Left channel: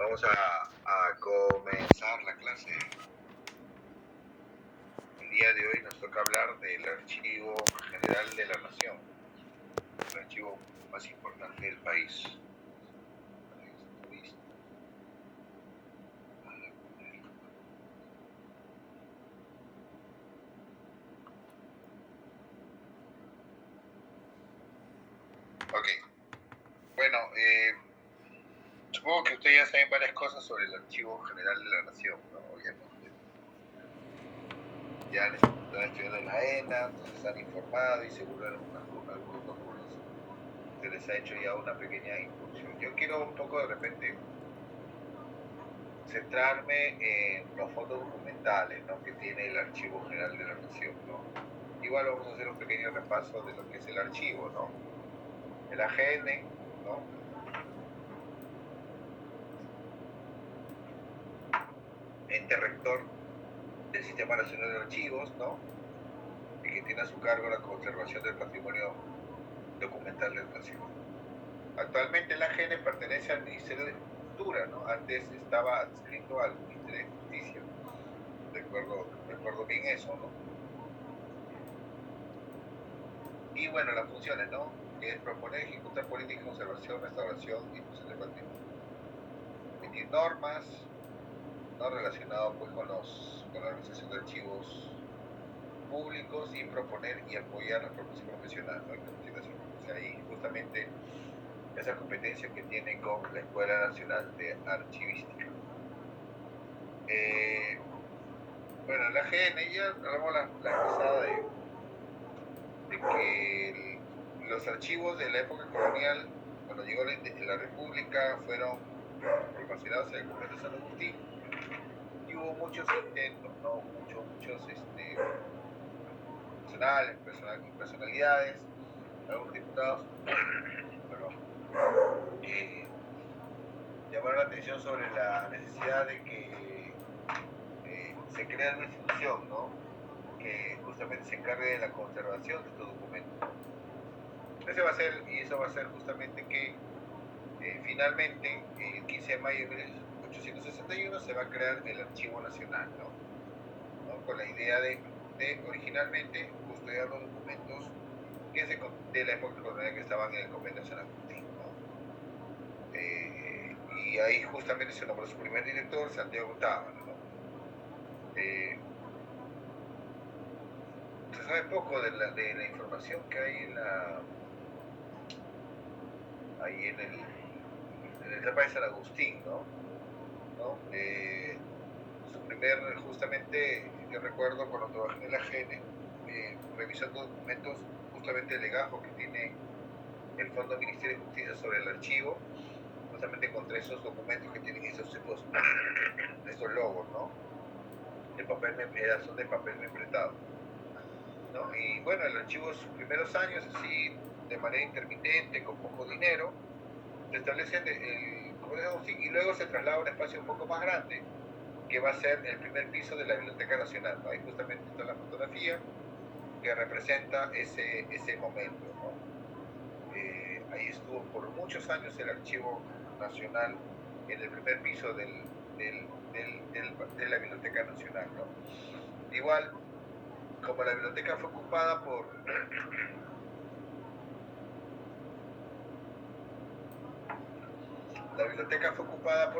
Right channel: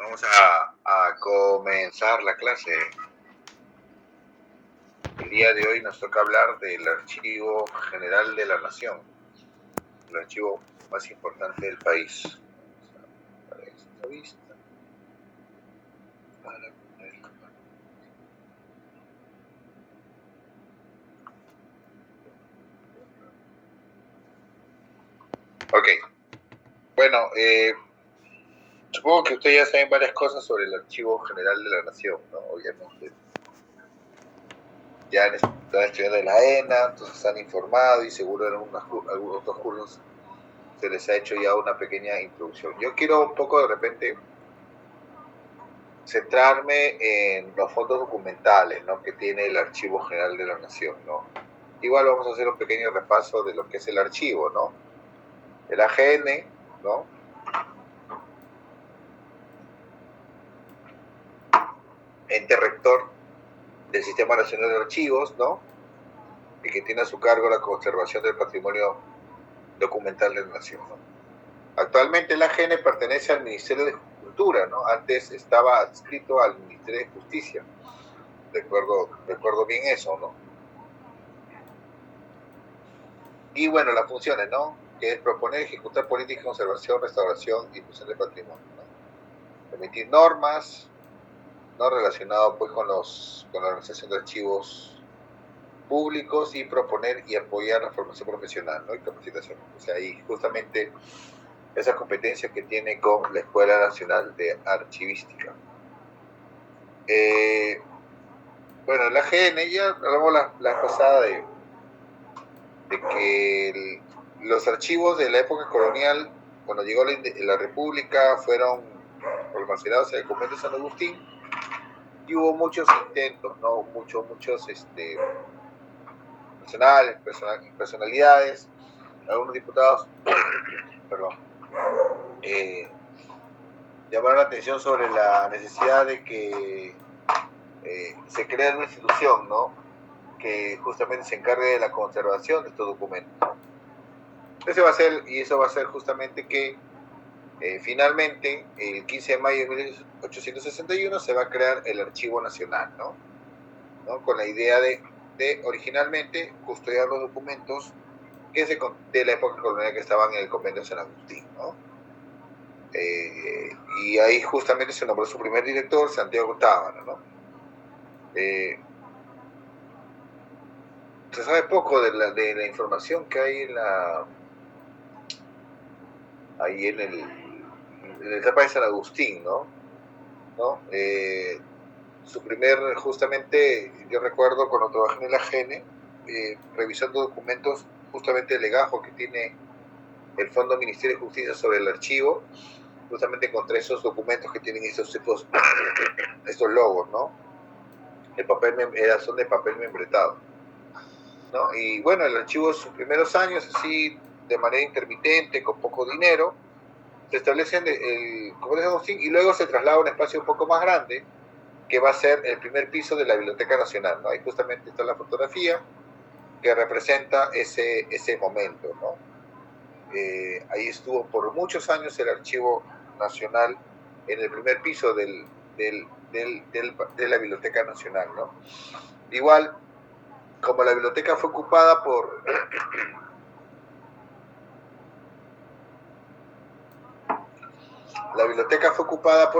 Vamos a comenzar la clase. El día de hoy nos toca hablar del Archivo General de la Nación, el archivo más importante del país. Para esta vista. Ok. Bueno, supongo que ustedes ya saben varias cosas sobre el Archivo General de la Nación, ¿no? Obviamente. Ya han estado estudiando en la ENA, entonces han informado y seguro en algunos otros cursos se les ha hecho ya una pequeña introducción. Yo quiero un poco de repente centrarme en los fondos documentales, ¿no?, que tiene el Archivo General de la Nación, ¿no? Igual vamos a hacer un pequeño repaso de lo que es el archivo, ¿no? El AGN, ¿no?, ente rector del Sistema Nacional de Archivos, ¿no?, y que tiene a su cargo la conservación del patrimonio documental de la Nación, ¿no? Actualmente el AGN pertenece al Ministerio de Cultura, ¿no? Antes estaba adscrito al Ministerio de Justicia. Recuerdo bien eso, ¿no? Y bueno, las funciones, ¿no?, que es proponer, ejecutar políticas de conservación, restauración y difusión del patrimonio, ¿no? Emitir normas, ¿no?, relacionado pues con la organización de archivos públicos, y proponer y apoyar la formación profesional, ¿no?, y capacitación. O sea, ahí justamente esa competencia que tiene con la Escuela Nacional de Archivística. Bueno, la AGN, ya hablamos la pasada de que los archivos de la época colonial, cuando llegó la República, fueron almacenados en el convento de San Agustín, y hubo muchos intentos, ¿no?, muchos personalidades, algunos diputados, perdón, llamaron la atención sobre la necesidad de que se cree una institución, ¿no?, que justamente se encargue de la conservación de estos documentos. Eso va a ser justamente que finalmente, el 15 de mayo de 1861 se va a crear el Archivo Nacional, ¿no? Con la idea de originalmente custodiar los documentos de la época colonial que estaban en el convento de San Agustín, ¿no? Y ahí justamente se nombró su primer director, Santiago Tábara, ¿no? Se sabe poco de la información que hay en la etapa de San Agustín, ¿no? Justamente, yo recuerdo cuando trabajé en el AGN, revisando documentos justamente el legajo que tiene el Fondo Ministerio de Justicia sobre el archivo, justamente encontré esos documentos que tienen estos tipos, estos logos, ¿no? Son de papel membretado, ¿no? Y bueno, el archivo en sus primeros años, así de manera intermitente, con poco dinero, se establece en el Convento de Agustín, y luego se traslada a un espacio un poco más grande, que va a ser el primer piso de la Biblioteca Nacional, ¿no? Ahí justamente está la fotografía que representa ese momento, ¿no? Ahí estuvo por muchos años el Archivo Nacional en el primer piso de la Biblioteca Nacional, ¿no? Igual, como la biblioteca fue ocupada por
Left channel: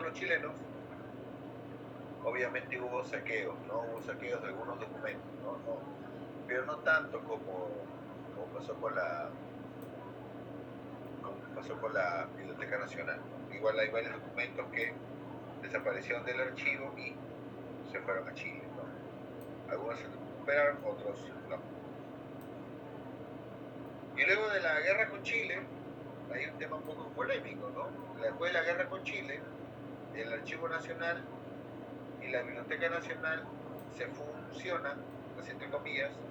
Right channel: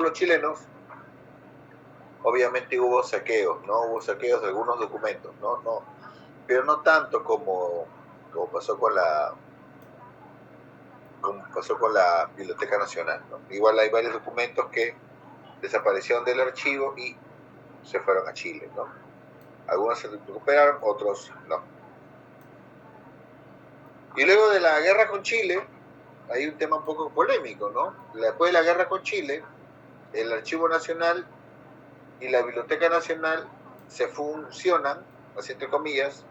los chilenos, obviamente hubo saqueos, ¿no? Hubo saqueos de algunos documentos, ¿no? Pero no tanto como pasó con la Biblioteca Nacional, ¿no? Igual hay varios documentos que desaparecieron del archivo y se fueron a Chile, ¿no? Algunos se recuperaron, otros no. Y luego de la guerra con Chile, hay un tema un poco polémico, ¿no? Después de la guerra con Chile, el Archivo Nacional y la Biblioteca Nacional se funcionan, así entre comillas,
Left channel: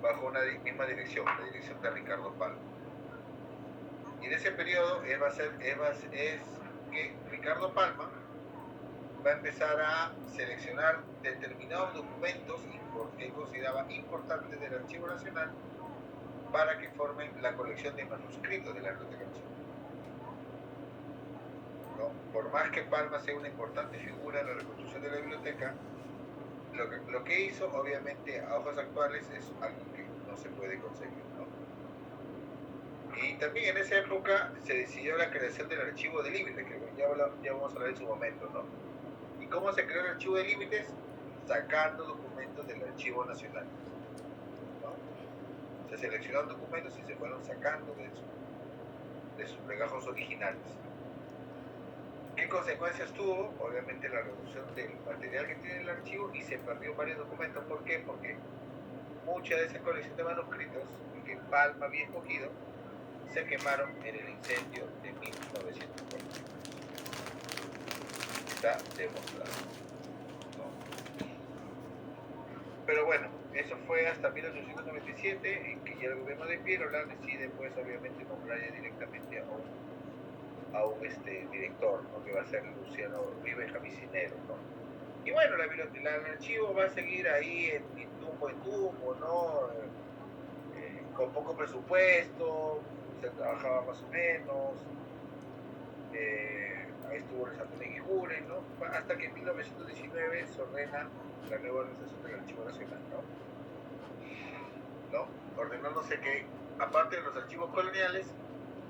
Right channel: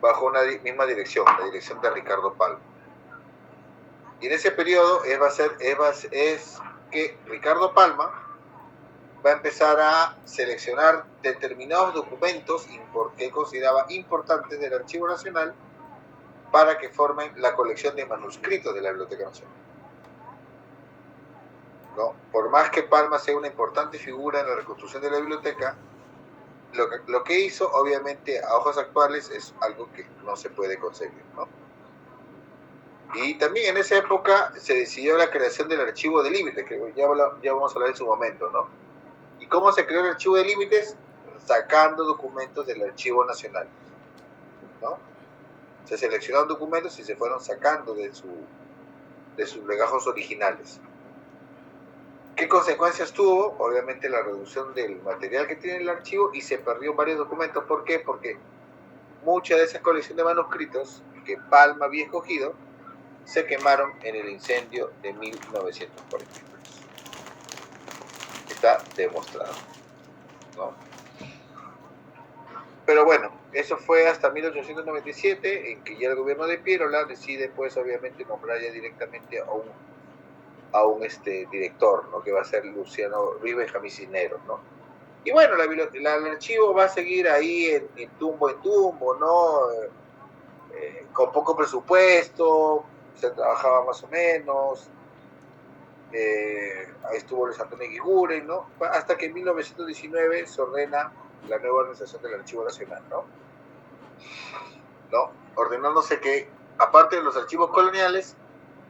bajo una misma dirección, la dirección de Ricardo Palma. Y en ese periodo es que Ricardo Palma va a empezar a seleccionar determinados documentos que él consideraba importantes del Archivo Nacional para que formen la colección de manuscritos de la Biblioteca Nacional. ¿no? Por más que Palma sea una importante figura en la reconstrucción de la biblioteca, lo que hizo, obviamente, a ojos actuales es algo que no se puede concebir, ¿no? Y también en esa época se decidió la creación del archivo de límites, que ya vamos a hablar en su momento, ¿no? ¿Y cómo se creó el archivo de límites? Sacando documentos del archivo nacional, ¿no? Se seleccionaron documentos y se fueron sacando de sus legajos originales. ¿Qué consecuencias tuvo? Obviamente la reducción del material que tiene el archivo, y se perdió varios documentos. ¿Por qué? Porque mucha de esa colección de manuscritos que Palma había escogido se quemaron en el incendio de 1943. Está demostrado, ¿no? Pero bueno, eso fue hasta 1897, en que ya el gobierno de Piérola decide, pues, obviamente, nombrar ya directamente a un director, ¿no? Que va a ser Luciano Rivas Jamicinero, ¿no? Y bueno, el archivo va a seguir ahí en tumbo, ¿no? Con poco presupuesto, se trabajaba más o menos, ahí estuvo Luis Antonio Guiguren, ¿no? Hasta que en 1919 se ordena la nueva organización del Archivo Nacional, ¿no? Ordenándose que, aparte de los archivos coloniales,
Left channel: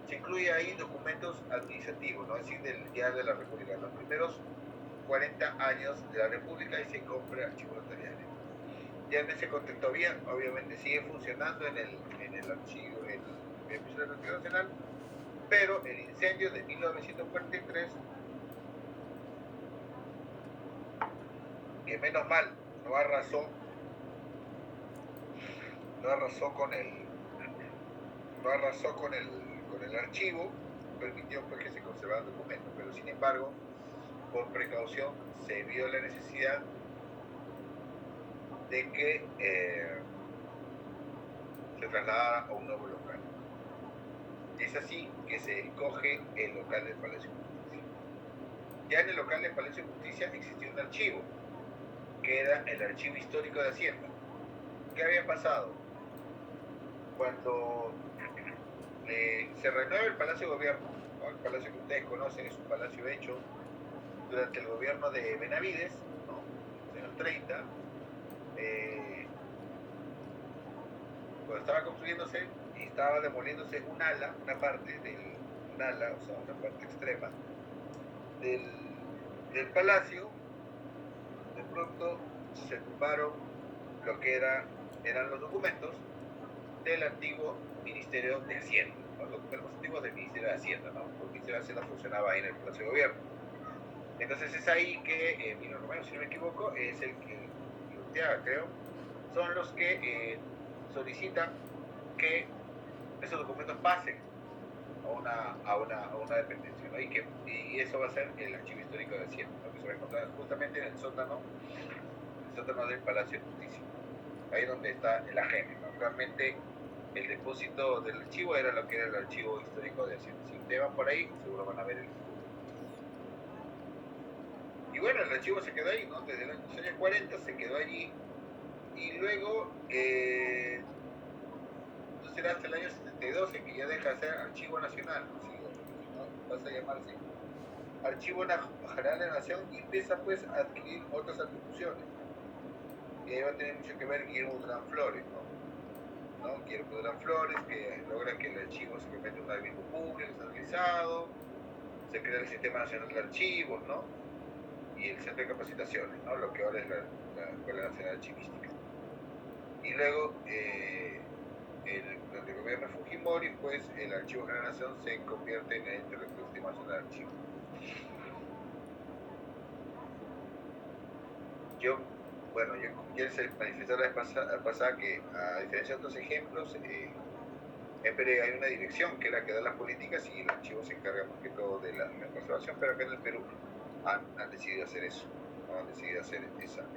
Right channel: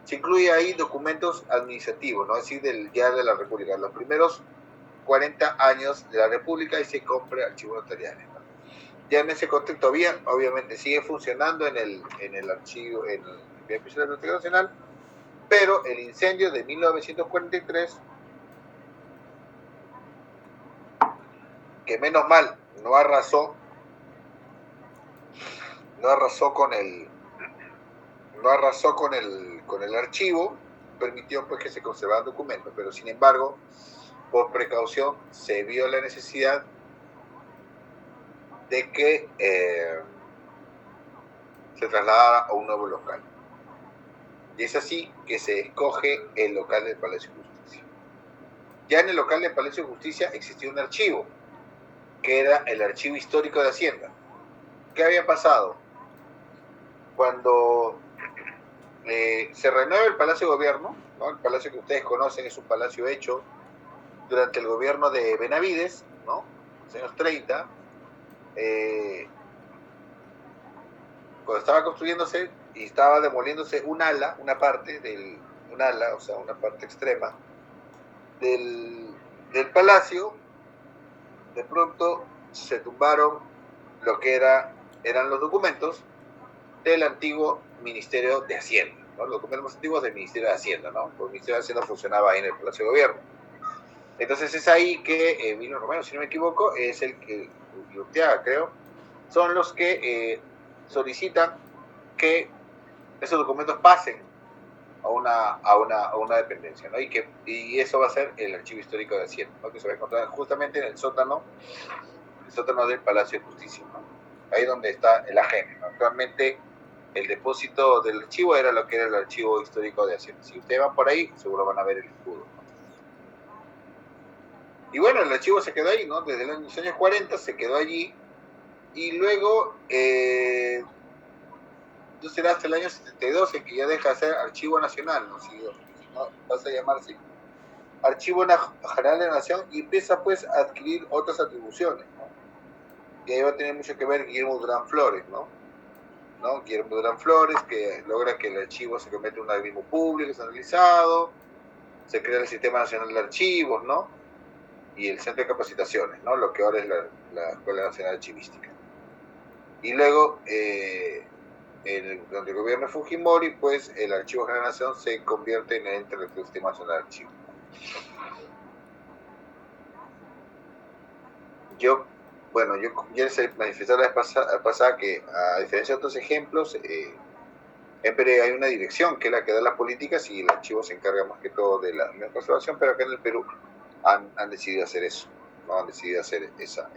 se incluye ahí documentos administrativos, ¿no? Es decir, ya de la República, los primeros 40 años de la República, y se compra archivos notariales, ¿no? Ya en ese contexto obviamente sigue funcionando en el archivo, en el Biblioteca de la Biblioteca Nacional, pero el incendio de 1943, que menos mal no arrasó con el archivo, permitió, pues, que se conservaran documentos, pero sin embargo, por precaución, se vio la necesidad de que se trasladara a un nuevo local. Y es así que se escoge el local del Palacio de Justicia. Ya en el local del Palacio de Justicia existía un archivo, que era el Archivo Histórico de Hacienda. ¿Qué había pasado? Cuando se renueva el Palacio de Gobierno, ¿no? El palacio que ustedes conocen es un palacio hecho durante el gobierno de Benavides, ¿no? En los años 30, cuando estaba construyéndose y estaba demoliéndose una parte extrema del palacio, de pronto se tumbaron lo que eran los documentos del antiguo Ministerio de Hacienda, ¿no? Los documentos antiguos del Ministerio de Hacienda, ¿no? Porque el Ministerio de Hacienda funcionaba ahí en el Palacio de Gobierno. Entonces es ahí que Emilio Romero, si no me equivoco, es el que, Urteaga, creo, son los que solicitan que esos documentos pasen a una dependencia, ¿no? Y eso va a ser el Archivo Histórico de Hacienda, ¿no? Que se va a encontrar justamente en el sótano del Palacio de Justicia, ¿no? Ahí donde está el AGM, ¿no? Actualmente el depósito del archivo era lo que era el Archivo Histórico de Hacienda. Si ustedes van por ahí, seguro van a ver el escudo. Y bueno, el archivo se quedó ahí, ¿no? Desde los años 40 se quedó allí, y luego no será hasta el año 72 en que ya deja de ser Archivo Nacional, ¿no? Si no pasa a llamarse Archivo General de la Nación, y empieza, pues, a adquirir otras atribuciones, ¿no? Y ahí va a tener mucho que ver Guillermo Durán Flores, ¿no? Guillermo Durán Flores, que logra que el archivo se convierta en un organismo público, centralizado, se crea el Sistema Nacional de Archivos, ¿no? Y el Centro de Capacitaciones, ¿no? Lo que ahora es la Escuela Nacional Archivística. Y luego, durante el gobierno de Fujimori, pues, el Archivo General de la Nación se convierte en el ente del Sistema Nacional de Archivos. Yo ya les manifesté la vez pasada que, a diferencia de otros ejemplos, en Perú hay una dirección que es la que da las políticas, y el archivo se encarga más que todo de la conservación, pero acá en el Perú han decidido hacer eso, ¿no? Han decidido hacer esa.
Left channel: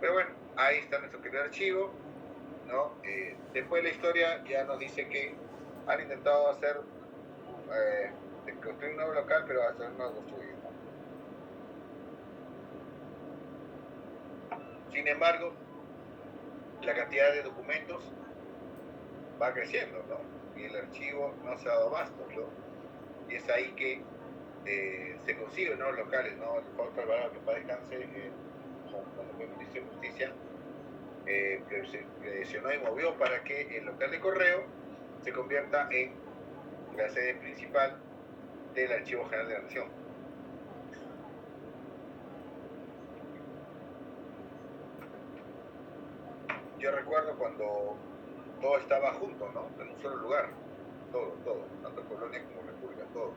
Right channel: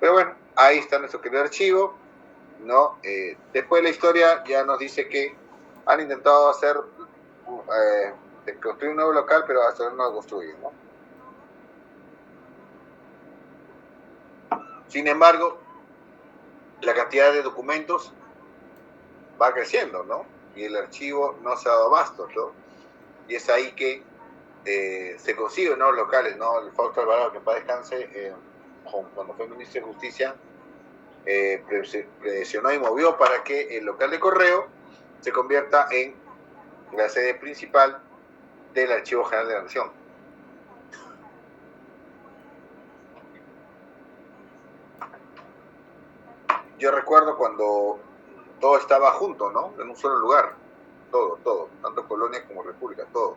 Pero bueno, ahí está nuestro querido archivo, ¿no? Después la historia ya nos dice que han intentado construir un nuevo local, pero hasta ahora no lo construyen, ¿no? Sin embargo, la cantidad de documentos va creciendo, ¿no? Y el archivo no se ha dado abasto, ¿no? y es ahí que se consiguen nuevos locales, ¿no? El Fausto Alvarado, que en paz descanse, cuando fue ministro de Justicia, presionó y movió para que el local de correo se convierta en la sede principal del Archivo General de la Nación. Yo recuerdo cuando todo estaba junto, ¿no? En un solo lugar, todo, tanto colonia como república, todo,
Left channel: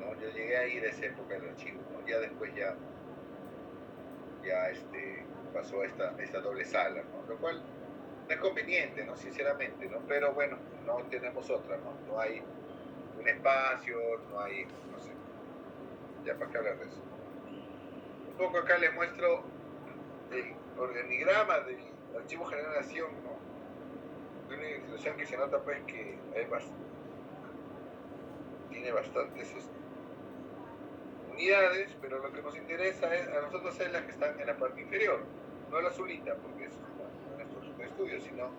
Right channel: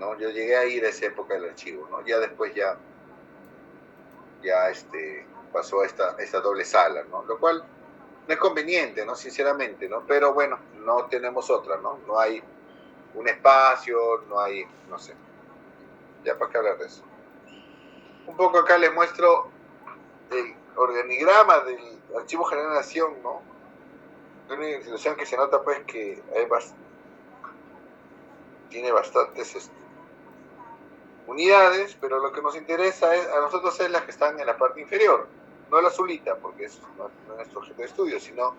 ¿no? Yo llegué a ir a esa época del archivo, ¿no? Ya después pasó a esta doble sala, ¿no? Lo cual no es conveniente, ¿no? Sinceramente, ¿no? Pero bueno, no tenemos otra, ¿no? No hay un espacio, no hay, no sé. Ya, ¿para qué hablar de eso? Un poco acá les muestro el organigrama del Archivo General de la Nación, ¿no? Es una institución que se nota, pues, que tiene bastantes unidades, pero lo que nos interesa a nosotros es las que están en la parte inferior, no la azulita, porque eso no es nuestro objeto de estudio, sino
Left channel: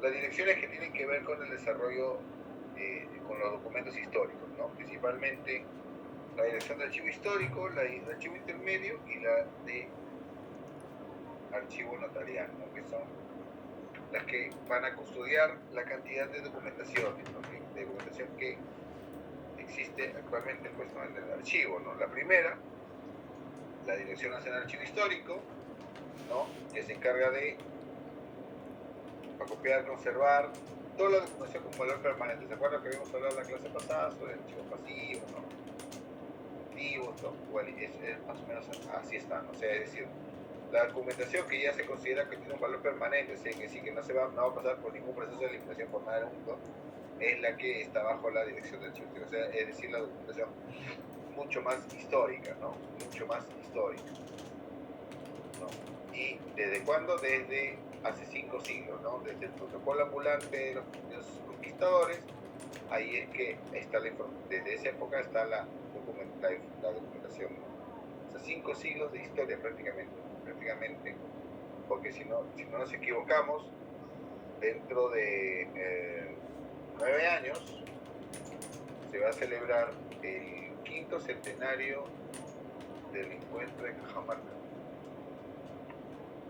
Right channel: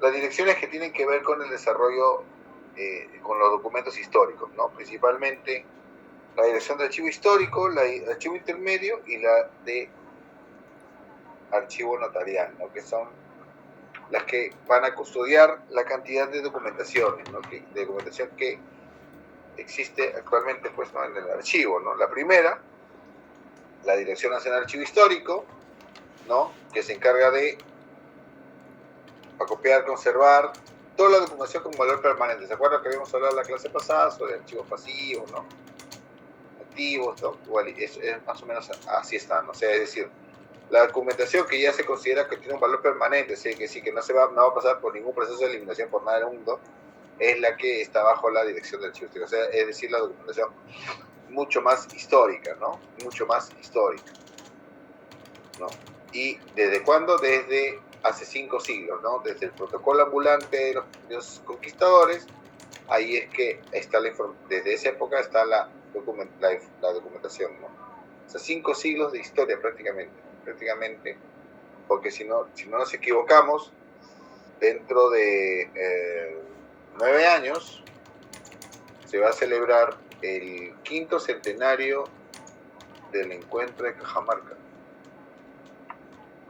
las direcciones que tienen que ver con el desarrollo, con los documentos históricos, ¿no? Principalmente la dirección de archivo histórico, la de archivo intermedio y la de archivo notarial, ¿no? Que son las que van a custodiar la cantidad de documentaciones, ¿no? De documentación que existe actualmente, pues, ¿no? En el archivo, ¿no? La primera, la Dirección Nacional de Archivo Histórico, ¿no? Que se encarga de acopiar, conservar toda la documentación con valor permanente. ¿Se acuerdan que habíamos hablado en la clase pasada sobre archivos pasivos, ¿no? Activos, ¿no? Es más o menos así está, ¿no? O sea, es decir, la documentación que ya se considera que tiene un valor permanente, ¿sí? Que no va a pasar por ningún proceso de eliminación por nada del mundo, es la que está bajo la dirección del archivo histórico. O sea, es decir, la documentación mucho más histórica, ¿no? Mucho más histórica, ¿no? ¿Y desde cuándo? Desde hace 5 siglos, ¿no? Desde el protocolo ambulante de los conquistadores, ahí es que está desde esa época está la documentación, ¿no? O sea, 5 siglos de historia prácticamente, porque si no nos equivocamos, dentro de 9 años se va a celebrar el 5º centenario del encuentro de Cajamarca.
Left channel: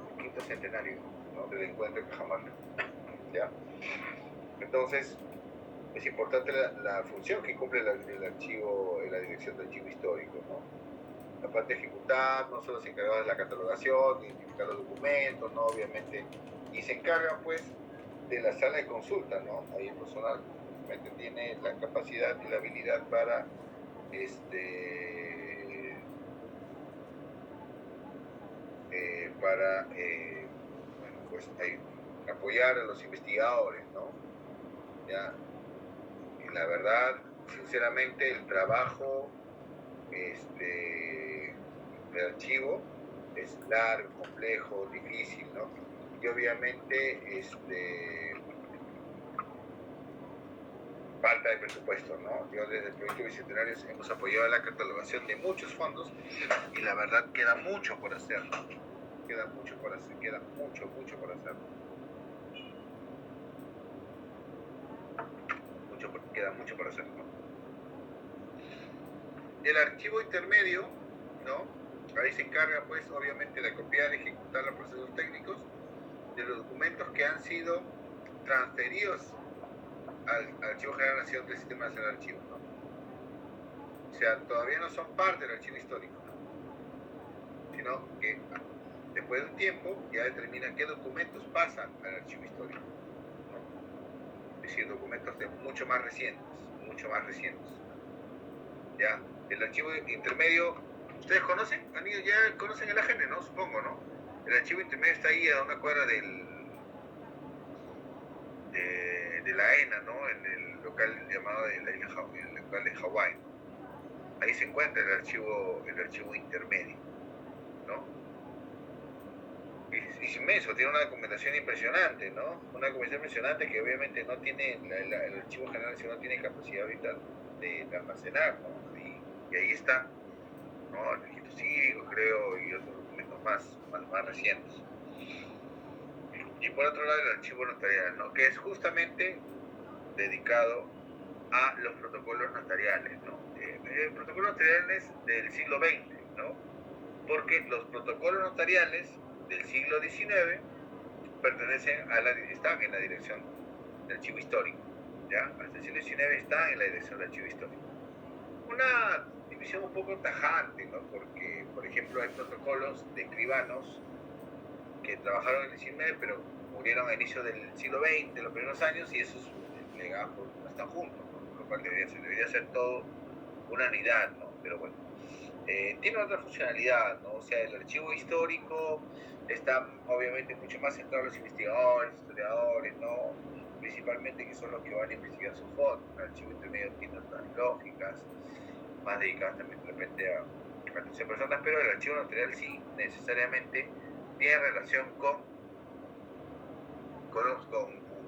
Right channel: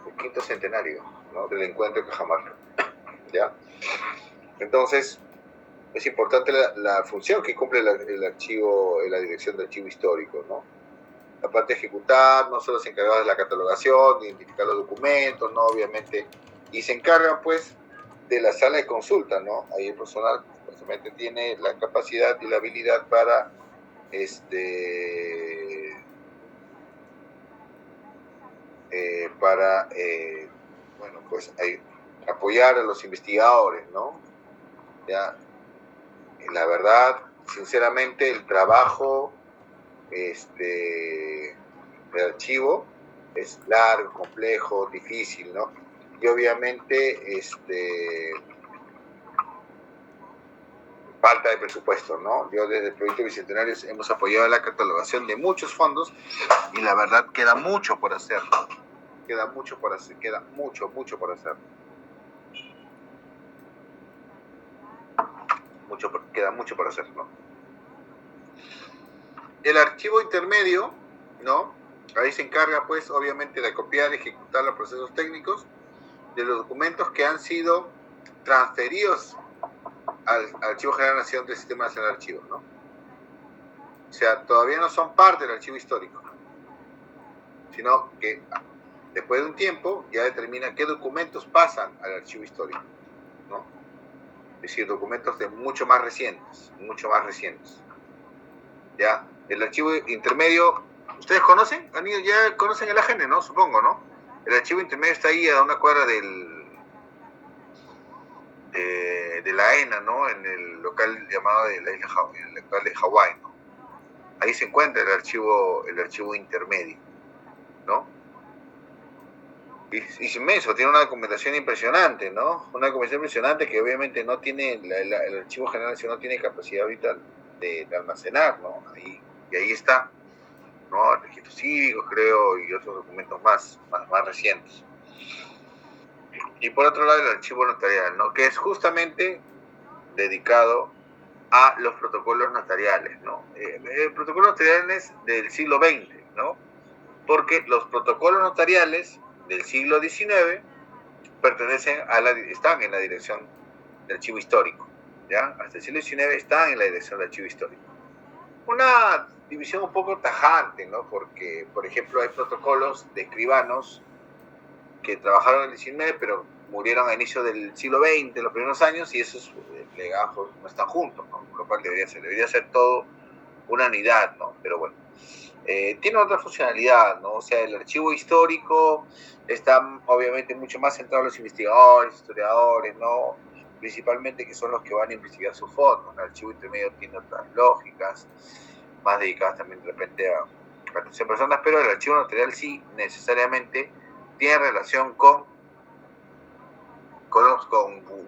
El 5º centenario, ¿no? Del encuentro de Cajamarca. ¿Ya? Entonces, es importante la función que cumple el archivo, la dirección de archivo histórico, ¿no? La parte de ejecutar, no solo se encarga de la catalogación, de identificar los documentos, ¿no? Obviamente, y se encarga, pues, de la sala de consulta, ¿no? Ahí el personal, supuestamente, tiene la capacidad y la habilidad para, bueno, pues, apoyar a los investigadores, ¿no? Ya, y la verdad, sinceramente, el trabajo de archivo es largo, complejo, difícil, ¿no? Y obviamente falta de presupuesto, ¿no? Yo desde el Proyecto Bicentenario hemos apoyado la catalogación de muchos fondos y la verdad queda mucho por hacer, queda mucho por hacer, queda mucho por hacer. Queda mucho por hacer, ¿no? El archivo intermedio, ¿no? Ahí se encarga, pues, obviamente, de copiar y ejecutar los procesos técnicos de los documentos que han sido transferidos al Archivo General de la Nación del Sistema Nacional de Archivos, ¿no? O sea, todavía no son parte del archivo histórico, sino que después de un tiempo ya determina qué documentos pasan al archivo histórico, ¿no? Es decir, documentos de mucho más recientes, ¿ya? El archivo intermedio, ¿ustedes conocen? Ya conocen el AGN, ¿no? Supongo, ¿no? El archivo intermedio está ahí a una cuadra de la ENA, ¿no? En el local llamado de la isla, el local de Hawái, ¿no? Ahí se encuentra el archivo intermedio, ¿no? Y es inmenso, tiene una documentación impresionante, ¿no? Una documentación impresionante que obviamente no tiene, el Archivo General no tiene capacidad ahorita de almacenar, ¿no? Y ahí está, ¿no? El registro cívico, creo, y otros documentos más recientes. Y por otro lado, el archivo notarial, ¿no? Que es justamente dedicado a los protocolos notariales, ¿no? Protocolos notariales del siglo XX, ¿no? Porque los protocolos notariales del siglo XIX están en la dirección del archivo histórico, ¿ya? Hasta el siglo XIX están en la dirección del archivo histórico. Una división un poco tajante, ¿no? Porque, por ejemplo, hay protocolos de escribanos que trabajaron en el XIX, pero murieron a inicio del siglo XX, los primeros años, y esos legajos no están juntos, ¿no? Lo cual debería ser todo una unidad, ¿no? Pero bueno, tiene otra funcionalidad, ¿no? O sea, el archivo histórico está obviamente mucho más centrado en los investigadores, historiadores, ¿no? Principalmente, que son los que van a investigar sus fondos. El archivo intermedio tiene otras lógicas, más dedicadas también de repente a atención a personas, pero el archivo notarial sí necesariamente tiene relación con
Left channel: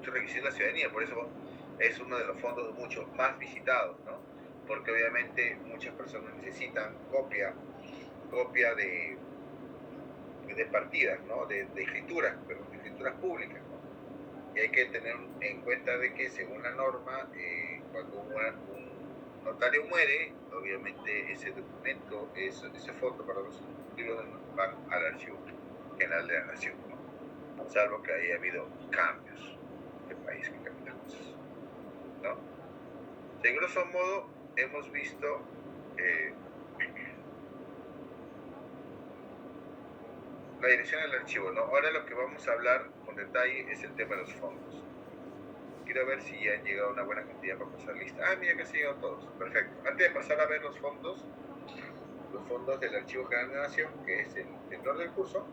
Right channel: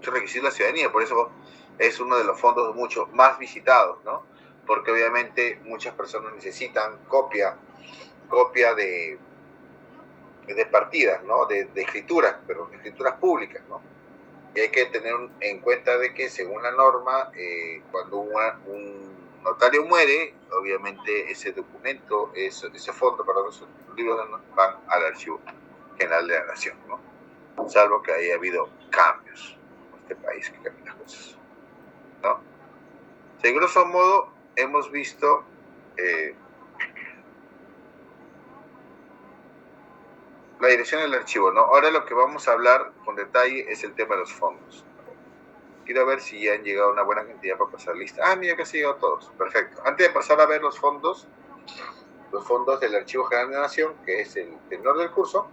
requisitos de la ciudadanía, por eso es uno de los fondos mucho más visitados, ¿no? Porque obviamente muchas personas necesitan copia de partidas, ¿no? De escrituras, pero de escrituras públicas, ¿no? Y hay que tener en cuenta de que según la norma, cuando un notario muere, obviamente ese documento, ese fondo, perdón, esos libros van al Archivo General de la Nación, ¿no? Salvo que haya habido cambios en este país que cambian las cosas, ¿no? De grosso modo, hemos visto la dirección del archivo, ¿no? Ahora lo que vamos a hablar con detalle es el tema de los fondos. Quiero ver si ya han llegado una buena cantidad para pasar lista. Ah, mira, casi han llegado todos. Perfecto. Antes de pasar a ver los fondos del Archivo General de la Nación, que es el tenor del curso,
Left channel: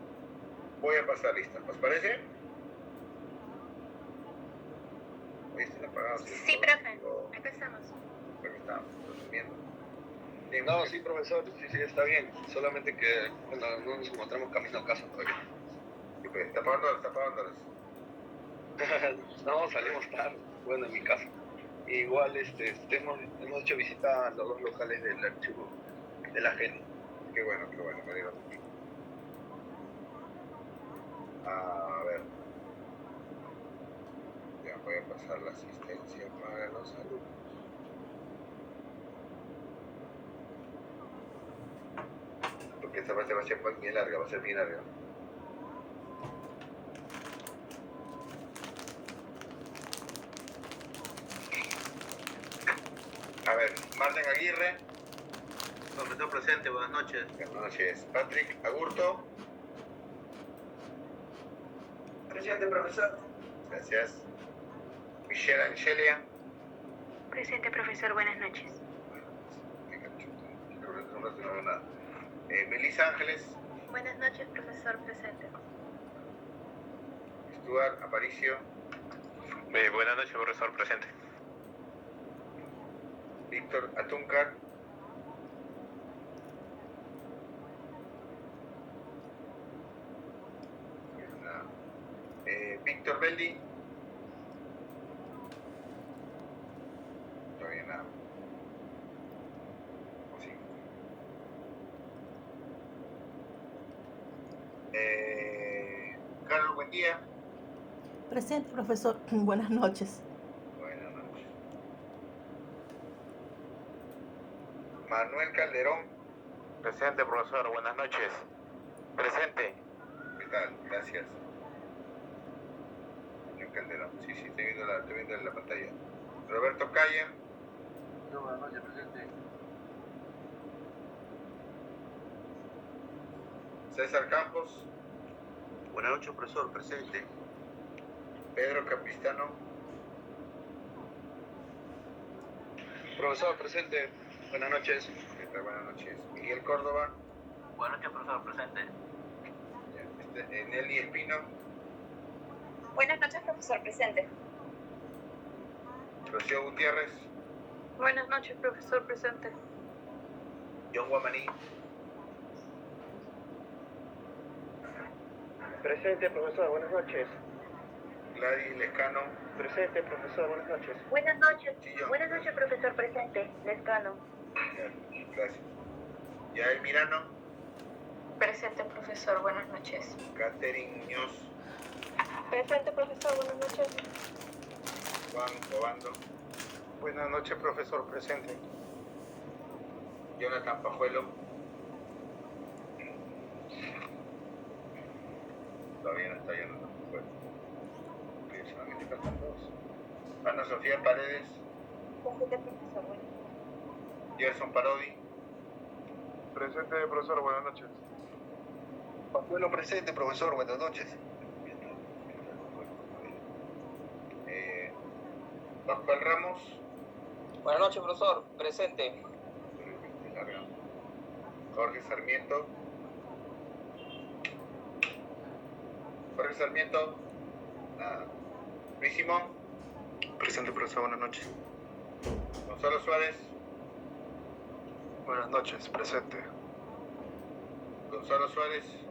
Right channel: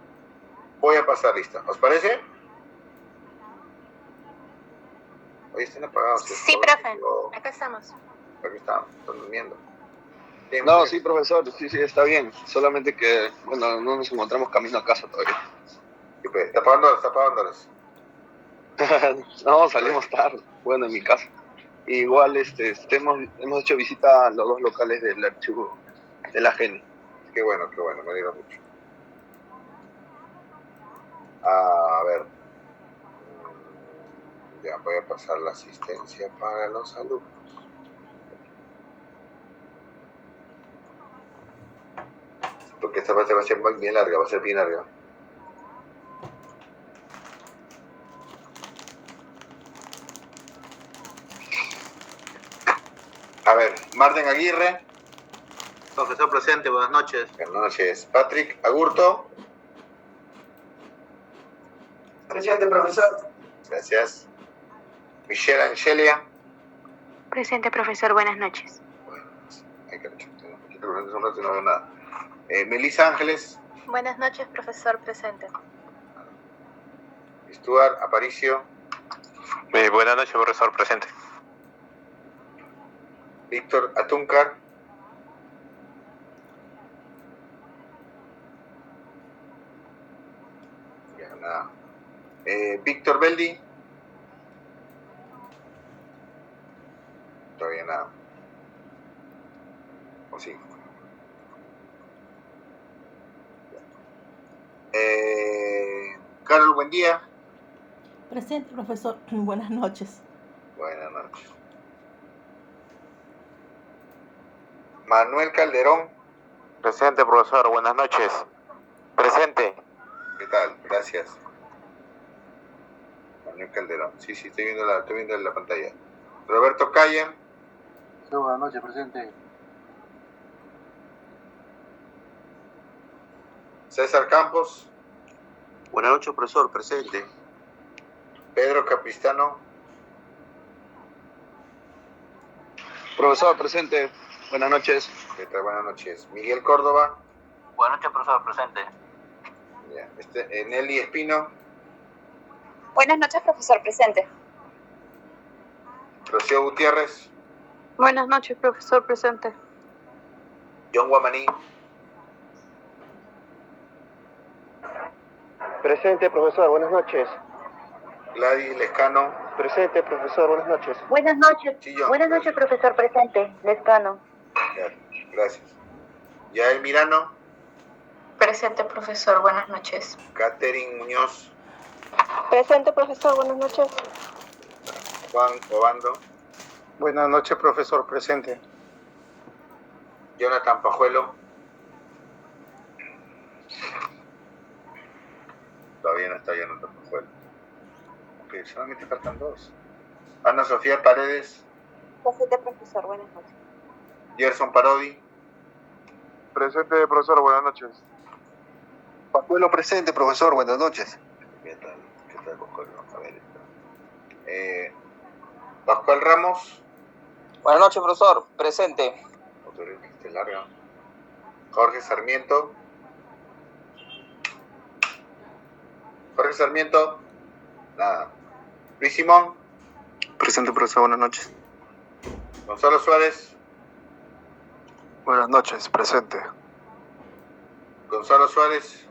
voy a pasar lista. ¿Os parece? Hoy están apagados. Sí, profe. Acá estamos. Aquí están durmiendo. No, sí, profesor, sí, está bien. Solamente que, bueno, no nos encontramos camino a casa todavía. Sí, pues, está apagándolas. No, salimos tarde, bueno, en mi casa. Igual hemos hecho visita a los dos locales del archivo de la GENI. Qué bueno, me alegro mucho. A ver. Ya voy a pasar la asistencia para los alumnos. Porque esta parte va a ser bien larga, va a ser bien larga. A ver, Marden Aguirre. Profesor presente, buenas noches. Buenas noches. Patrick Agurto. Presente, profesor. Gracias. Michelle Angelia. Presente, profesor, buenas noches. No veo nada. Melissa Ángeles. Buenas noches, profesor, presente. Stuart Aparicio. Buenas noches, profesor presente. Víctor Atúncar. Nada. Víctor Beldi. Todavía nada. O sí. Carol, buen día. Presente, profesor. Buenas noches. Buenas noches. Manuel Calderón. Presente, profesor, buenas noches. Presente. ¿Qué tal? Gracias. Manuel Calderón. Sí, estoy viendo la pantalla. Roberto Calla. Sí, buenas noches, presente. César Campos. Buenas noches, profesor, presente. Pedro Capistrano. Profesor, presente. Buenas noches. ¿Qué tal? Buenas noches. Miguel Córdoba. Buenas noches, profesor, presente. Ya. Nelly Espino. Buenas noches, profesor, presente. Rocío Gutiérrez. Buenas noches, profesor, presente. John Guamaní. Presente, profesor, buenas noches. Gladys Lescano. Presente, profesor, buenas noches. Buenas noches. Sí, John. Buenas noches, profesor, presente. Lescano. Gracias. Yael Mirano. Presente, profesor, buenas noches. Catherine Muñoz. Presente, profesor, buenas noches. Juan Obando. Buenas noches, profesor. Presente. Jonathan Pajuelo. Todavía no está Jonathan Pajuelo. Ok, solamente faltan dos. Ana Sofía Paredes. Presente, profesor. Buenas noches. Gerson Parodi. Presente, profesor, buenas noches. Pajuelo presente, profesor. Buenas noches. ¿Qué tal, Pascual? A ver. Pascual Ramos. Buenas noches, profesor. Presente. Jorge Sarmiento. Jorge Sarmiento. Nada. Luis Simón. Presente, profesor. Buenas noches. Gonzalo Suárez. Buenas noches, presente. Gonzalo Suárez.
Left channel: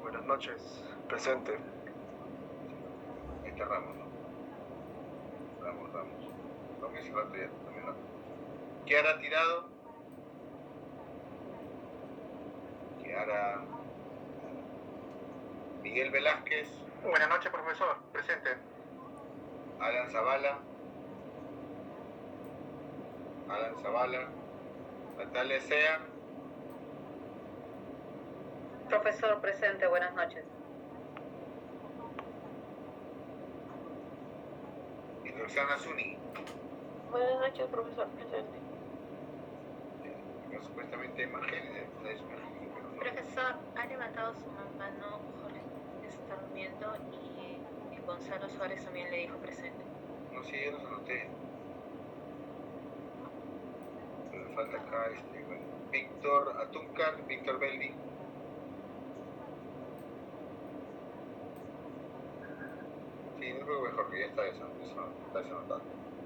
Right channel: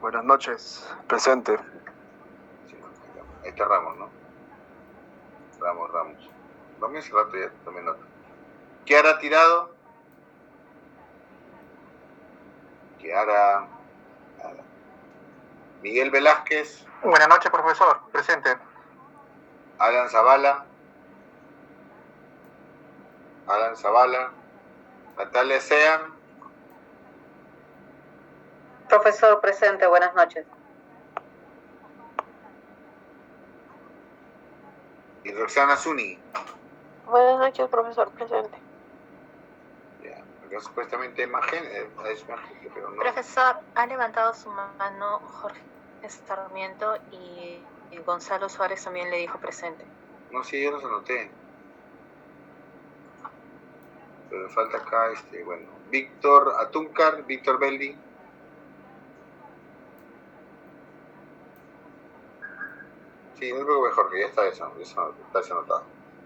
Buenas noches, presente. Ahí está Ramos, ¿no? Ramos. También se rato ya, también nota. Kiara Tirado. Kiara. Miguel Velázquez. Buenas noches, profesor. Presente. Alan Zavala. Natalia Sean. Profesor, presente. Buenas noches. Y Roxana Zuni. Buenas noches, profesor. Presente. Acá supuestamente es más género, pero no. Profesor, ha levantado su mano Jorge Sarmiento y Gonzalo Suárez también le dijo presente. No, sí, yo los anoté. Pero falta acá, bueno, Víctor Atúncar, Víctor Beldi. Sí, no creo que mejor, que ya está eso está anotado.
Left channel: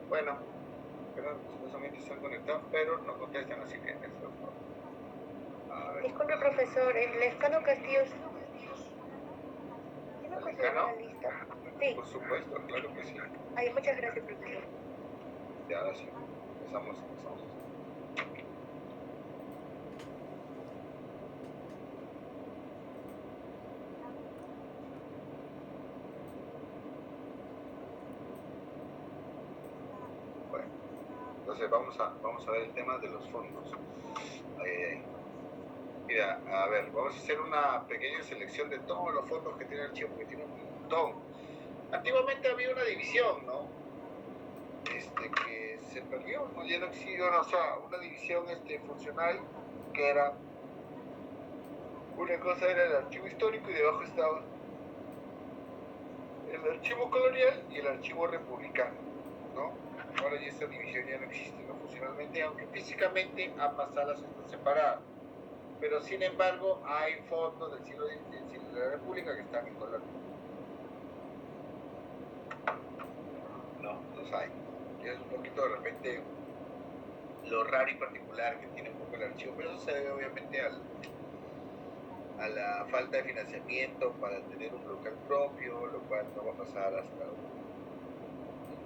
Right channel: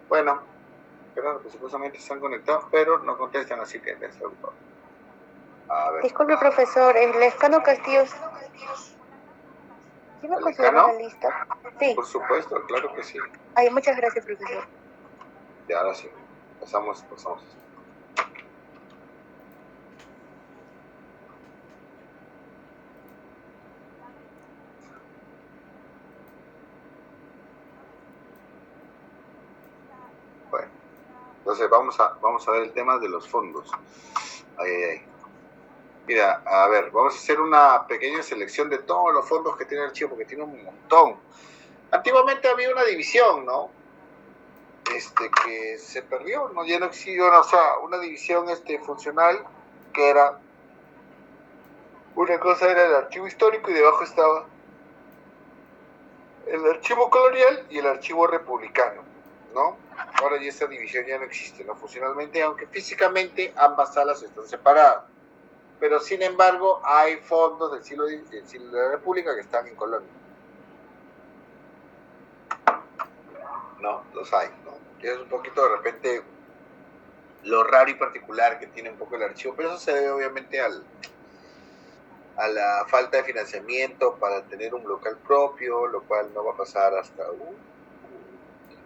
Bueno, claro que supuestamente están conectados, pero no contestan, así que a ver. Disculpe, profesor. El Lescano Castillo. ¿Sí me ¿El considera Lescano? la lista? Sí. Por supuesto, claro que sí. Ay, muchas gracias, profesor. Y ahora sí, pasamos. Bueno, entonces vamos a ver el tema de los fondos. Mira, a ver, vamos a hacer una pequeña selección de todos los fondos que tiene el archivo, porque tiene un montón. Antiguamente había una división, ¿no? Que se perdió, ¿no? Ya no existió, o sea, una división funcional que era, una cosa era el archivo histórico y debajo estaba el archivo colonial y el archivo republicano, ¿no? Ahora ya esa división ya no existe, ¿no? Funcionalmente, aunque físicamente ambas salas están separadas. Pero sin embargo hay fondos del siglo de la República que están en Colombia. No, los hay, ¿no? Y es un poquito de repente lo raro y particular que tiene un poco el archivo, pero eso se debe obviamente a la falta de financiamiento para tener un local propio, lo cual no va a pasar hasta el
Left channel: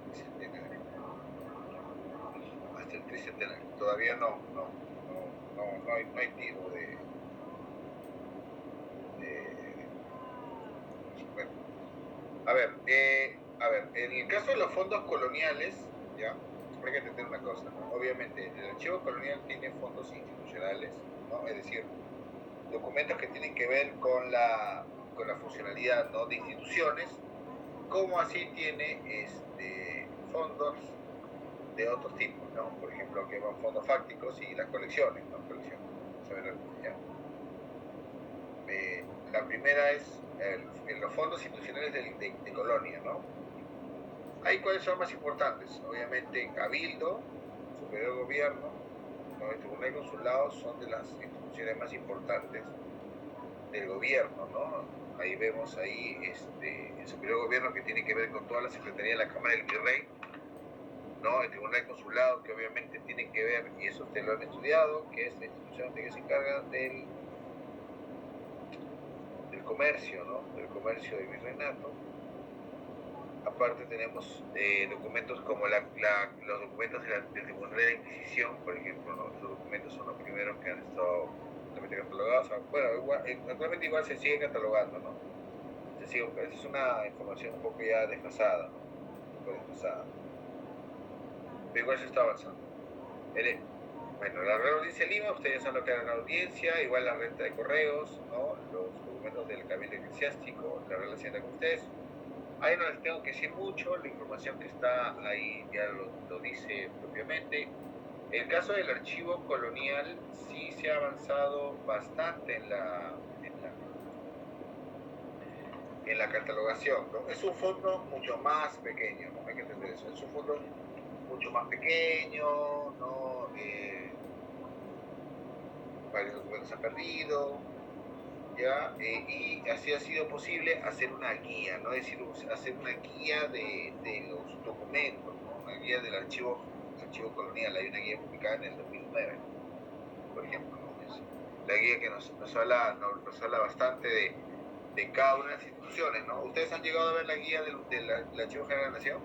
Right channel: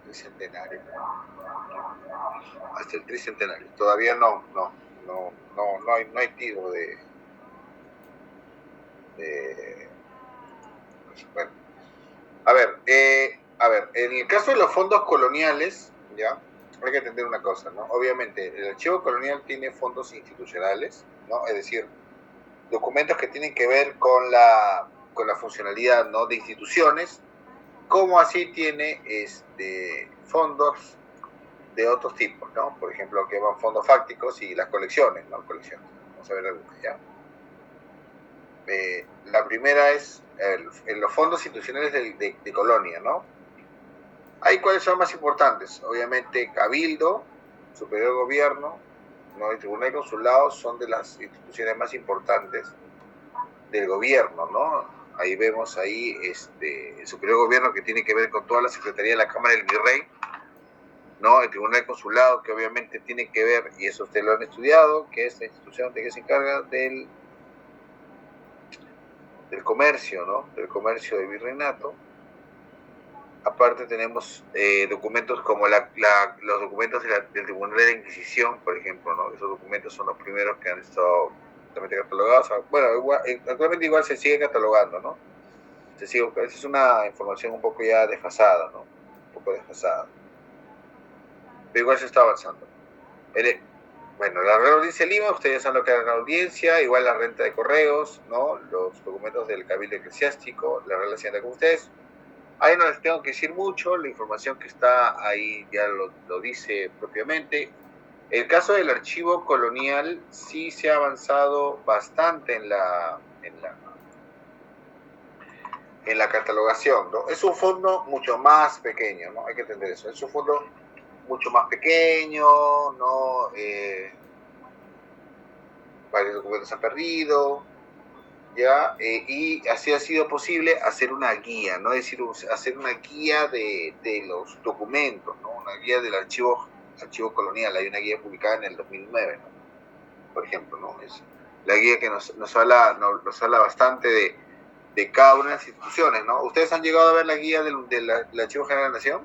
tricentenario. Hasta el tricentenario. Todavía no hay tiro de bueno. A ver, en el caso de los fondos coloniales, ya, hay que entender una cosa, ¿no? Obviamente, el archivo colonial tiene fondos institucionales, ¿no? Es decir, documentos que tienen que ver con la funcionalidad, ¿no? De instituciones, como así tiene fondos de otros tipos, ¿no? Por ejemplo, que van fondos fácticos y las colecciones, ¿no? Colecciones. Vamos a ver algunas, ¿ya? La primera es en los fondos institucionales de colonia, ¿no? Ahí, ¿cuáles son más importantes? Obviamente, Cabildo, Superior Gobierno, ¿no? El Tribunal y Consulado son de las instituciones más importantes del gobierno, ¿no? Ahí vemos el Superior Gobierno, que tiene que ver con toda la Secretaría de la Cámara del Virrey, ¿no? El Tribunal Consulado, que obviamente tiene que ver, y eso ustedes lo han estudiado, que es la institución que se encarga del comercio, ¿no? Del comercio del virreinato. Aparte tenemos documentos como los documentos del Tribunal de la Inquisición, por ejemplo, ¿no? Esos documentos son los primeros que han estado totalmente catalogados. Bueno, actualmente igual se sigue catalogando, ¿no? Es una información un poco ya desfasada, ¿no? Un poco desfasada. pero igual se está avanzando. Bueno, la Real Audiencia de Lima, ustedes saben lo que es la audiencia, igual la renta de correos, ¿no? Los documentos del Cabildo Eclesiástico, la Real Hacienda con ustedes. Ahí no les tengo que decir mucho, la información que está ahí ya lo dice propiamente. El caso del archivo colonial sí se ha avanzado bastante en la catalogación, ¿no? Es un fondo mucho más pequeño, ¿no? Hay que entender eso. Es un fondo mucho más pequeño, ¿no? Varios documentos se han perdido, ¿ya? Y así ha sido posible hacer una guía, ¿no? Es decir, hacer una guía de los documentos, ¿no? Una guía del archivo colonial. Hay una guía publicada en el 2009, ¿no? Por ejemplo, ¿no? Es la guía que nos habla bastante de cada una de las instituciones, ¿no? ¿Ustedes han llegado a ver la guía del Archivo General de la Nación?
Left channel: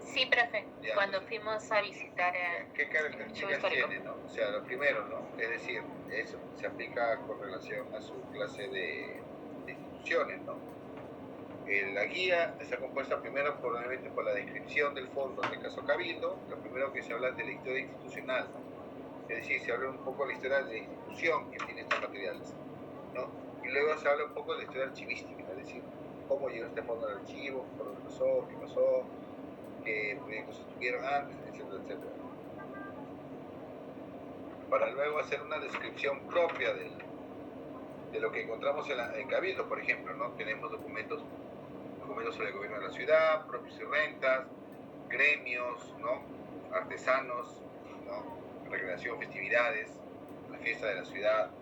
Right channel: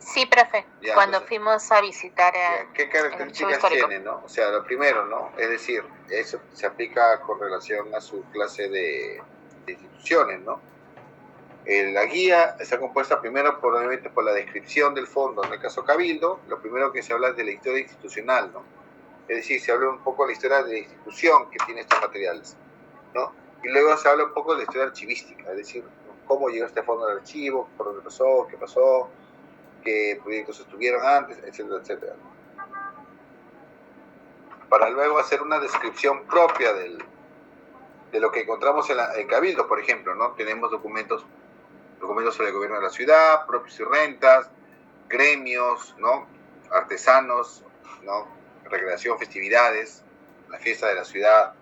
Sí, profe, Ya, cuando entonces, fuimos a visitar ¿qué el características histórico. tiene, no? O sea, lo primero, ¿no? Es decir, eso se aplica con relación a su clase de instituciones, ¿no? La guía está compuesta primero, obviamente, por la descripción del fondo. En el caso Cabildo, lo primero que se habla es de la historia institucional, ¿no? Es decir, se habla un poco de la historia de la institución que tiene estos materiales, ¿no? Y luego se habla un poco de la historia archivística, es decir, cómo llegó este fondo al archivo, por dónde pasó, qué proyectos estuvieron antes, etcétera, etcétera. Para luego hacer una descripción propia de lo que encontramos en Cabildo, por ejemplo, ¿no? Tenemos documentos sobre el gobierno de la ciudad, propios y rentas, gremios, ¿no? Artesanos, ¿no? Recreación, festividades, la fiesta de la ciudad,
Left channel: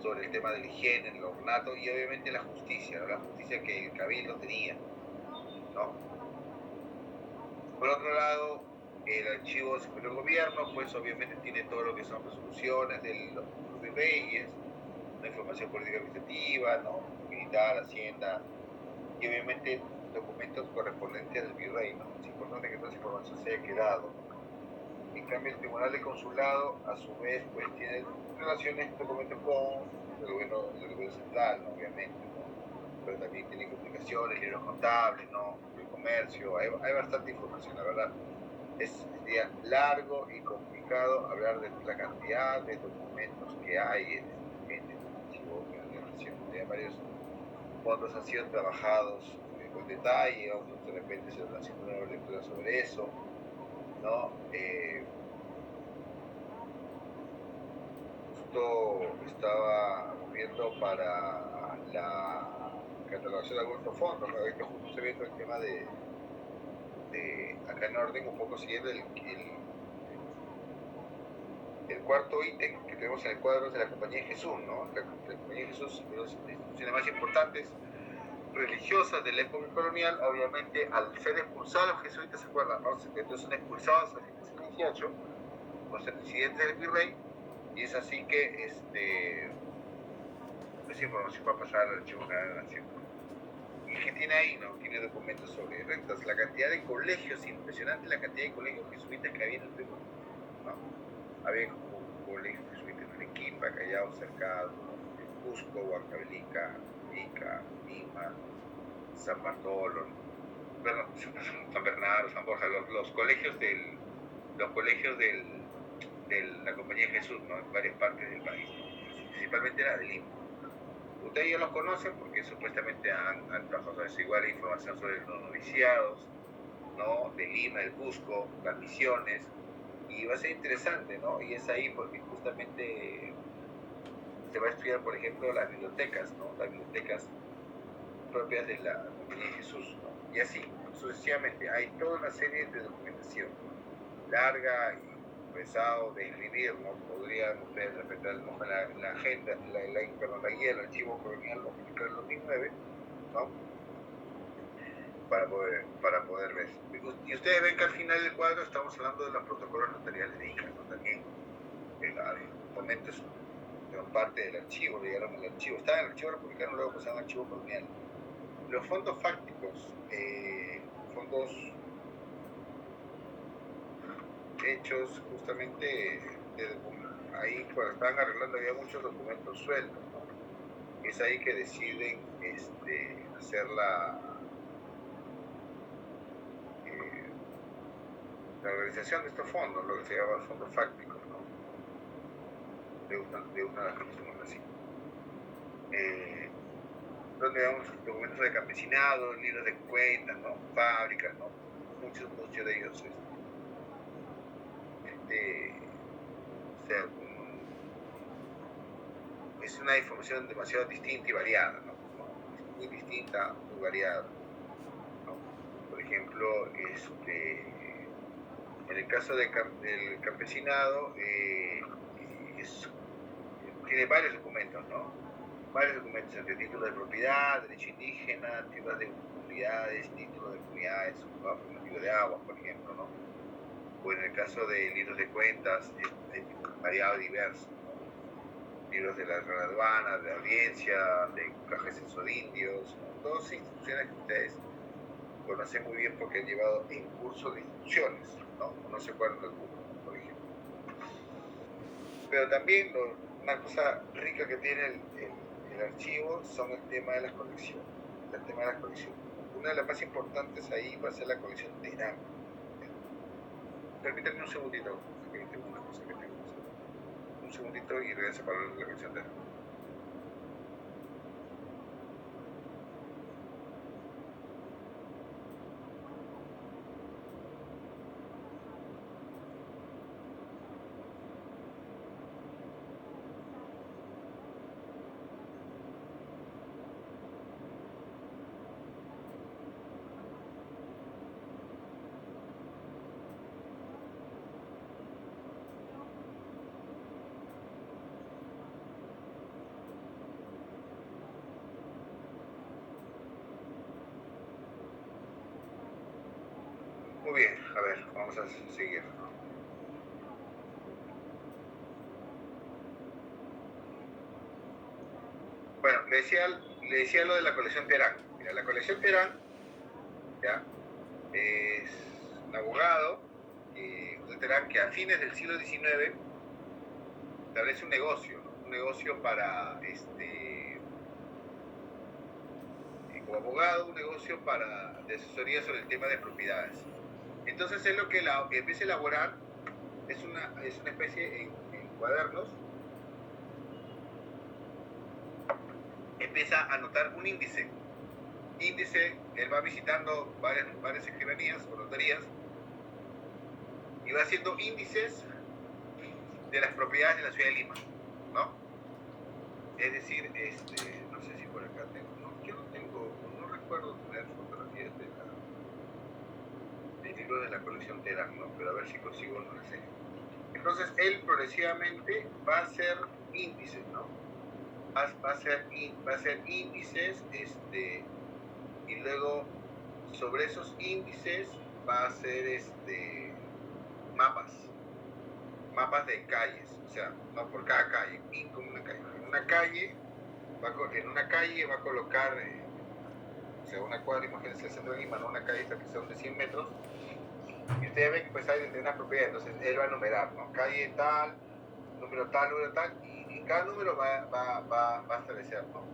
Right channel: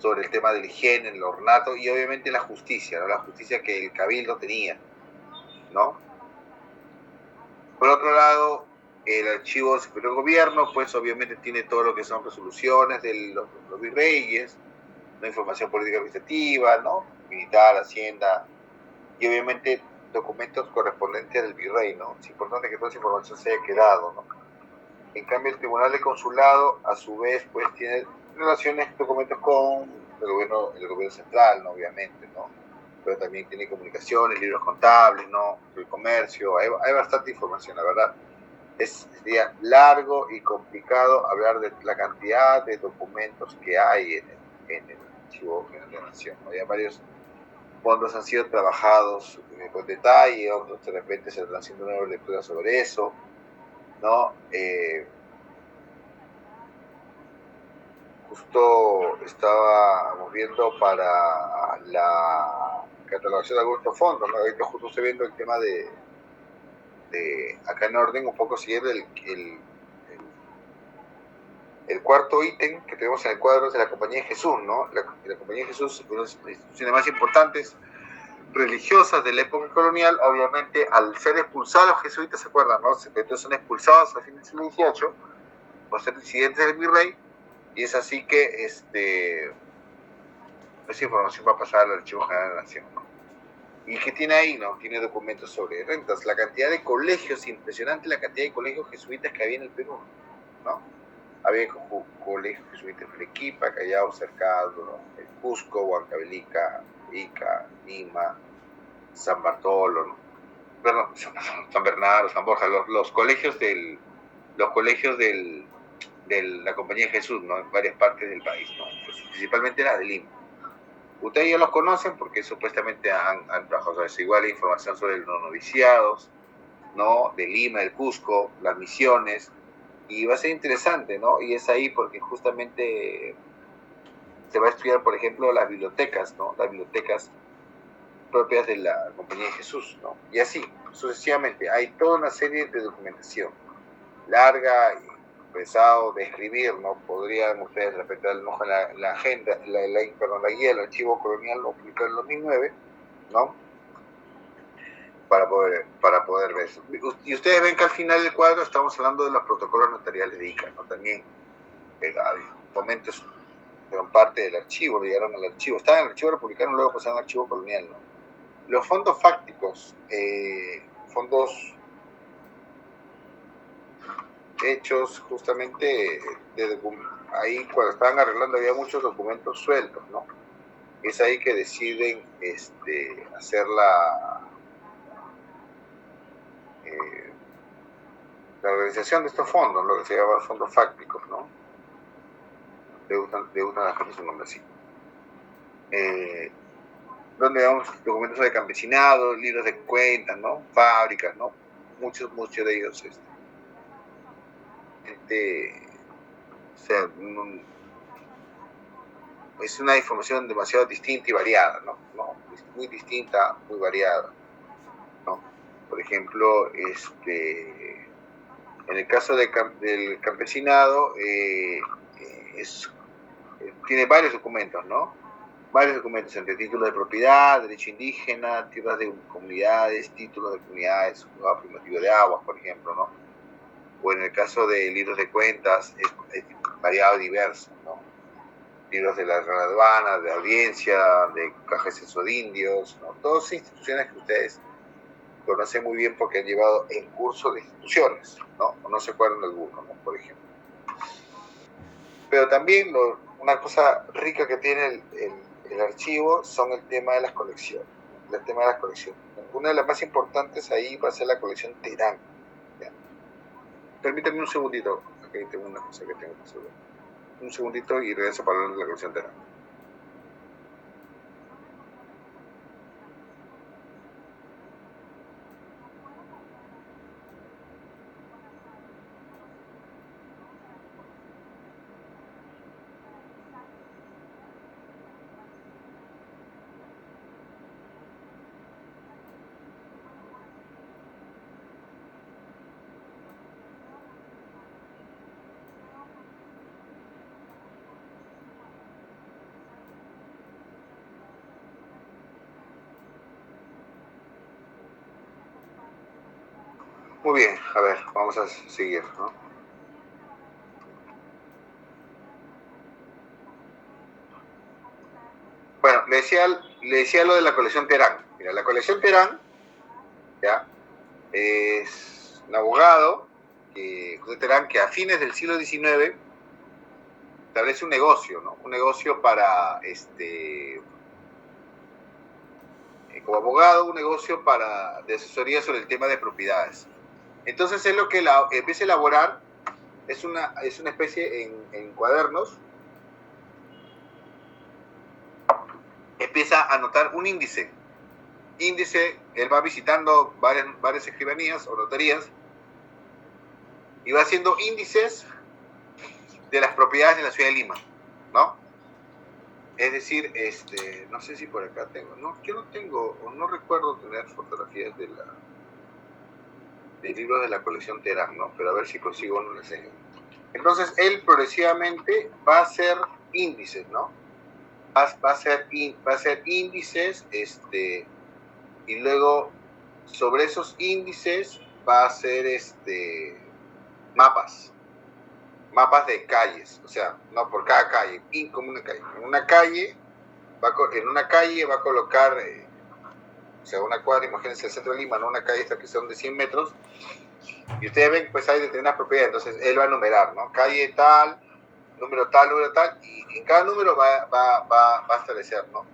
sobre el tema de la higiene, el ornato y obviamente la justicia, ¿no? La justicia que el Cabildo tenía, ¿no? Por otro lado, el Archivo Superior del Gobierno, pues obviamente tiene todo lo que son resoluciones de los virreyes, la información política administrativa, ¿no? Militar, Hacienda, y obviamente documentos correspondientes del virrey, ¿no? Es importante que toda esa información se haya quedado, ¿no? En cambio, el Tribunal de Consulado, a su vez, pues tiene relaciones, documentos con el gobierno central, ¿no? Obviamente, ¿no? Pero también tiene comunicaciones, libros contables, ¿no? El comercio, hay bastante información, la verdad. Sería largo y complicado hablar de la cantidad de documentos que hay en el Archivo General de la Nación, ¿no? Ya varios fondos han sido trabajados con detalle, otros de repente se están haciendo una lectura sobre eso, ¿no? Justo estábamos viendo para la catalogación de algunos fondos, ¿no? Ahorita justo estoy viendo el tema de acá en orden, un poco siguiendo el cuarto ítem que tenemos en el cuadro de la Compañía de Jesús, ¿no? La Compañía de Jesús es una de las instituciones más importantes religiosas de la época colonial. Obviamente, al ser expulsados los jesuitas, ¿se acuerdan, no? Entonces son expulsados a fines del siglo XVIII por ser presidentes del virrey, y es así que esa información va a pasar al Archivo General de la Nación, ¿no? ¿Y qué tiene ahí, no? Tiene documentos sobre rentas, la cantidad de colegios, impresionante la cantidad de colegios jesuitas que había en el Perú, ¿no? Había colegios jesuitas en Arequipa, Callao, Cercado, ¿no? En Cusco, Huancavelica, Ica, Lima, San Bartolo, ¿no? Perdón, San Bernardo, San Borja, los colegios de la Compañía de Jesús, ¿no? En varias partes del país, ¿no? Pues, principalmente la de Lima. Ustedes ya los conocen porque supuestamente han trabajado sobre eso. Igual hay información sobre los noviciados, ¿no? De Lima, del Cusco, las misiones, y va a ser interesante, ¿no? Y es ahí porque justamente se va a estudiar, por ejemplo, las bibliotecas, ¿no? Las bibliotecas propias de la Compañía de Jesús, ¿no? Y así, sucesivamente, hay toda una serie de documentación larga y pesado de escribir, ¿no? Podrían ustedes respetar la agenda, la guía del Archivo Colonial, lo publicó en el 2009, ¿no? Para poder ver eso. Y ustedes ven que al final del cuadro estamos hablando de los protocolos notariales de ICA, ¿no? También documentos fueron parte del archivo, llegaron al archivo, estaban en el archivo republicano, luego pasaron al archivo colonial, ¿no? Los fondos fácticos, fondos hechos justamente ahí cuando estaban arreglando había muchos documentos sueltos, ¿no? Es ahí que deciden hacer la organización de estos fondos, lo que se llama fondos fácticos, ¿no? Le gustan a la gente su nombre así. Donde vemos documentos de campesinado, libros de cuentas, ¿no? Fábricas, ¿no? Muchos de ellos, o sea, es una información demasiado distinta y variada, ¿no? Muy distinta, muy variada, ¿no? Por ejemplo, en el caso del campesinado, tiene varios documentos, ¿no? Varios documentos entre títulos de propiedad, derecho indígena, tierras de comunidades, títulos de comunidades, juzgado primitivo de aguas, por ejemplo, ¿no? O en el caso de libros de cuentas, es variado y diverso, ¿no? Libros de la aduana, de audiencia, de caja de censo de indios, ¿no? Todas instituciones que ustedes conocen muy bien porque han llevado en curso de instituciones, ¿no? O no se acuerdan de alguno, ¿no? Por ejemplo. Pero también una cosa rica que tiene el archivo son el tema de las colecciones. El tema de las colecciones. Una de las más importantes ahí va a ser la colección Terán. ¿Ya? Permítanme un segundito. Aquí tengo una cosa que tengo que hacer. Un segundito y regreso para hablar de la colección Terán. Muy bien, a ver, vamos a seguir, ¿no? Bueno, le decía lo de la colección Terán. Mira, la colección Terán, ¿ya? Es un abogado, José Terán, que a fines del siglo XIX establece un negocio, ¿no? Un negocio para, como abogado, un negocio de asesoría sobre el tema de propiedades. Entonces él lo que empieza a elaborar es una especie en cuadernos, empieza a anotar un índice. Él va visitando varias escribanías o notarías y va haciendo índices de las propiedades de la ciudad de Lima, ¿no? Es decir, no sé si por acá tengo, no, yo no tengo, o no recuerdo tener fotografías de libros de la colección Terán, ¿no? Pero a ver si consigo uno enseño. Entonces, él progresivamente va a hacer índices, ¿no? Va a hacer índices, y luego sobre esos índices va a hacer mapas de calles, o sea, no por cada calle, como una calle. En una calle va a colocar, o sea, una cuadra, imagínense el centro de Lima, ¿no? Una calle esta que son de 100 metros, y ustedes ven, pues hay determinadas propiedades, entonces él va a numerar, ¿no? Calle tal, número tal, y en cada número va a establecer, ¿no?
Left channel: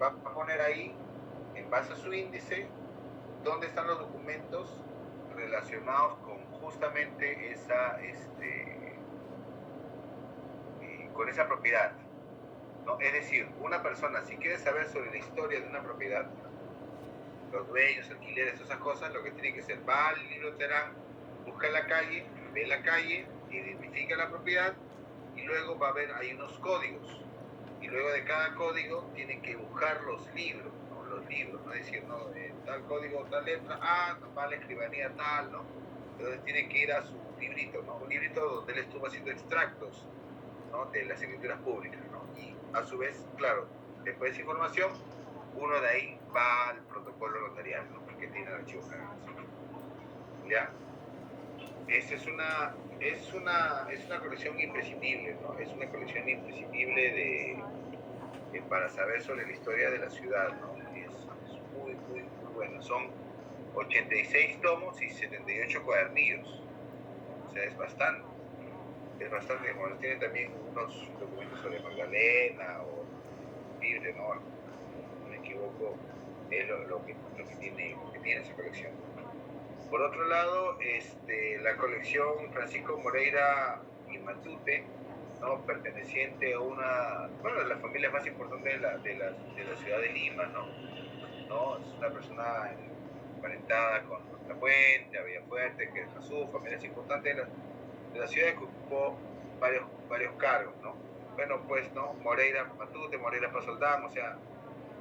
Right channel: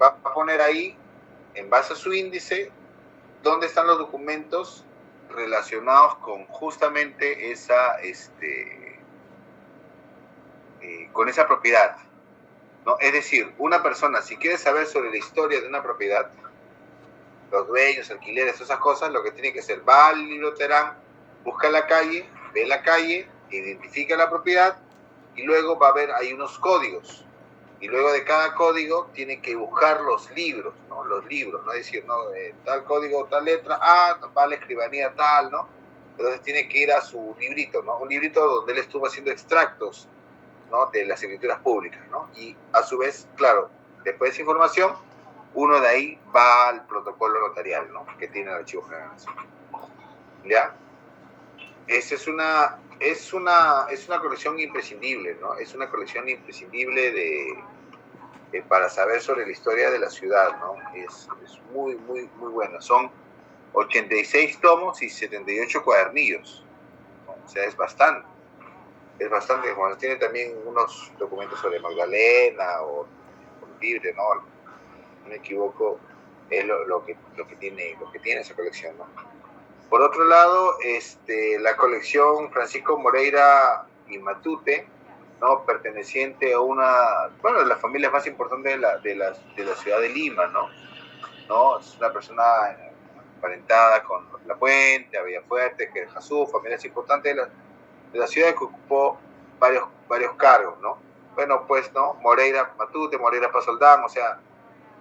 Va a poner ahí, en base a su índice, dónde están los documentos relacionados con justamente con esa propiedad, ¿no? Es decir, una persona, si quiere saber sobre la historia de una propiedad, los dueños, alquileres, esas cosas, lo que tiene que hacer, va al libro Terán, busca la calle, ve la calle, identifica la propiedad y luego va a ver, hay unos códigos. Y luego de cada código tiene que buscar los libros, ¿no? Los libros, ¿no? Es decir, ¿no? Tal código, tal letra, va a la escribanía tal, ¿no? Entonces tiene que ir a su librito, ¿no? Un librito donde él estuvo haciendo extractos, ¿no? De las escrituras públicas, ¿no? Y a su vez, claro, después de esa información, uno de ahí va al protocolo notarial, ¿no? Que tiene el Archivo General Nacional. ¿Ya? Esa es una colección imprescindible, ¿no? Es una colección imprescindible para saber sobre la historia de la ciudad, ¿no? Es muy, muy, muy buena. Son 86 tomos y 78 cuadernillos, ¿no? O sea, es bastante. Bueno, tiene también unos documentos sobre Magdalena o Libre, ¿no? No me equivoco, es lo que tiene esa colección, ¿no? Por otro lado, la colección Francisco Moreira y Matute, ¿no? Perteneciente a una, bueno, de las familias más importantes de la ciudad de Lima, ¿no? Es una persona emparentada con La Puente, Villafuerte, Querjazú, familias importantes de la ciudad que ocupó varios cargos, ¿no? Bueno, pues, ¿no? Moreira Matute, Moreira Pasoldán, o sea,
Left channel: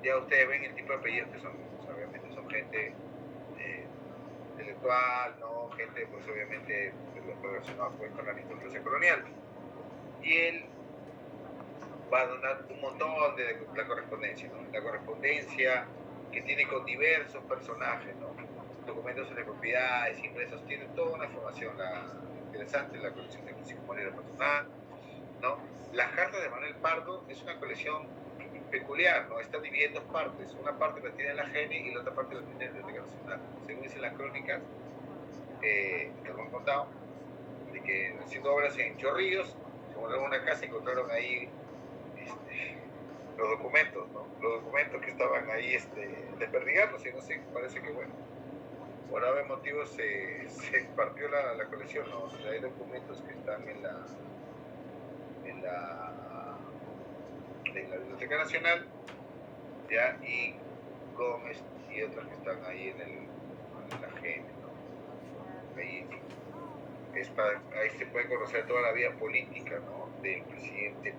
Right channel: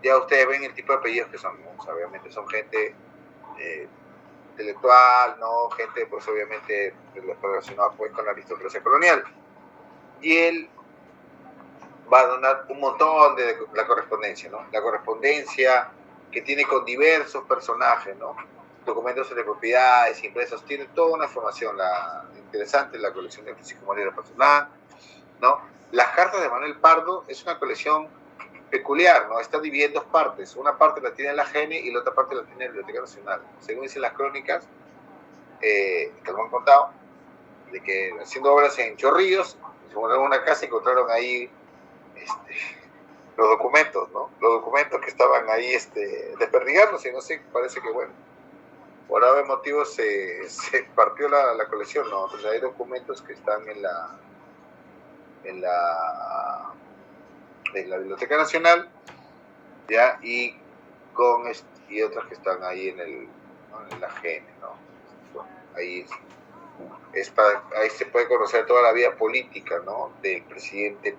ya ustedes ven el tipo de apellidos que son, ¿no? O sea, obviamente son gente intelectual, ¿no? Gente, pues, obviamente, relacionada pues, con la aristocracia colonial. Y él va a donar un montón de la correspondencia, ¿no? La correspondencia que tiene con diversos personajes, ¿no? Documentos sobre propiedades, impresos, tiene toda una información interesante la colección de Francisco Moreira Pasoldán, ¿no? Las cartas de Manuel Pardo es una colección peculiar, ¿no? Está dividida en dos partes. Una parte la tiene la GENE y la otra parte la tiene la Biblioteca Nacional. Según dicen las crónicas, que lo han contado, de que haciendo obras en Chorrillos, se montaron una casa y encontraron ahí los documentos, ¿no? Los documentos que estaban ahí desperdigándose, no sé, parece que, bueno, por algún motivo se partió la colección, ¿no? Entonces hay documentos que están en la Biblioteca Nacional, ¿ya? Y otras que están ahí en la GENE, ¿no? Ahí se puede conocer toda la vida política, ¿no? Del presidente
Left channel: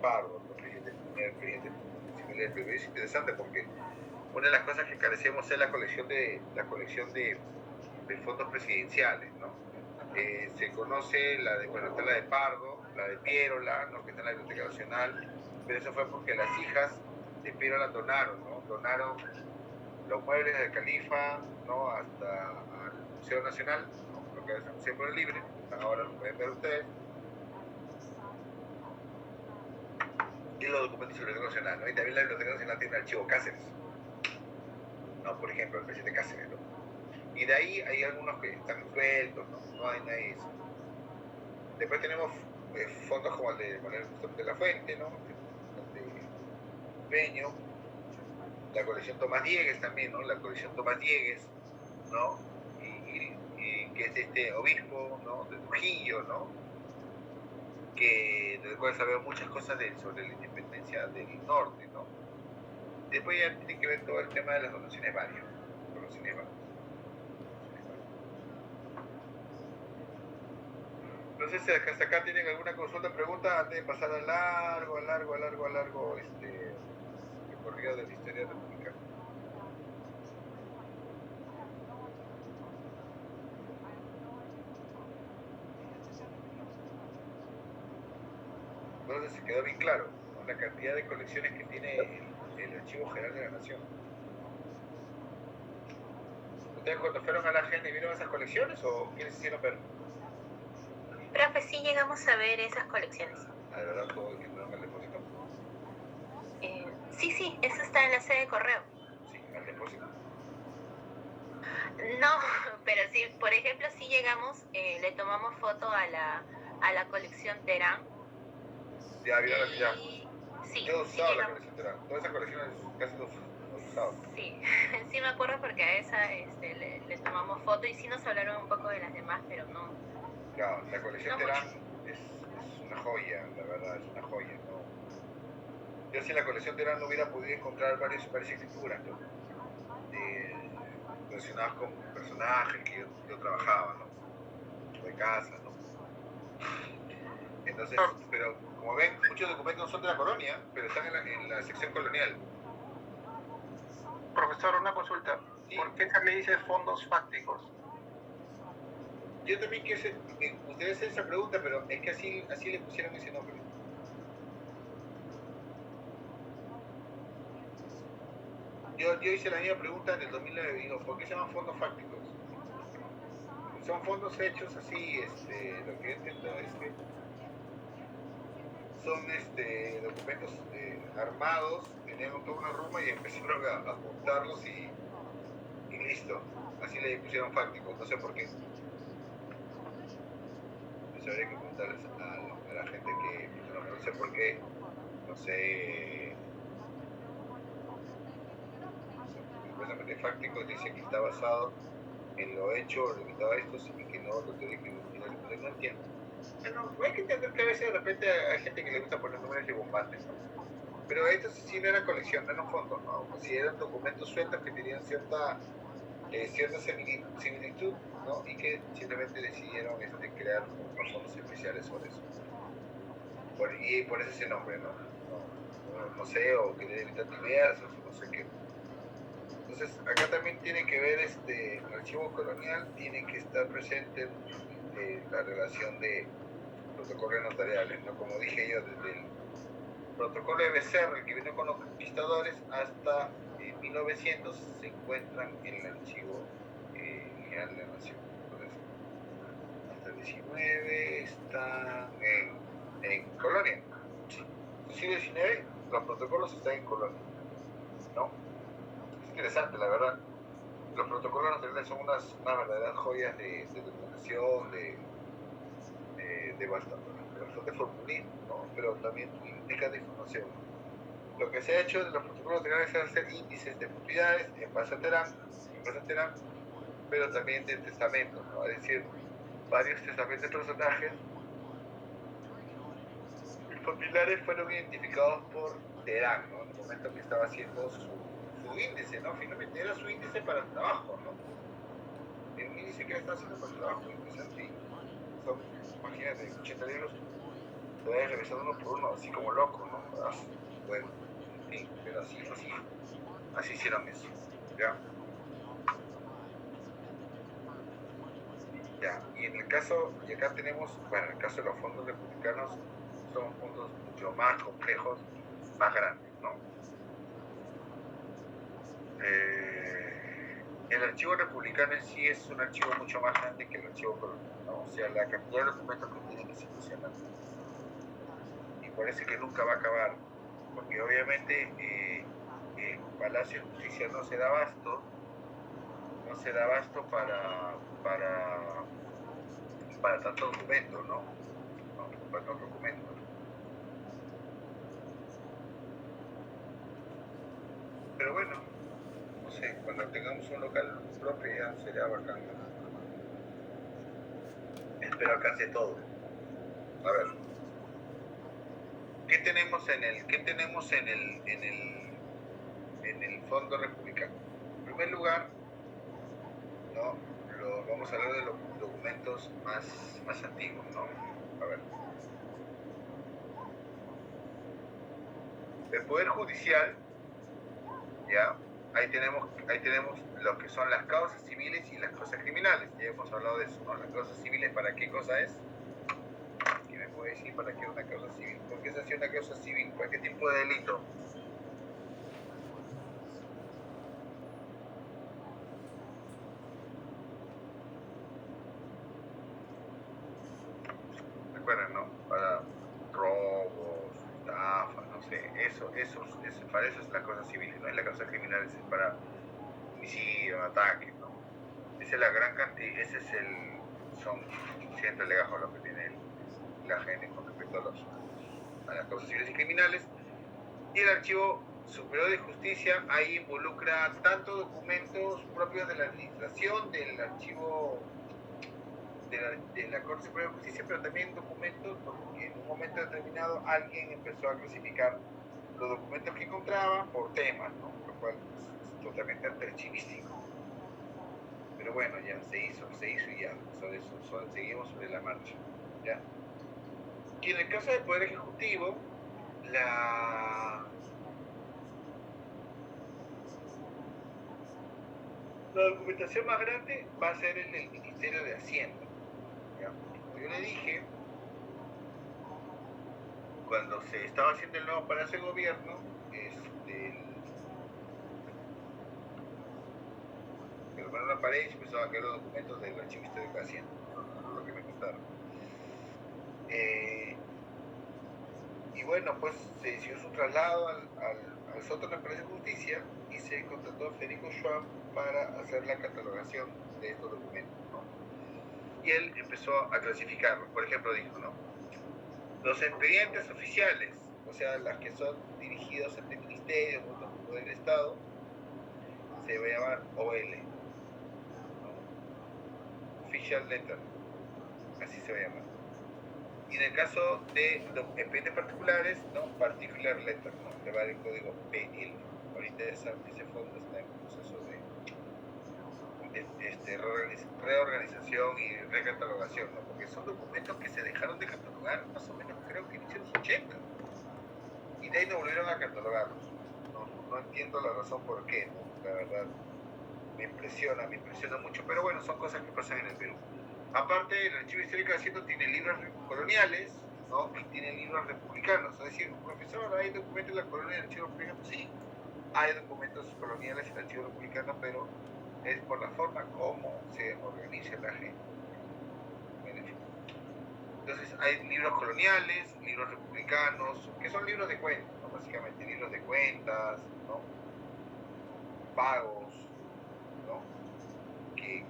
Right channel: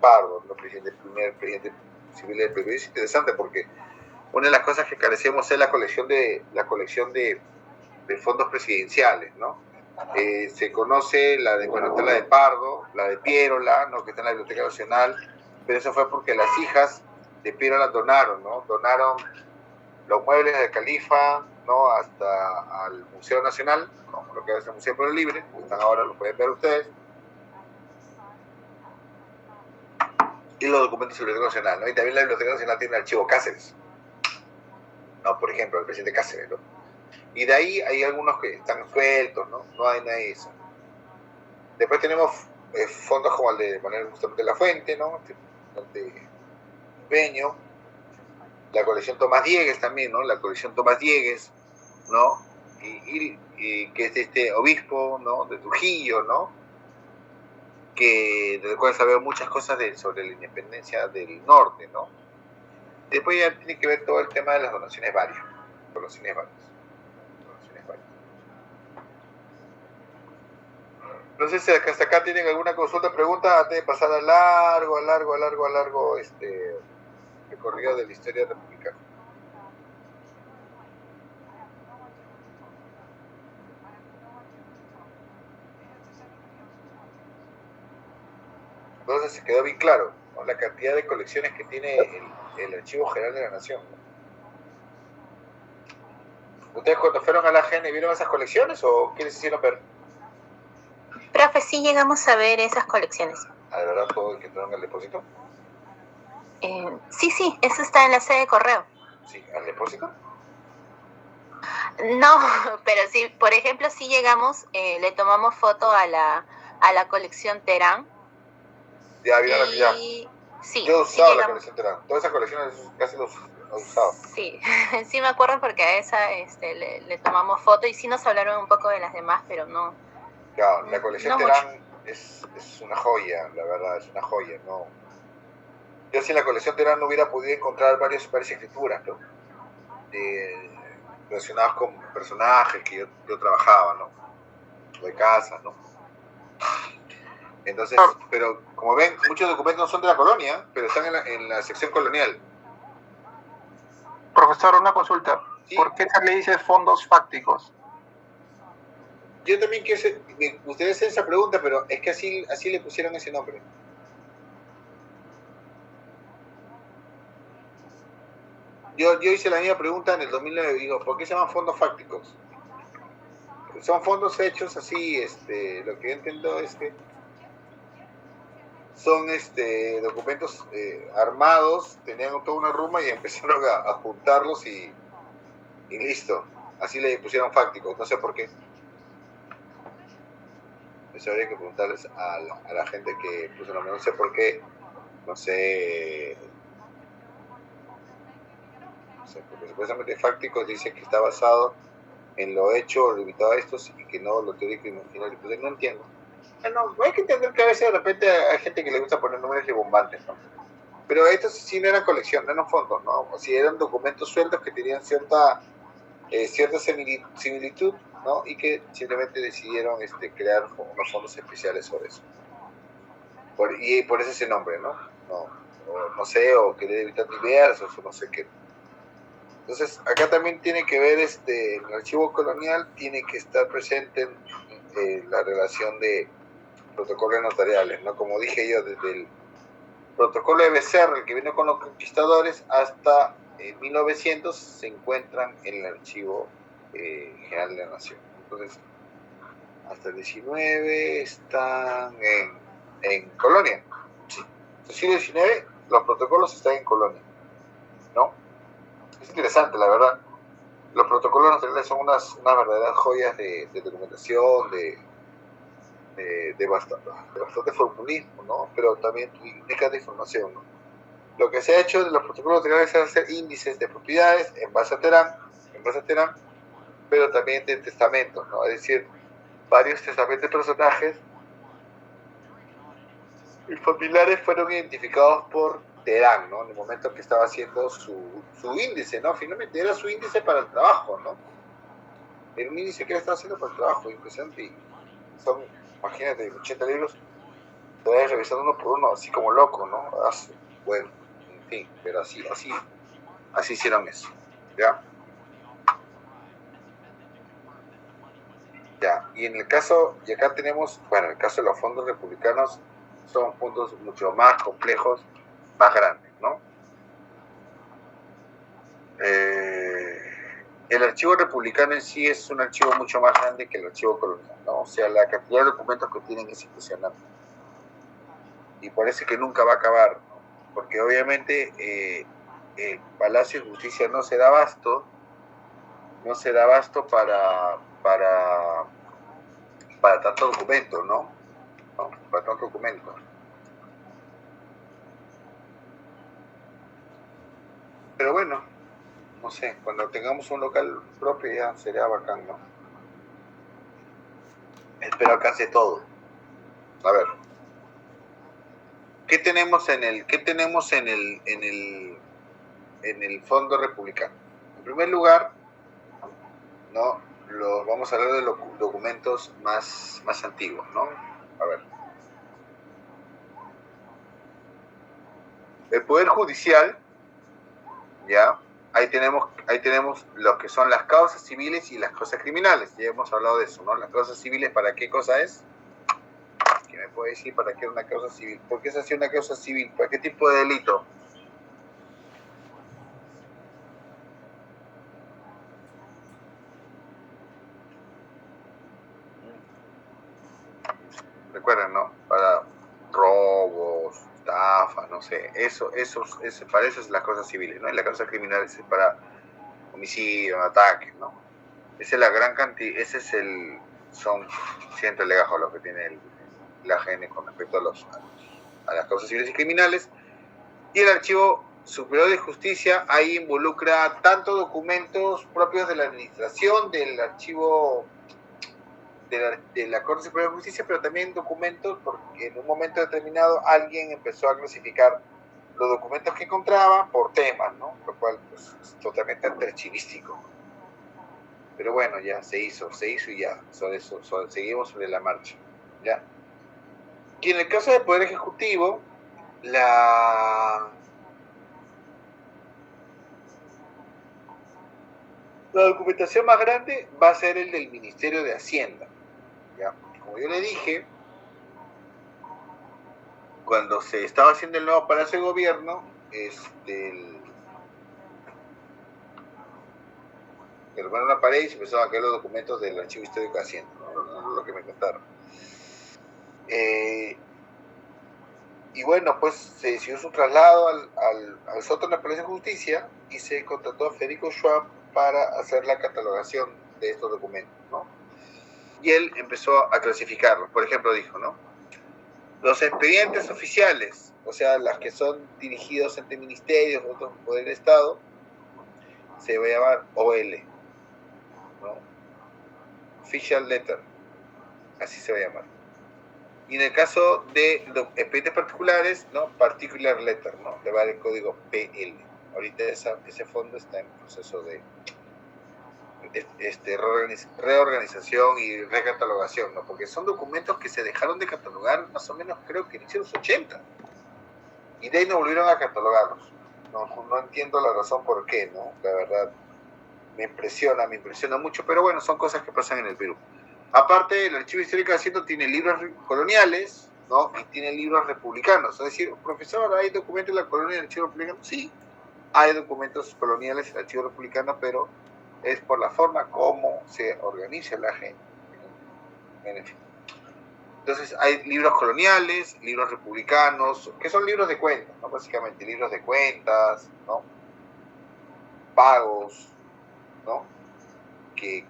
Pardo, ¿no? Primer presidente civil del Perú. Es interesante porque una de las cosas que carecemos es la colección de fondos presidenciales, ¿no? Se conoce la de Pardo, la de Pierola, ¿no? Que está en la Biblioteca Nacional, pero eso fue porque las hijas de Pierola donaron, ¿no? Donaron los muebles del Califa, ¿no? Hasta al Museo Nacional, ¿no? Lo que es el Museo Pueblo Libre, que están ahora, lo pueden ver ustedes, y los documentos de la Biblioteca Nacional, ¿no? Y también la Biblioteca Nacional tiene el archivo Cáceres, ¿no? Por ejemplo, el presidente Cáceres, ¿no? Y de ahí hay algunos que están sueltos, ¿no? No hay nada de eso. Después tenemos fondos como el de Manuel Gustavo de la Fuente, ¿no? El de Peño, la colección Tomás Diegues también, ¿no? La colección Tomás Diegues, ¿no? Y que es este obispo, ¿no? De Trujillo, ¿no? Del cual sabemos muchas cosas sobre la independencia del norte, ¿no? Después ya tiene que ver todo el tema de las donaciones varias. No sé si hasta acá tienen alguna consulta, pregunta antes de pasar a largo recorrido de la historia republicana. Entonces se quedó bien claro, ¿no? La cantidad de colecciones que tiene el Archivo General de la Nación. ¿Ustedes cuando fueron a la GENE vieron esas colecciones o qué les hicieron ver? Profe, sí llegamos a ver esas colecciones. ¿A verdad todo el que entraron al depósito? Sí, eso está en la sede de correo. Sí, ¿al depósito? No, pero sí, por ejemplo, sí llegamos, le tomamos foto a la colección Terán. Ya, vieron ya. Sí, yo he usado sí la colección Terán. Todas esas colecciones casi los he usado. Sí, sí me acuerdo porque a esa le tomamos foto y sí nos hablaron un poco de las demás, pero no. Claro, la colección no Terán es una joya, la verdad, es una joya, ¿no? Yo sin la colección Terán no hubiera podido encontrar varias escrituras, ¿no? Relacionadas con personajes que yo trabajaba, ¿no? De casa, ¿no? Entonces, pero como ven, muchos documentos no son de la colonia, pero están en la sección colonial. Profesor, una consulta. ¿Sí? ¿Por qué se le dice fondos fácticos? Yo también me gustaría hacer esa pregunta, pero es que así le pusieron ese nombre. Yo hice la misma pregunta en el 2009, digo, ¿por qué se llaman fondos fácticos? Son fondos hechos así, lo que yo entiendo es que son documentos armados, tenían toda una ruma y empezaron a juntarlos y listo. Así le pusieron fácticos, no sé por qué. Eso habría que preguntarles a la gente que puso el nombre, no sé por qué, no sé, porque supuestamente fácticos dice que está basado en lo hecho o limitado a estos y que no lo teórico y imaginario. Entonces no entiendo. Bueno, hay que entender que a veces de repente hay gente que le gusta poner números ribombantes, ¿no? Pero estos sí no eran colección, no eran fondos, ¿no? O si eran documentos sueltos que tenían cierta similitud, ¿no? Y que simplemente decidieron crear unos fondos especiales sobre eso. Y por eso ese nombre, ¿no? No sé, o querer evitar diversos, o no sé qué. Entonces, acá también tiene que ver, el archivo colonial tiene que estar presente en la relación de protocolos notariales, ¿no? Como dije yo, desde el protocolo de Becerra, el que vino con los conquistadores, hasta 1900 se encuentran en el archivo general de la nación. Entonces, hasta el 19 están en Colonia. Sí. En el siglo XIX los protocolos están en Colonia, ¿no? Es interesante, la verdad. Los protocolos notariales son unas verdaderas joyas de documentación, de bastante formulismo, ¿no? Pero también indicas de información, ¿no? Lo que se ha hecho de los protocolos notariales es hacer índices de propiedades en base a Terán, pero también de testamentos, ¿no? Es decir, varios testamentos de personajes y familiares fueron identificados por Terán, ¿no? En el momento que estaba haciendo su índice, ¿no? Finalmente era su índice para el trabajo, ¿no? Era un índice que él estaba haciendo para el trabajo, impresionante. Y son, imagínate, 80 libros, te vas revisando uno por uno, así como loco, ¿no? Bueno, en fin, pero así hicieron eso, ¿ya? Ya, y en el caso, y acá tenemos, bueno, en el caso de los fondos republicanos, son fondos mucho más complejos, más grandes, ¿no? El archivo republicano en sí es un archivo mucho más grande que el archivo colonial, ¿no? O sea, la cantidad de documentos que tienen es impresionante. Y parece que nunca va a acabar, porque obviamente el Palacio de Justicia no se da abasto para tanto documento, ¿no? Para tanto documento. Pero bueno, no sé, cuando tengamos un local propio ya sería bacán, ¿no? Espero alcance todo. A ver. ¿Qué tenemos en el fondo republicano? En primer lugar, ¿no? Vamos a hablar de los documentos más antiguos, ¿no? A ver. El Poder Judicial, ¿ya? Ahí tenemos lo que son las causas civiles y las causas criminales. Ya hemos hablado de eso, ¿no? Las causas civiles, ¿para qué cosa es? ¿Quién me puede decir para qué es una causa civil? ¿Por qué se hace una causa civil? ¿Para qué tipo de delito? Recuerden, ¿no? Para robos, estafas, no sé. Para eso es las causas civiles, ¿no? Y las causas criminales es para homicidio, ataques, ¿no? Esa es la gran cantidad, son cientos de legajos lo que tiene la AGN con respecto a las causas civiles y criminales. Y el Archivo Superior de Justicia ahí involucra tanto documentos propios de la administración, del archivo de la Corte Superior de Justicia, pero también documentos, porque en un momento determinado alguien empezó a clasificar los documentos que encontraba por temas, ¿no? Lo cual pues, es totalmente archivístico. Pero bueno, ya se hizo y ya, seguimos sobre la marcha, ¿ya? Y en el caso del Poder Ejecutivo, la documentación más grande va a ser el del Ministerio de Hacienda, ¿ya? Como yo le dije, cuando se estaba haciendo el nuevo Palacio de Gobierno, derrubaron una pared y se empezaron a caer los documentos del Archivo Histórico de Hacienda, ¿no? Lo que me contaron. Y bueno, pues se decidió su traslado al sótano del Palacio de Justicia y se contrató a Federico Schwab para hacer la catalogación de estos documentos, ¿no? Y él empezó a clasificarlos. Por ejemplo, dijo, ¿no? Los expedientes oficiales, o sea, las que son dirigidos ante ministerios o otros poderes del Estado, se va a llamar OL, ¿no? Official Letter, así se va a llamar. Y en el caso de los expedientes particulares, ¿no? Particular Letter, ¿no? Le va el código PL. Ahorita ese fondo está en proceso de reorganización y recatalogación, ¿no? Porque son documentos que se dejaron de catalogar más o menos, creo que inició los 80. Y de ahí no volvieron a catalogarlos. No entiendo la razón por qué, ¿no? La verdad, me impresiona mucho, pero bueno, son cosas que pasan en el Perú. Aparte, el Archivo Histórico de Hacienda tiene libros coloniales, ¿no? Y tiene libros republicanos. Es decir, profesor, ¿hay documentos de la colonia del Archivo Republicano? Sí, hay documentos coloniales en el Archivo Republicano, pero es por la forma como se organiza la gente. En fin. Entonces, hay libros coloniales, libros republicanos, que son libros de cuentas, ¿no? Básicamente, libros de cuentas, ¿no? Pagos, ¿no? Que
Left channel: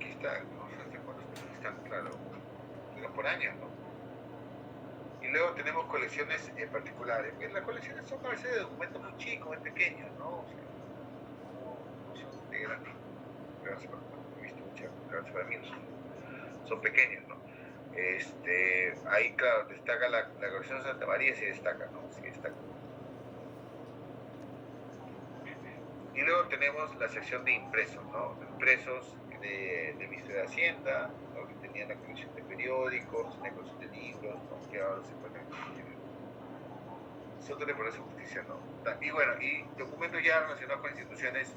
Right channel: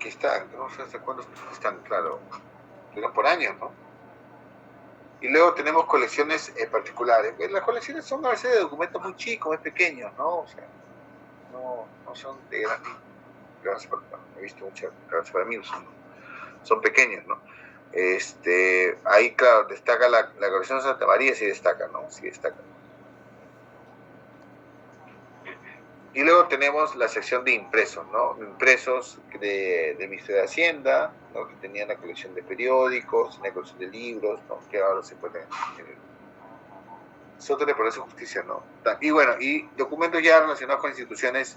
están, no sé hasta cuándo están, claro, pero por años, ¿no? Y luego tenemos colecciones particulares. Las colecciones son a veces de documentos muy chicos, muy pequeños, ¿no? O sea, no son de gran, he visto muchas, para mí son pequeños, ¿no? Ahí, claro, destaca la colección de Santa María, sí destaca, ¿no? Sí destaca. Y luego tenemos la sección de impresos, ¿no? Impresos del Ministerio de Hacienda, ¿no? Que tenían la colección de periódicos, la colección de libros, ¿no? Que ahora se pueden... Eso le parece justicia, ¿no? Y bueno, y documentos ya relacionados con instituciones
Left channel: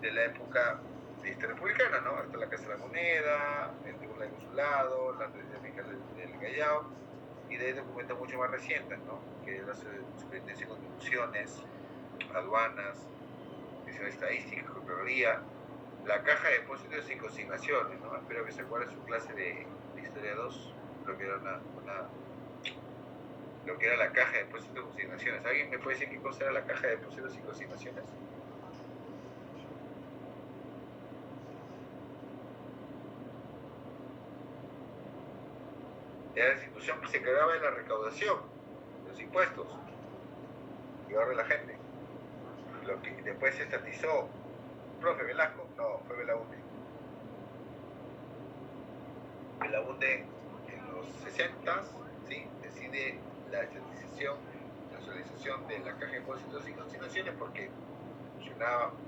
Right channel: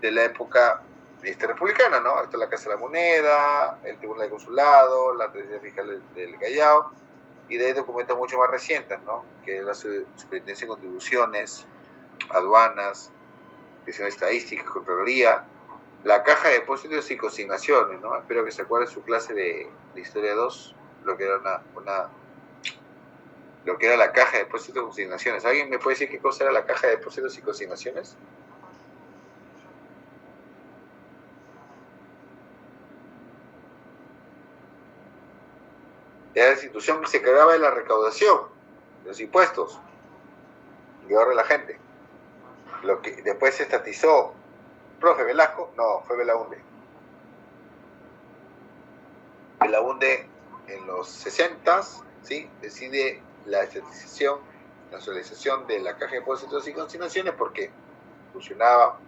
de la época republicana, ¿no? Está la Casa de la Moneda, el Tribunal de Consulado, la Presidencia Fiscal del Callao, y de ahí documentos mucho más recientes, ¿no? Que es la Superintendencia de Contribuciones, aduanas, Dirección Estadística, Contraloría, la Caja de Depósitos y Consignaciones, ¿no? Espero que se acuerden su clase de Historia 2, lo que era lo que era la Caja de Depósitos y Consignaciones. ¿Alguien me puede decir qué cosa era la Caja de Depósitos y Consignaciones? Era la institución que se encargaba de la recaudación de los impuestos y ahorra la gente. Lo que después se estatizó, profe Velasco, no, fue Belaunde. Belaunde en los 60s, ¿sí? Decide la estatización, la nacionalización de la Caja de Depósitos y Consignaciones porque funcionaba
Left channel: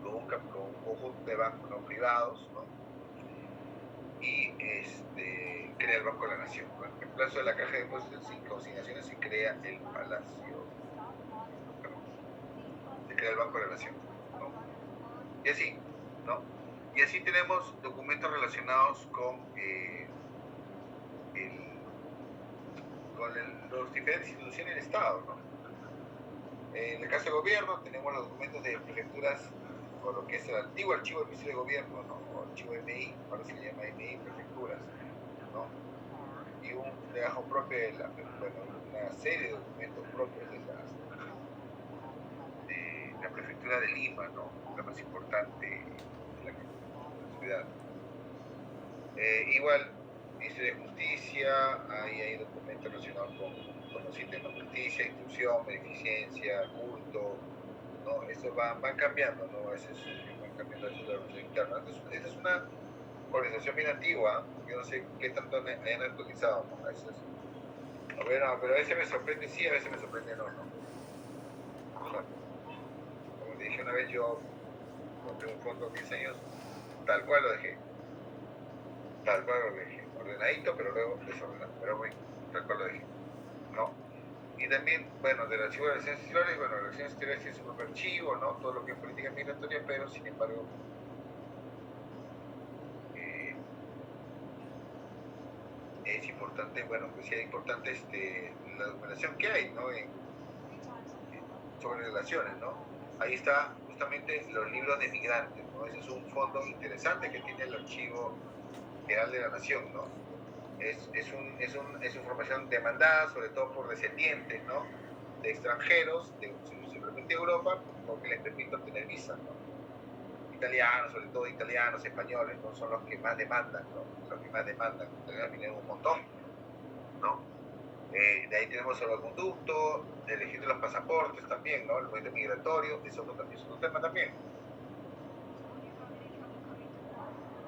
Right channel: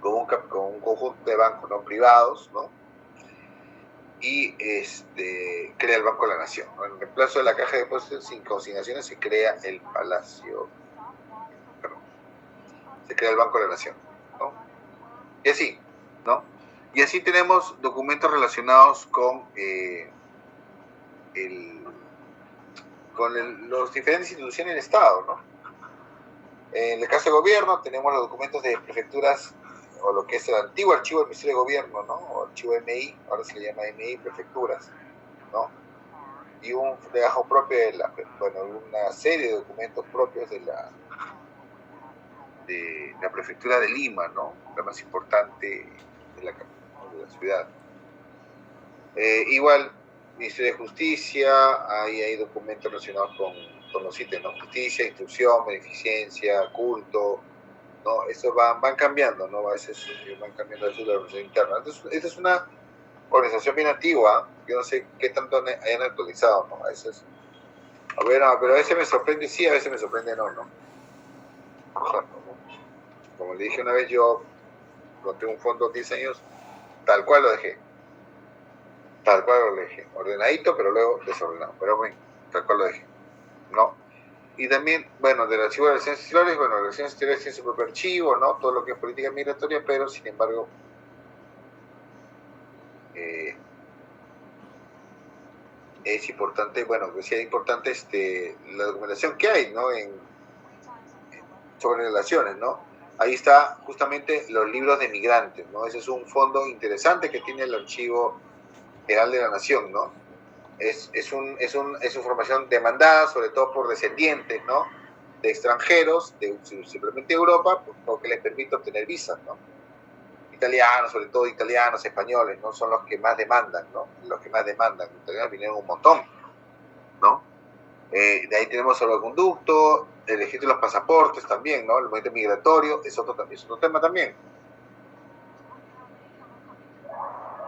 con un conjunto de bancos no privados, ¿no? Y crea el Banco de la Nación, ¿no? En reemplazo de la Caja de Depósitos y Consignaciones se crea el Palacio, se crea el Banco de la Nación, ¿no? Y así, ¿no? Y así tenemos documentos relacionados con las diferentes instituciones del Estado, ¿no? En el caso de gobierno tenemos los documentos de prefecturas, o lo que es el antiguo archivo del Ministerio de Gobierno, ¿no? O archivo MI, ahora se le llama MI, prefecturas, ¿no? Y un legajo propio una serie de documentos propios de la prefectura de Lima, ¿no? La más importante de la ciudad. Igual, Ministerio de Justicia, ahí hay documentos relacionados con los ítems, ¿no? Justicia, instrucción, beneficencia, culto, ¿no? Eso van cambiando, ¿no? A veces van cambiando la organización interna. Entonces, esta es una organización bien antigua, yo no sé qué tanto hayan actualizado, ¿no? A veces, pero a veces me sorprende sí, a veces me sorprende no. Como le dije una vez, yo conté un fondo 10 años, tal cual lo dejé, ordenadito, pero luego desordenado, pero bueno, tal cual lo dejé, ¿no? Y también, bueno, del archivo de relaciones exteriores, relaciones exteriores tiene su propio archivo, ¿no? Todo lo que es política migratoria, pero sin embargo, es importante, decía importante la documentación que hay, ¿no? Sobre relaciones, ¿no? Ahí está justamente los libros de migrantes, ¿no? Ese es un fondo interesante que tiene el Archivo General de la Nación, ¿no? Es información demandada, sobre todo por descendientes, ¿no? De extranjeros, simplemente de Europa, porque les permite obtener visas, ¿no? Italianos, sobre todo italianos, españoles, ¿no? Son los que más demandan, ¿no? Los italianos vinieron un montón, ¿no? De ahí tenemos el conducto, el registro de los pasaportes también, ¿no? El movimiento migratorio es otro tema también.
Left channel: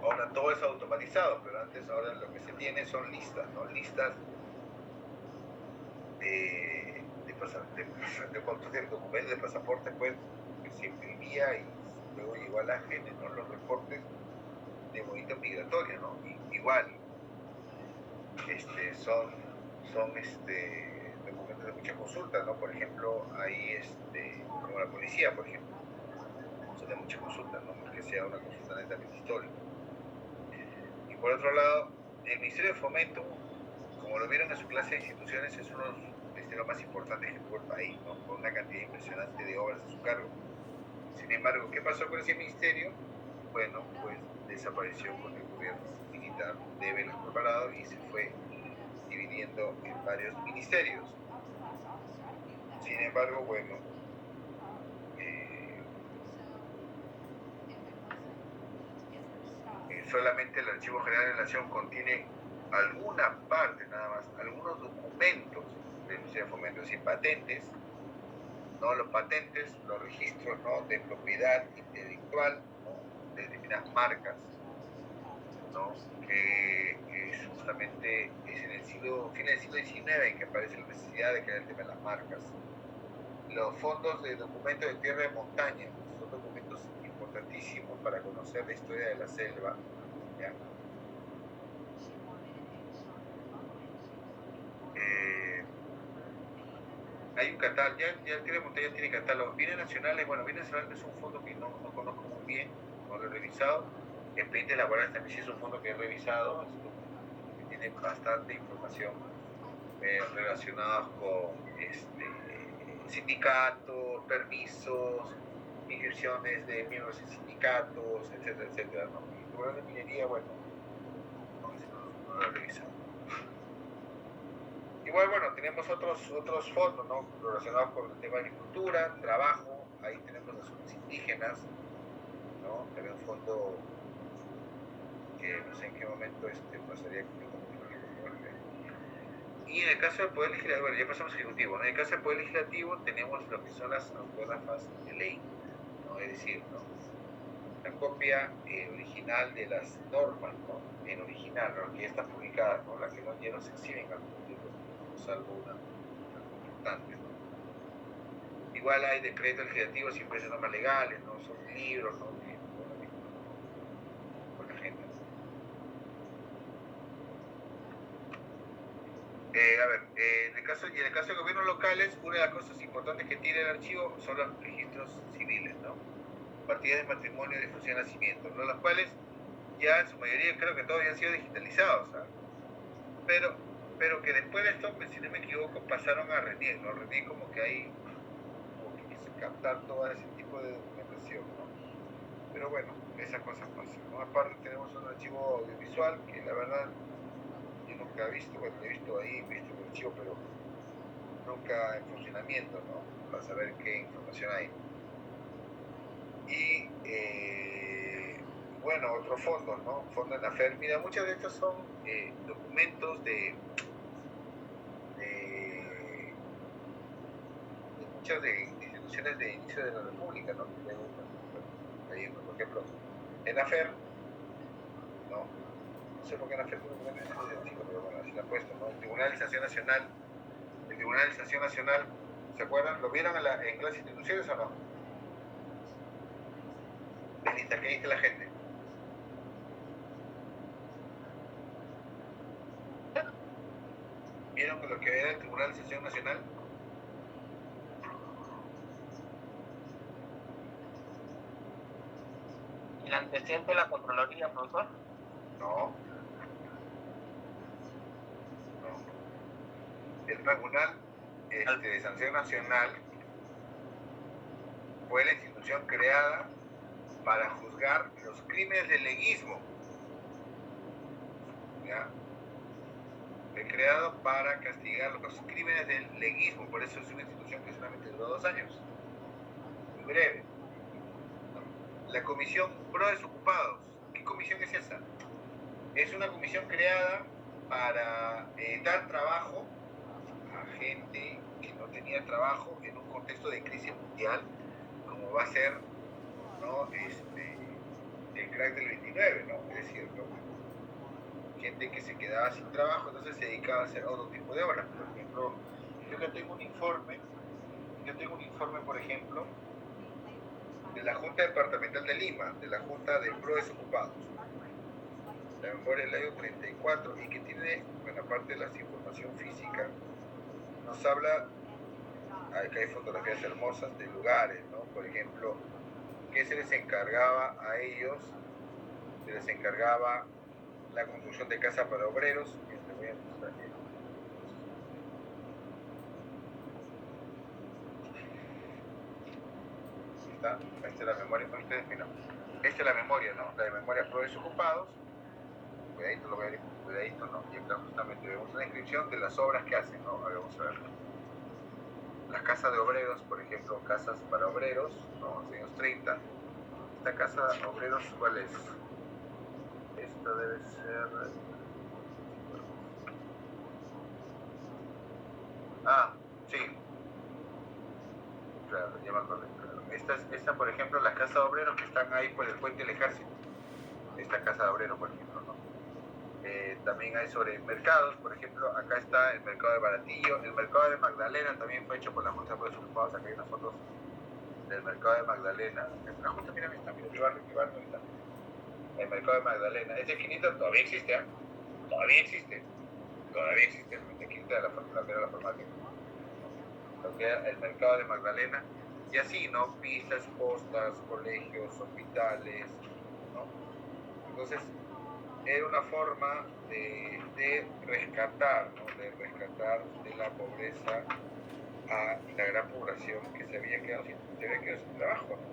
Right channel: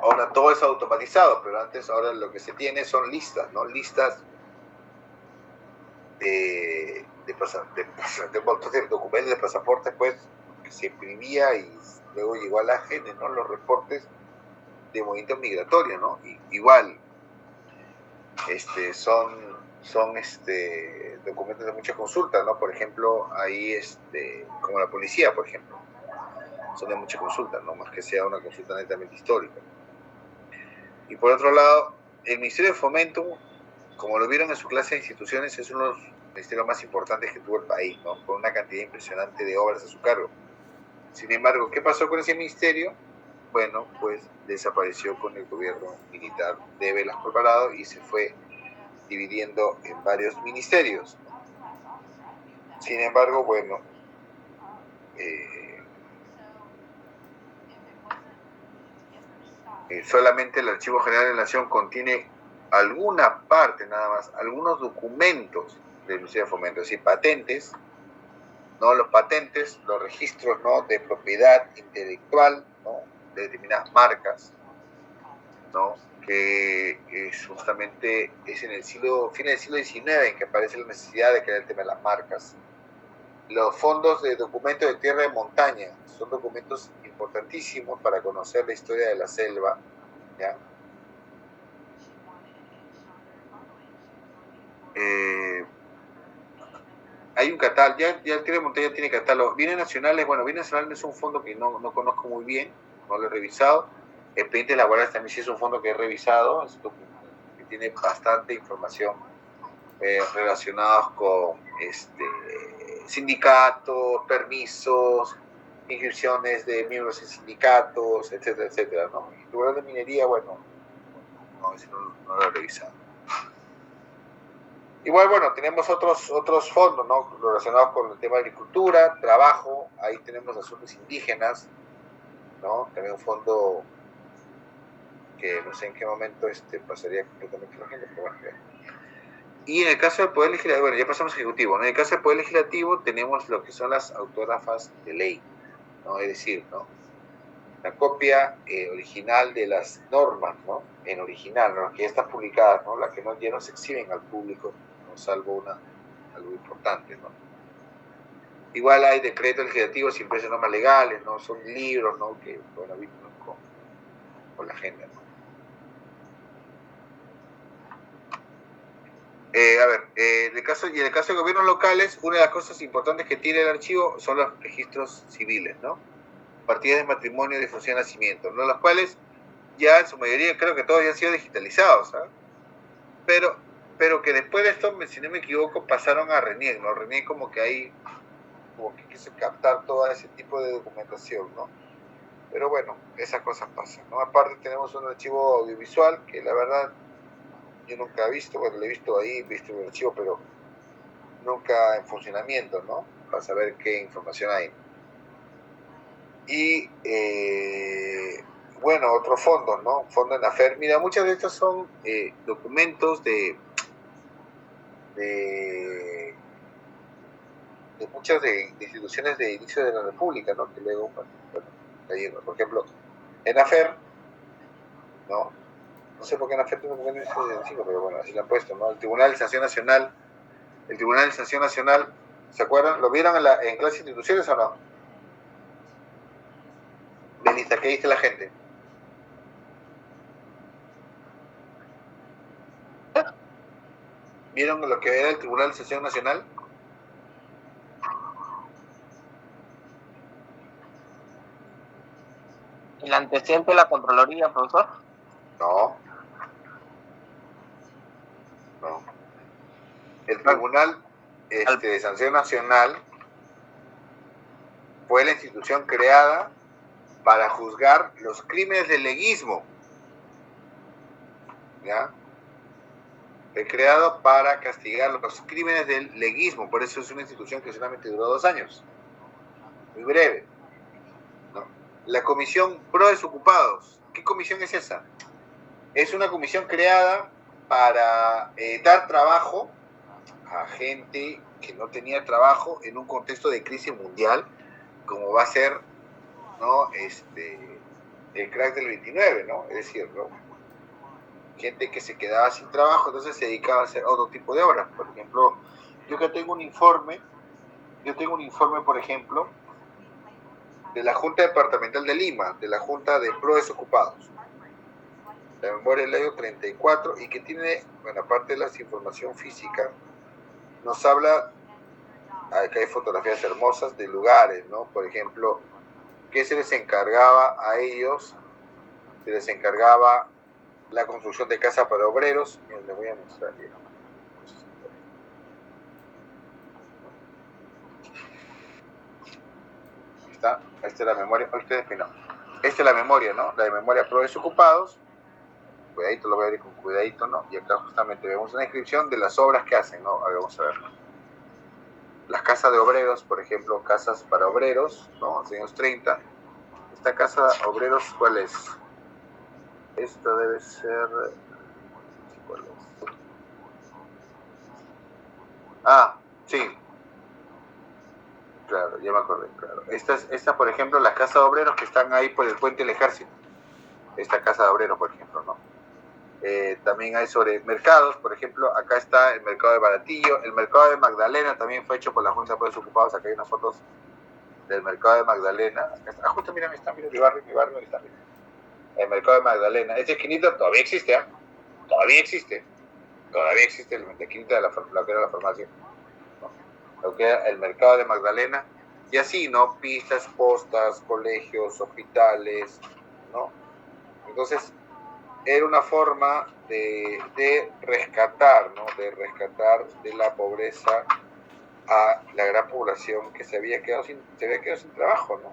Ahora, todo es automatizado, pero antes, ahora lo que se tiene son listas, ¿no? Listas de montos de documentos, de pasaportes, pues, que se imprimía y luego llegó a la gente, ¿no? Los reportes de movimiento migratorio, ¿no? Igual, son documentos de muchas consultas, ¿no? Por ejemplo, ahí, como la policía, por ejemplo, son de muchas consultas, ¿no? Más que sea una consulta netamente histórica. Y por otro lado, el Ministerio de Fomento, como lo vieron en su clase de instituciones, es uno de los ministerios más importantes que tuvo el país, ¿no? Con una cantidad impresionante de obras a su cargo. Sin embargo, ¿qué pasó con ese ministerio? Bueno, pues desapareció con el gobierno militar de Velasco Alvarado y se fue dividiendo en varios ministerios. Sin embargo, bueno, solamente el Archivo General de la Nación contiene alguna parte nada más, algunos documentos del Ministerio de Fomento, es decir, patentes, ¿no? Los patentes, los registros, ¿no? De propiedad intelectual, ¿no? De determinadas marcas, ¿no? Que justamente es en el fin del siglo XIX en que aparece la necesidad de crear el tema de las marcas. Los fondos de documentos de tierra y montaña son documentos importantísimos para conocer la historia de la selva, ¿ya? Hay un catálogo, ya el tierra y montaña tiene catálogo. Bienes nacionales, bueno, bienes nacionales es un fondo que no conozco muy bien, no lo he revisado. Expedientes laborales también sí es un fondo que he revisado, que tiene bastante información relacionados con sindicatos, permisos, inscripciones de miembros en sindicatos, etcétera, etcétera, ¿no? Y el Tribunal de Minería, bueno, no lo he revisado. Igual, bueno, tenemos otros fondos, ¿no? Relacionados con el tema de agricultura, trabajo, ahí tenemos asuntos indígenas, ¿no? También un fondo que no sé en qué momento pasaría completamente la gente, pero bueno. Y en el caso del Poder Legislativo, bueno, ya pasamos al Ejecutivo, ¿no? En el caso del Poder Legislativo tenemos lo que son las autógrafas de ley, ¿no? Es decir, ¿no? La copia original de las normas, ¿no? En original, ¿no? Que ya están publicadas, ¿no? Las que ya no se exhiben al público, ¿no? Salvo algo importante, ¿no? Igual hay decretos legislativos sin precios normas legales, ¿no? Son libros, ¿no? Que, bueno, vínculos con la gente, ¿no? En el caso de gobiernos locales, una de las cosas importantes que tiene el archivo son los registros civiles, ¿no? Partidas de matrimonio, difusión, nacimiento, ¿no? Los cuales ya en su mayoría creo que todos ya han sido digitalizados, ¿sabes? Pero que después de esto, si no me equivoco, pasaron a RENIEC, ¿no? RENIEC como que quiso captar todo ese tipo de documentación, ¿no? Pero bueno, esas cosas pasan, ¿no? Aparte tenemos un archivo audiovisual que la verdad yo nunca he visto, bueno, lo he visto ahí, he visto el archivo, pero nunca en funcionamiento, ¿no? Para saber qué información hay. Y, bueno, otros fondos, ¿no? Fondo en AFER. Mira, muchas de estas son documentos de muchas de instituciones de inicio de la República, ¿no? Que luego, bueno, por ejemplo, en AFER, ¿no? No sé por qué en AFER tiene un documento de 1975, pero bueno, así lo han puesto, ¿no? El Tribunal de Sanción Nacional, ¿se acuerdan? ¿Lo vieron en clase de instituciones o no? Melissa, ¿qué dice la gente? ¿Vieron lo que era el Tribunal de Sanción Nacional? ¿El antecedente de la Contraloría, profesor? No. El Tribunal de Sanción Nacional fue la institución creada para juzgar los crímenes del leguismo. ¿Ya? Fue creado para castigar los crímenes del leguismo. Por eso es una institución que solamente duró 2 años. Muy breve, ¿no? La Comisión Pro Desocupados. ¿Qué comisión es esa? Es una comisión creada para dar trabajo a gente que no tenía trabajo en un contexto de crisis mundial, como va a ser, ¿no? el crack del 29, ¿no? Es decir, ¿no? Gente que se quedaba sin trabajo, entonces se dedicaba a hacer otro tipo de obras. Por ejemplo, yo tengo un informe, por ejemplo, de la Junta Departamental de Lima, de la Junta de Pro Desocupados, la memoria del año 34, y que tiene, bueno, aparte de la información física, nos habla, acá hay fotografías hermosas de lugares, ¿no? Por ejemplo, ¿qué se les encargaba a ellos? Se les encargaba la construcción de casas para obreros. Miren, les voy a mostrar. Esta es la memoria, esta es la memoria, ¿no? La de memoria pro desocupados. Cuidadito, lo voy a abrir con cuidadito, ¿no? Y acá justamente vemos una descripción de las obras que hacen, ¿no? A ver, vamos a ver. Las casas de obreros, por ejemplo, casas para obreros, ¿no? En los años 30. Esta casa de obreros, ¿cuál es? Esta debe ser... ¿cuál es? Ah, sí. Claro, ya me acordé, claro. Esta, por ejemplo, las casas de obreros que están ahí por el puente del ejército. Esta casa de obreros, por ejemplo, ¿no? También hay sobre mercados, por ejemplo, acá está el mercado de Baratillo, el mercado de Magdalena también fue hecho por la Junta de Desocupados. Acá hay unas fotos del mercado de Magdalena. Ah, justo, mira, mi barrio está. El mercado de Magdalena. Esta esquinita todavía existe, ¿eh? Todavía existe la esquinita de la farmacia, ¿no? Lo que era el mercado de Magdalena, y así, ¿no? Pistas, postas, colegios, hospitales, ¿no? Entonces, era una forma de rescatar, ¿no? De rescatar de la pobreza a la gran población que se había quedado sin trabajo, ¿no?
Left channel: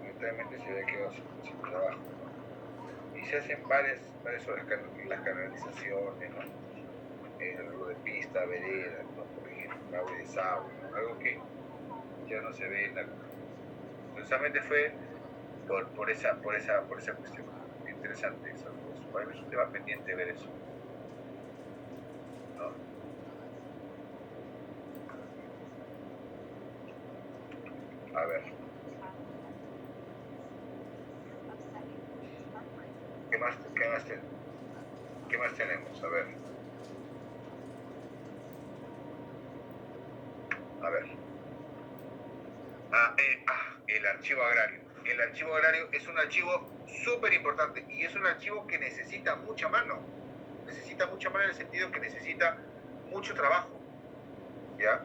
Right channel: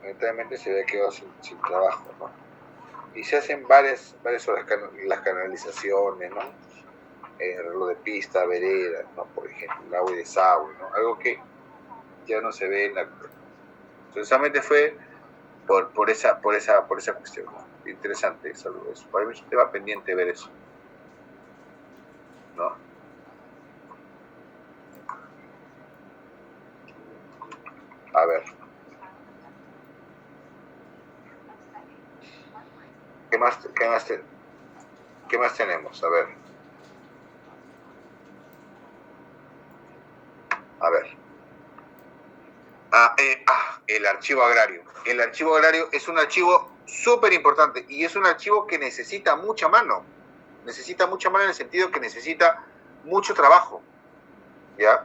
Lamentablemente se había quedado sin trabajo, ¿no? Y se hacen varias obras, las canalizaciones, ¿no? Lo de pista, vereda, ¿no? Por ejemplo, el agua y desagüe, ¿no? Algo que ya no se ve en la... Precisamente fue por esa cuestión. Interesante, saludos. Para mí es un tema pendiente ver eso, ¿no? A ver. ¿Qué más tenemos? A ver. El archivo agrario. El archivo agrario es un archivo súper importante y es un archivo que necesita mucha mano. Necesita mucha mano en el sentido que necesita mucho trabajo. ¿Ya?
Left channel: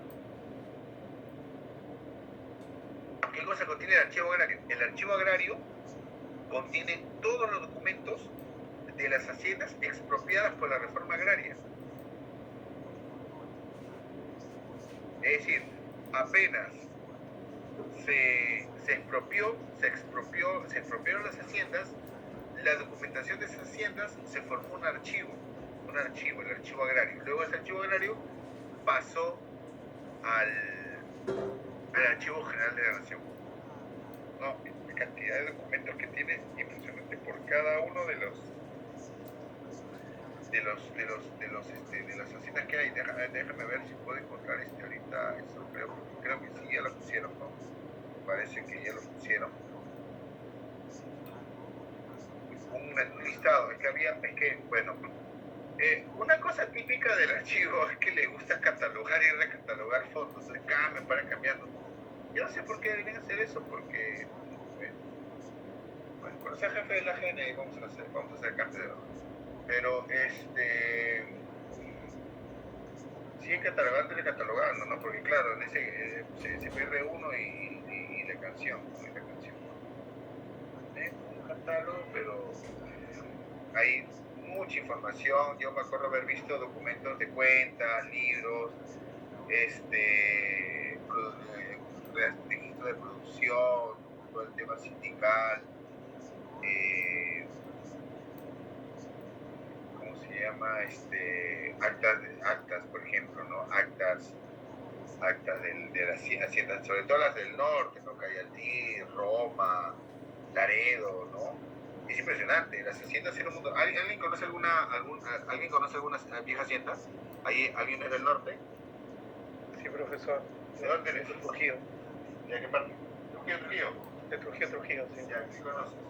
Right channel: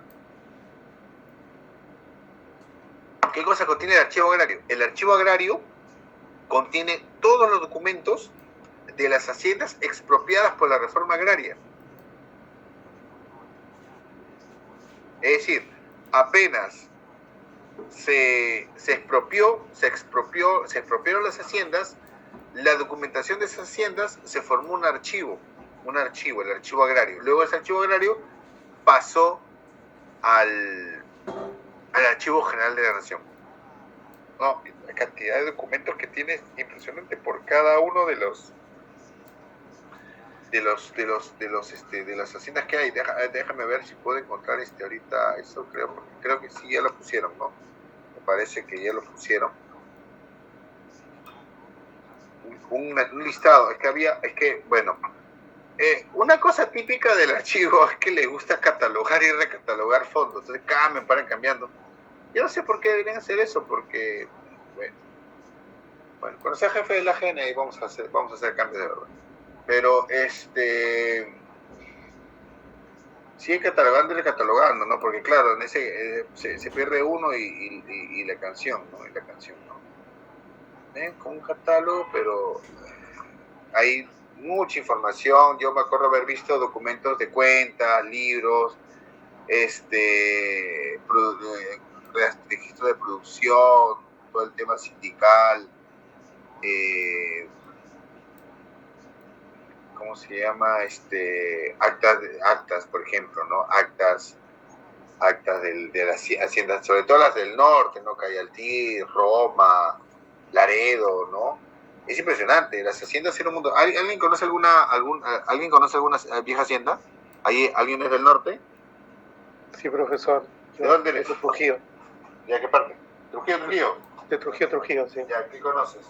¿Qué cosa contiene el archivo agrario? El archivo agrario contiene todos los documentos de las haciendas expropiadas por la reforma agraria. Es decir, apenas se expropiaron las haciendas, la documentación de esas haciendas se formó un archivo, el archivo agrario. Luego ese archivo agrario pasó al Archivo General de la Nación. No, la cantidad de documentos que tiene es impresionante por cada uno de las haciendas que hay. Déjame ver si puedo encontrar ahorita eso, creo que sí, ya lo pusieron, ¿no? Me parece que ya lo pusieron. Un listado, una cosa típica del archivo es que le gusta catalogar y recatalogar fondos, entonces me paran cambiando. Yo no sé por qué deberían hacer eso, porque, bueno, cuando sea jefe de la GNI vamos a hacer cambios de verdad. Pero, sigue catalogando y recatalogando, ¿no? Porque, claro, en ese se pierde uno y la canción, ¿no? Con un catálogo, pero hay mucha información. Yo me acuerdo haber visto documentos de cuentas, libros, registro de producción, todo el tema sindical, ¿cómo se llama? Actas, por ejemplo, ¿no? Actas de las haciendas, sobre todo las del norte, ¿no? Cayaltí, Roma, Laredo, ¿no? Es impresionante, las haciendas en un mundo. ¿Alguien conoce alguna vieja hacienda? ¿Alguien es del norte? Sí, profesor. ¿De dónde eres? De Trujillo. ¿De qué parte? Trujillo. De Trujillo, sí. Ya, ¿qué conoces?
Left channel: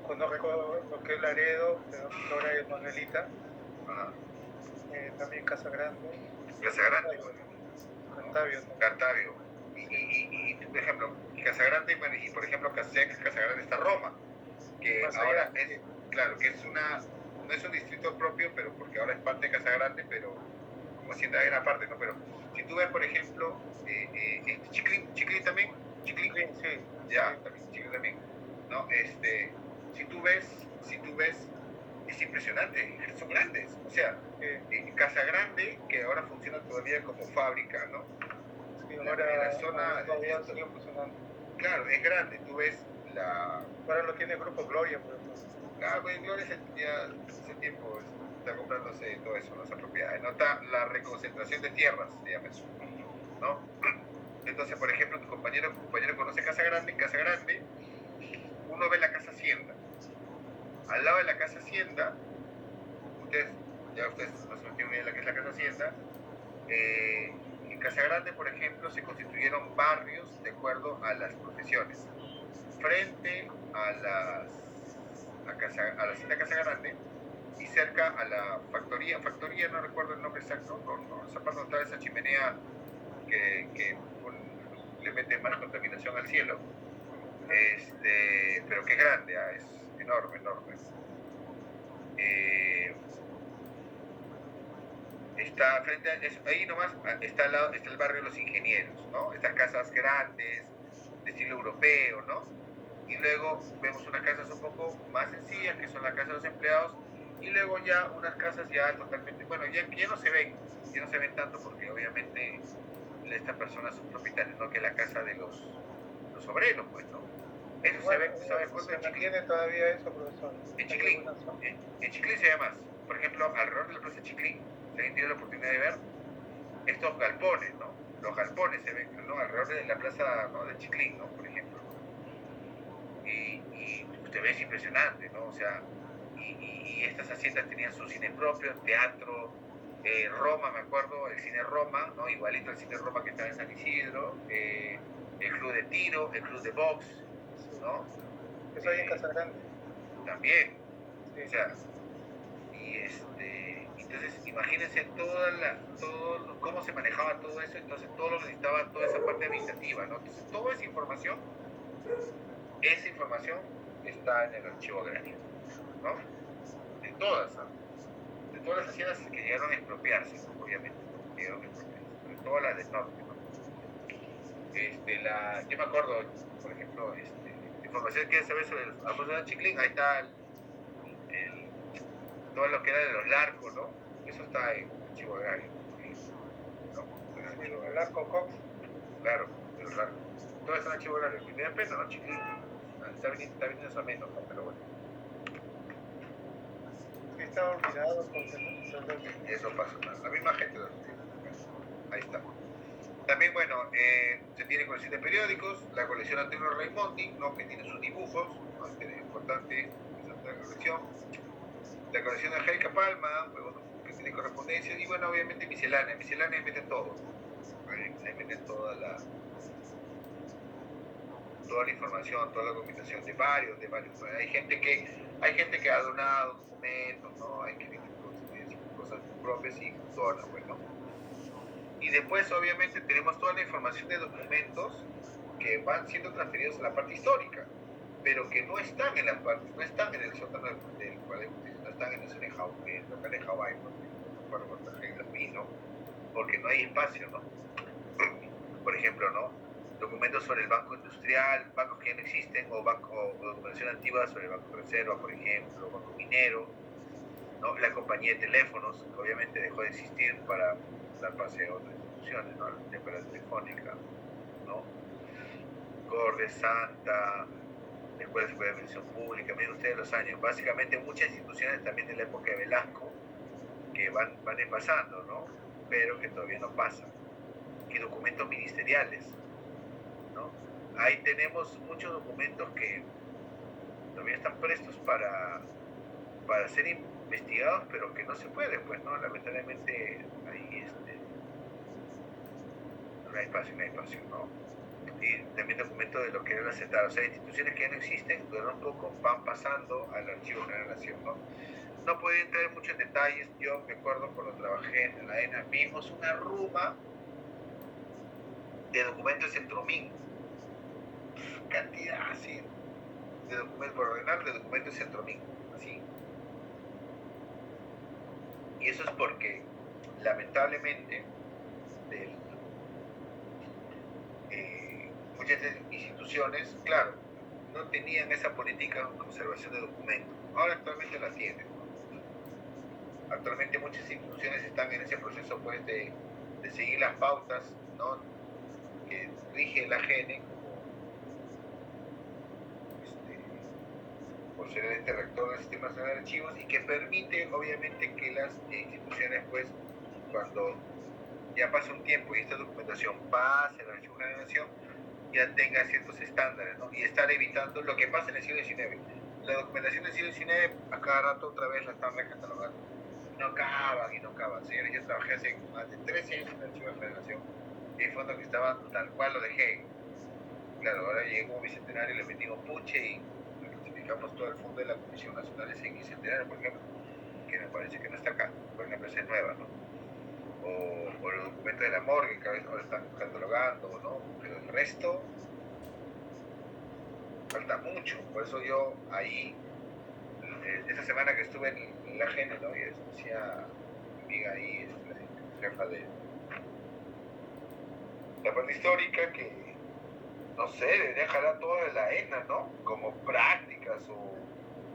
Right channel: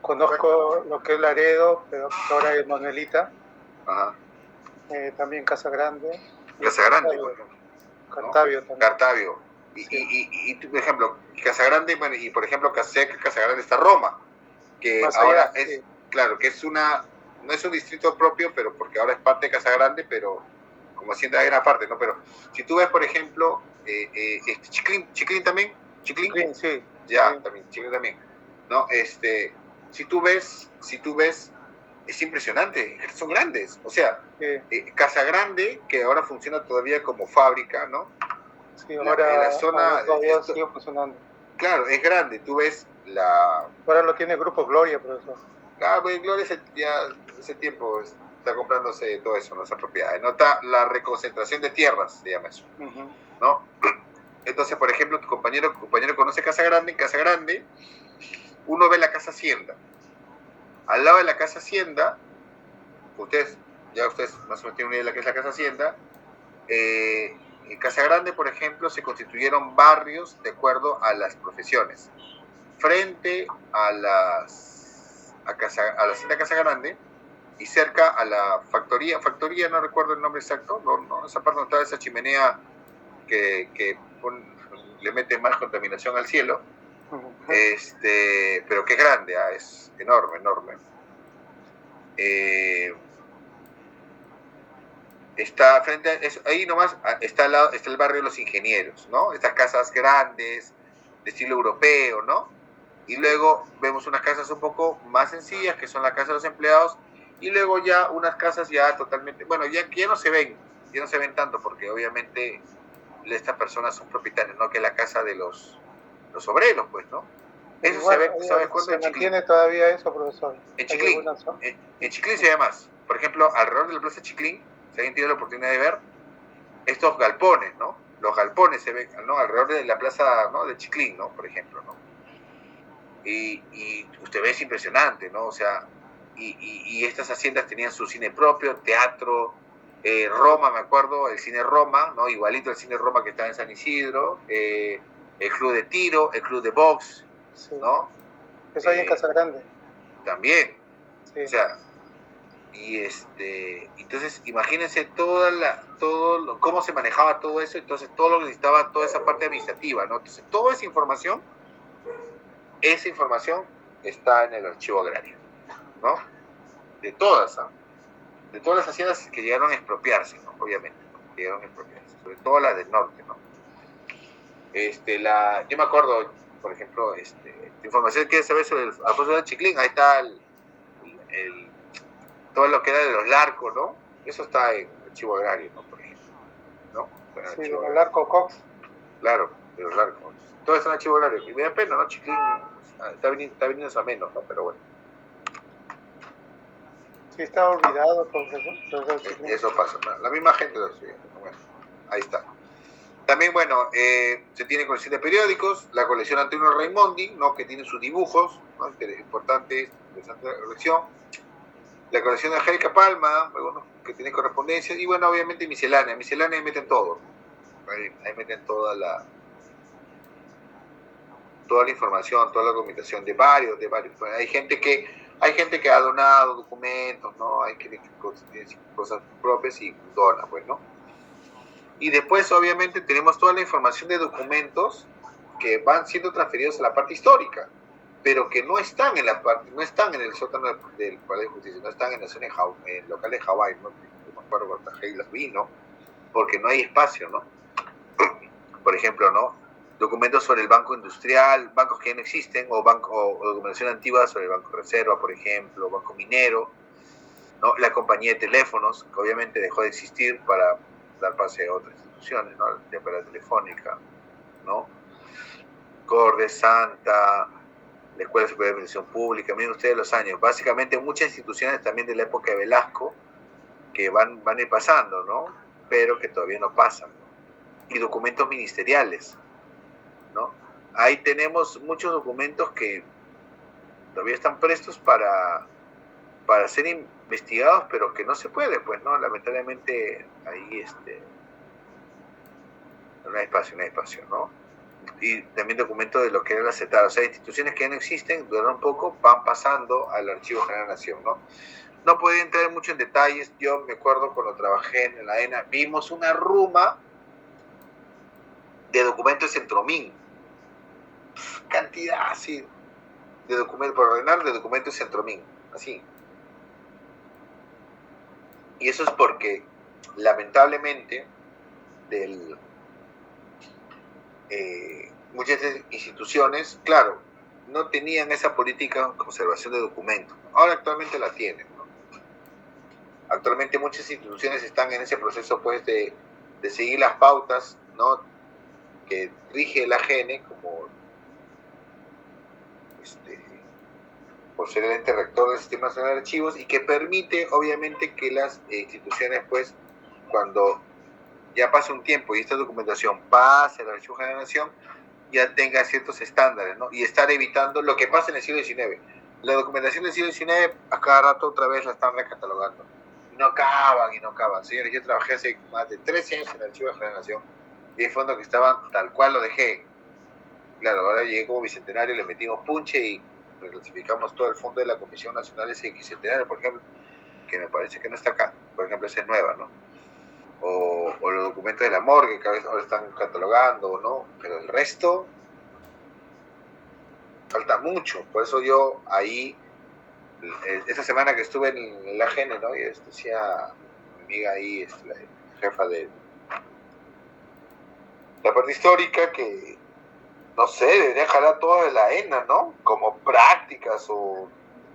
Conozco lo que es Laredo, pero ahora es Manuelita. Ajá. También Casa Grande. Casa Grande, Cartavio también. Cartavio. Y tú, por ejemplo, Casa Grande, bueno, y por ejemplo, cerca de Casa Grande está Roma, que Más ahora allá, es, sí. claro, que es no es un distrito propio, pero porque ahora es parte de Casa Grande, pero como hacienda hay una parte, ¿no? Pero si tú ves, por ejemplo, Chiclín también, Chiclín, sí. Ya, Sí. también, Chiclín también, ¿no? Si tú ves, es impresionante, son grandes, o sea, Casa Grande, que ahora funciona todavía como fábrica, ¿no? Sí, ahora, la zona, ahora todavía sigue funcionando. Claro, es grande, tú ves Ahora lo tiene el Grupo Gloria, profesor. pues Gloria ya ese tiempo está comprándose todo eso, ¿no? Esa propiedad, ¿no? Está la reconcentración de tierras, se llama eso, ¿no? Entonces, por ejemplo, tu compañero conoce Casa Grande, en Casa Grande uno ve la Casa Hacienda. Al lado de la Casa Hacienda, ustedes más o menos tienen una idea de la que es la Casa Hacienda. En Casa Grande, por ejemplo, se constituyeron barrios de acuerdo a las profesiones. Frente a la Hacienda Casa Grande y cerca a la factoría, no recuerdo el nombre exacto, esa parte donde está esa chimenea que le mete más contaminación al cielo, pero que es grande, es enorme. Está frente a eso, ahí nomás está el barrio de los ingenieros, ¿no? Estas casas grandes, de estilo europeo, ¿no? Y luego vemos unas casas un poco más sencillas, que son la casa de los empleados, y luego ya unas casas ya totalmente, bueno, ya no se ven tanto, porque obviamente estas personas son propietarios, ¿no? Que es la casa de los obreros, pues, ¿no? Eso igual, se ve, ¿sabes cuándo? ¿se mantiene todavía eso, profesor? En Chiclín. En Chiclín se ve más. Por ejemplo, alrededor de la plaza Chiclín, si alguien tiene la oportunidad de ver, estos galpones, ¿no? Los galpones se ven, ¿no? Alrededor de la plaza, ¿no? De Chiclín, ¿no? Por ejemplo, ¿no? Y usted ve, es impresionante, ¿no? O sea, y estas haciendas tenían su cine propio, teatro, Roma, me acuerdo, el cine Roma, ¿no? Igualito el cine Roma que está en San Isidro, el club de tiro, el club de box, ¿no? Eso hay en Casa Grande. También. Sí. O sea, entonces imagínense cómo se manejaba todo eso, entonces todo lo que necesitaba, toda esa parte administrativa, ¿no? Entonces toda esa información está en el archivo agrario, ¿no? De todas las haciendas que llegaron a expropiarse, ¿no? Obviamente, ¿no? Que llegaron a expropiarse, sobre todo las del norte, ¿no? Yo me acuerdo, por ejemplo, información que quieres saber sobre el Alfonso de Chiclín, ahí está todo lo que era de los Larcos, ¿no? Eso está en el archivo agrario, ¿no? Por ejemplo, ¿no? Sí, de los Larcos Cox. Claro, de los Larcos. Todo está en el archivo agrario. Y me da pena, ¿no? Chiclín está viniendo a menos, ¿no? Pero bueno. Sí, está olvidado, profesor. Eso pasa, ¿no? La misma gente lo sigue. Bueno, ahí está. También, bueno, se tiene colección de periódicos, la colección Antonio Raimondi, ¿no? Que tiene sus dibujos, ¿no? Interesante colección. La colección de Angélica Palma, bueno, que tiene correspondencia, y bueno, obviamente miscelánea ahí meten todo, ahí meten toda la información, toda la documentación de varios, bueno, hay gente que ha donado documentos, ¿no? Hay que tiene cosas propias y dona, pues, ¿no? Y después, obviamente, tenemos toda la información de documentos que van siendo transferidos a la parte histórica, pero que no están en el sótano del Palacio de Justicia, no están en la zona en el local de Hawái, ¿no? No me acuerdo cuántas ahí las vi, ¿no? Porque no hay espacio, ¿no? Por ejemplo, ¿no? Documentos sobre el Banco Industrial, bancos que ya no existen, o documentación antigua sobre el Banco Reserva, por ejemplo, Banco Minero, ¿no? La compañía de teléfonos, que obviamente dejó de existir para dar pase a otras instituciones, ¿no? La Operación Telefónica, ¿no? Corde, Santa, la Escuela Superior de Administración Pública, miren ustedes los años, básicamente muchas instituciones también de la época de Velasco que van a ir pasando, ¿no? Pero que todavía no pasan. Y documentos ministeriales, ¿no? Ahí tenemos muchos documentos que todavía están prestos para ser investigados, pero que no se puede, pues, ¿no? Lamentablemente ahí no hay espacio, ¿no? y también documentos de lo que era la CETAR. O sea, instituciones que ya no existen, duraron poco, van pasando al Archivo General de la Nación, ¿no? No puedo entrar mucho en detalles. Yo me acuerdo cuando trabajé en la ENA, vimos una ruma de documentos en Tromín. Cantidad así de documentos, por ordenar, de documentos en Tromín. Así. Y eso es porque, lamentablemente, muchas instituciones, claro, no tenían esa política de conservación de documentos. Ahora actualmente la tienen, ¿no? Actualmente muchas instituciones están en ese proceso, pues, de seguir las pautas, ¿no?, que rige el AGN como por ser el ente rector del Sistema Nacional de Archivos, y que permite, obviamente, que las instituciones, pues, cuando ya pasa un tiempo y esta documentación pasa al Archivo General de la Nación, ya tenga ciertos estándares, ¿no? Y estar evitando lo que pasa en el siglo XIX. La documentación del siglo XIX, a cada rato otra vez la están recatalogando. No acaban y no acaban. Señores, yo trabajé hace más de 13 años en el Archivo General de la Nación, y hay fondos que estaban tal cual lo dejé. Claro, ahora llegué como bicentenario, le metimos punche y reclasificamos todo el fondo de la Comisión Nacional de Bicentenario, por ejemplo, que me parece que no está acá. Por ejemplo, esa es nueva, ¿no? O los documentos de la morgue, que a veces ahora están catalogando, ¿no? Pero el resto falta mucho. Por eso yo ahí, esta semana que estuve en el AGN, ¿no?, y decía mi amiga ahí, la jefa de la parte histórica, que no sé, debería jalar todo de la ENA, ¿no? Como prácticas o